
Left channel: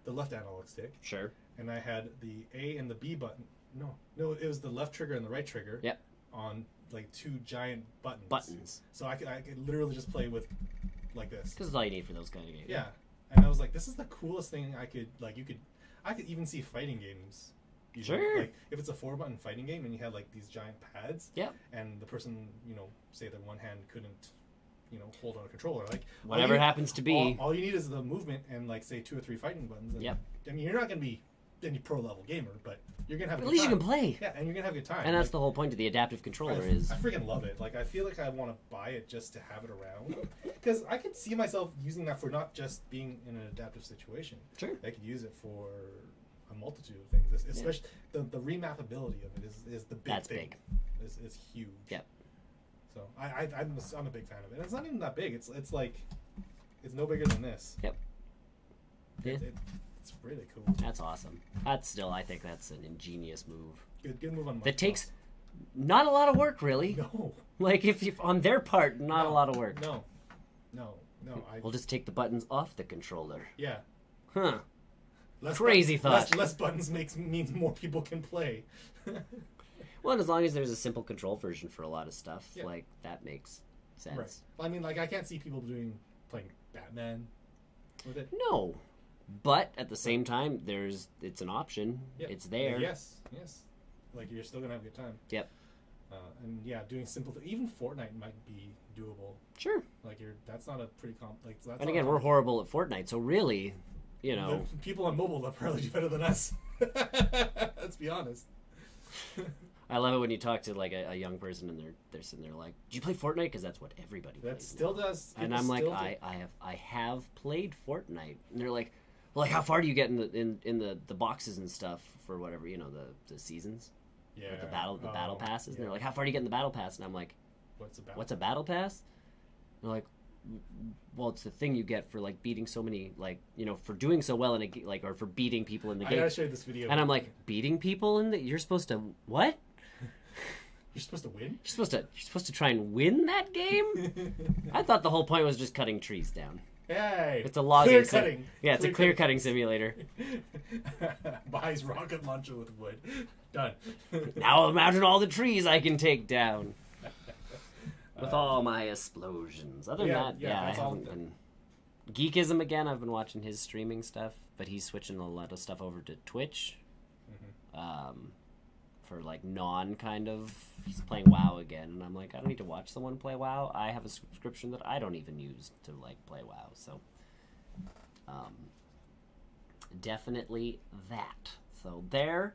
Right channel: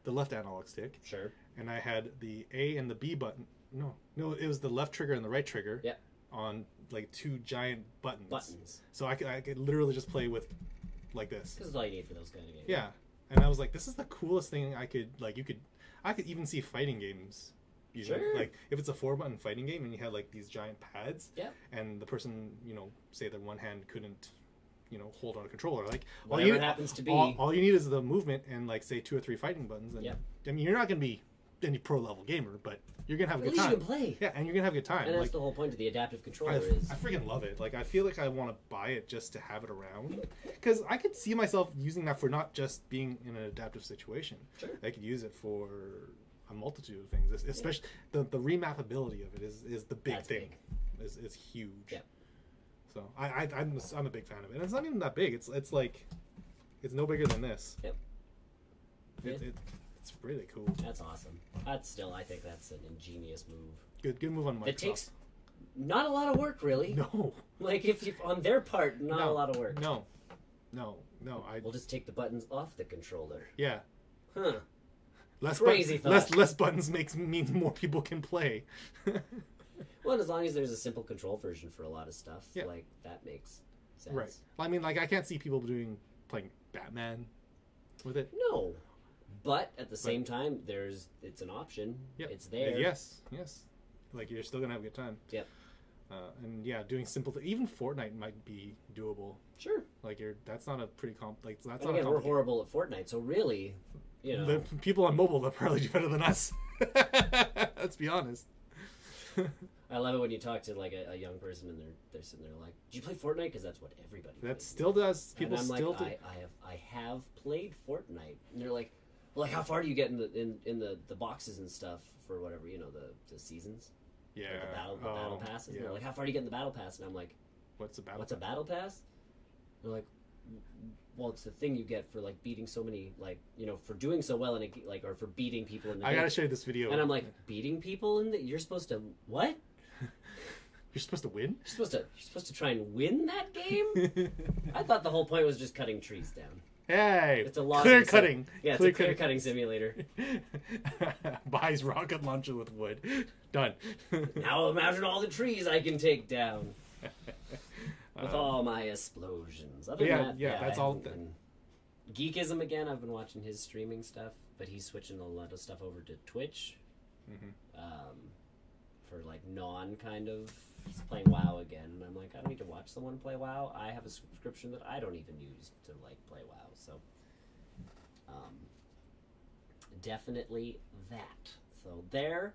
left analog stick, Sure. and I had the A and the B button. No, it was the left trigger and the right trigger. Yep. On like 2 giant buttons. Buttons. So I could literally just play with like this. Because it's all you need for those kind of games. Yeah. And I was like, this is the coolest thing I could I could even see fighting games. Sure. Like if it's a 4-button fighting game and you had like these giant pads. Yep. And the person, say that one hand couldn't, hold on a controller. Like Whatever it happens to be. All you need is the movement and like say 2 or 3 fighting buttons. And, Yep. I mean, you're not gonna be any pro level gamer, but you're gonna have a At good least time. you can play. Yeah, and you're gonna have a good time. And that's like, the whole point of the adaptive controller I is. freaking love it. Like, I feel like I want to buy it just to have it around. Because I could see myself using that for not just being in an adaptive situation. Sure. I could use it for a multitude of things. Especially the remappability of it is the big That's thing. big. Is huge. Yep. So I'm a big fan of it. And it's not even that big. It's like, it's no bigger than this. Yep. Yeah. It's really cool. That's awesome. That's still, I think that's an ingenious move. Good move on Microsoft. That takes not a lot of work, really. No. Like, if on their part, not a lot of work. No. We'll just take the buttons off the controller. Yeah. Huh. Less Crazy thought. Less buttons means more people can play. Well, and as long as there's a simple control version for a lot of stuff, Yeah. like, that makes sense. Right. I mean, like, I can't see people playing Batman with it. No. But, at the same time, it's an option. Yep. It's there. Yes. Like, you're still going to have a good time. Yep. And, yeah, doing simple even Fortnite might be doable. Sure. Like, that's not a pretty that's And not again, we're horrible at Fortnite, so really, The people on mobile, they'll probably do better than us. Let's be honest. I love it when you talk to like a young person and they're sitting there like, "Do you play Fortnite?" Because that's what everybody. That plays still now. does. And People I'm like, still do. I have played Fortnite, and they're like, "Well, like how far do you get in the boxes and stuff for whatever the seasons? Yeah. Like the battle passes." Yeah. And they're like, "How far do you get in the battle pass?" And I'm like, What's "What's a battle pass?" And they're like, "Well, it's the thing you get for like beating so many for doing so well in a like or for beating people in the I game." gotta show you this video. And I'm like, "Beating people in the? You're supposed to what?" You're supposed to win? You're supposed to try and win that game? I thought the whole point was just cutting trees down. Hey! It's a logging clear cutting. Yeah, it's a clear cutting simulator. Buys rocket launcher with wood. Done. Now imagine all the trees I can take down. With all my explosions. Other than that, that's all done. Geekism again, I've been watching his streaming stuff, but he's switching a lot of stuff over to Twitch. For like he's playing WoW again, and I'm like, I don't need to watch someone play WoW. I have a subscription that I don't even use to like play WoW, so definitely that. So there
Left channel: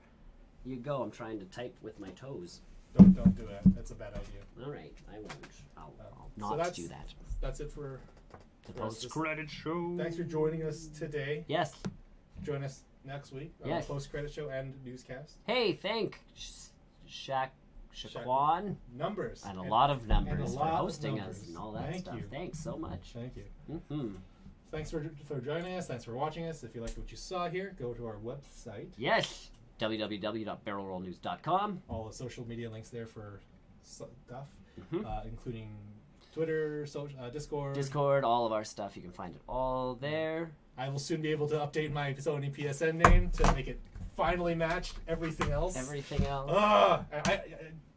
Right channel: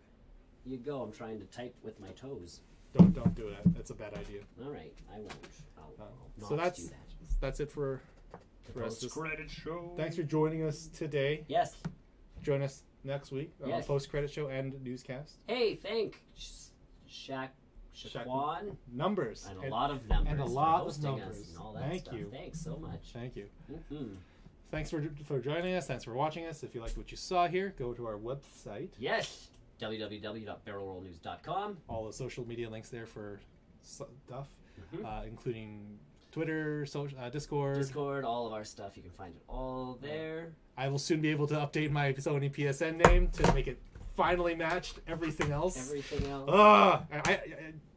you go. I'm trying to type with my toes. Don't do that. That's a bad idea. All right, I won't. I'll So not do that. That's it for The post-credit show. Thanks for joining us today. Yes. Join us next week on Yes. the post-credit show and newscast. Hey, thank Shaquan Numbers. and a lot of numbers and a lot for of hosting numbers. us and all that Thank stuff. you. Thanks so much. Thank you. Mm-hmm. Thanks for joining us. Thanks for watching us. If you liked what you saw here, go to our website. Yes. www.barrelrollnews.com. All the social media links there for stuff, Mhm. including Twitter, Discord. Discord, all of our stuff. You can find it all there. I will soon be able to update my Sony PSN name to make it finally match everything else. Everything else.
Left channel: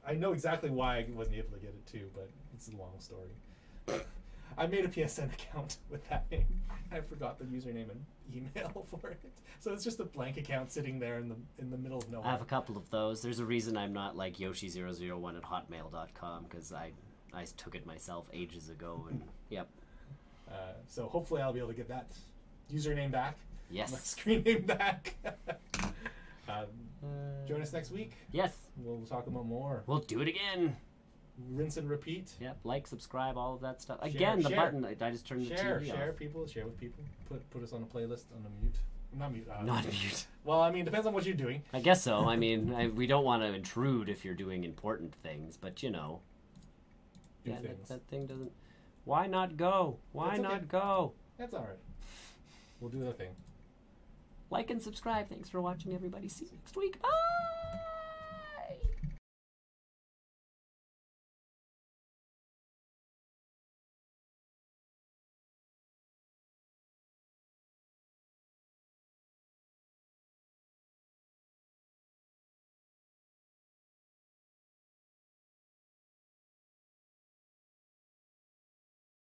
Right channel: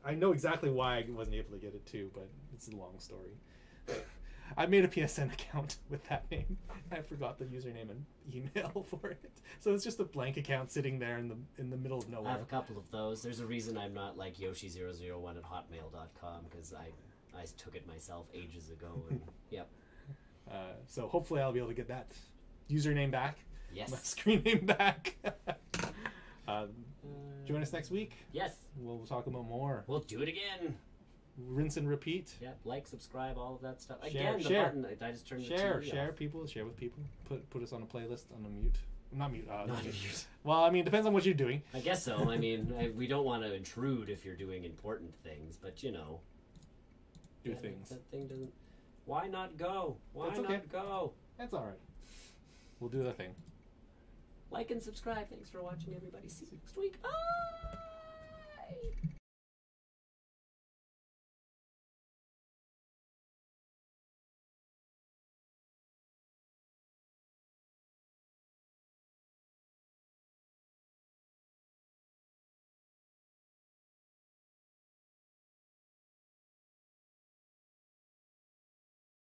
I know exactly why I wasn't able to get it too, but it's a long story. I made a PSN account with that name. I forgot the username and email for it, so it's just a blank account sitting there in the middle of nowhere. I have a couple of those. There's a reason I'm not like Yoshi001 at hotmail.com because I took it myself ages ago. And yep. So hopefully I'll be able to get that username back. Yes. My screen name back. Join us next week. Yes. We'll talk about more. We'll do it again. Rinse and repeat. Yep. Like, subscribe, all of that stuff. Share, Again, the share. button. I just turned the Share TV with people. Put us on a playlist on a mute. Not mute. off. Not mute. Well, I mean, depends on what you're doing. I guess so. I mean, we don't want to intrude if you're doing important things, but Do yeah, things. That thing doesn't. Why not go? Why That's okay. not go? That's all right. We'll do the thing. Like and subscribe. Thanks for watching, everybody. See you next week. Bye.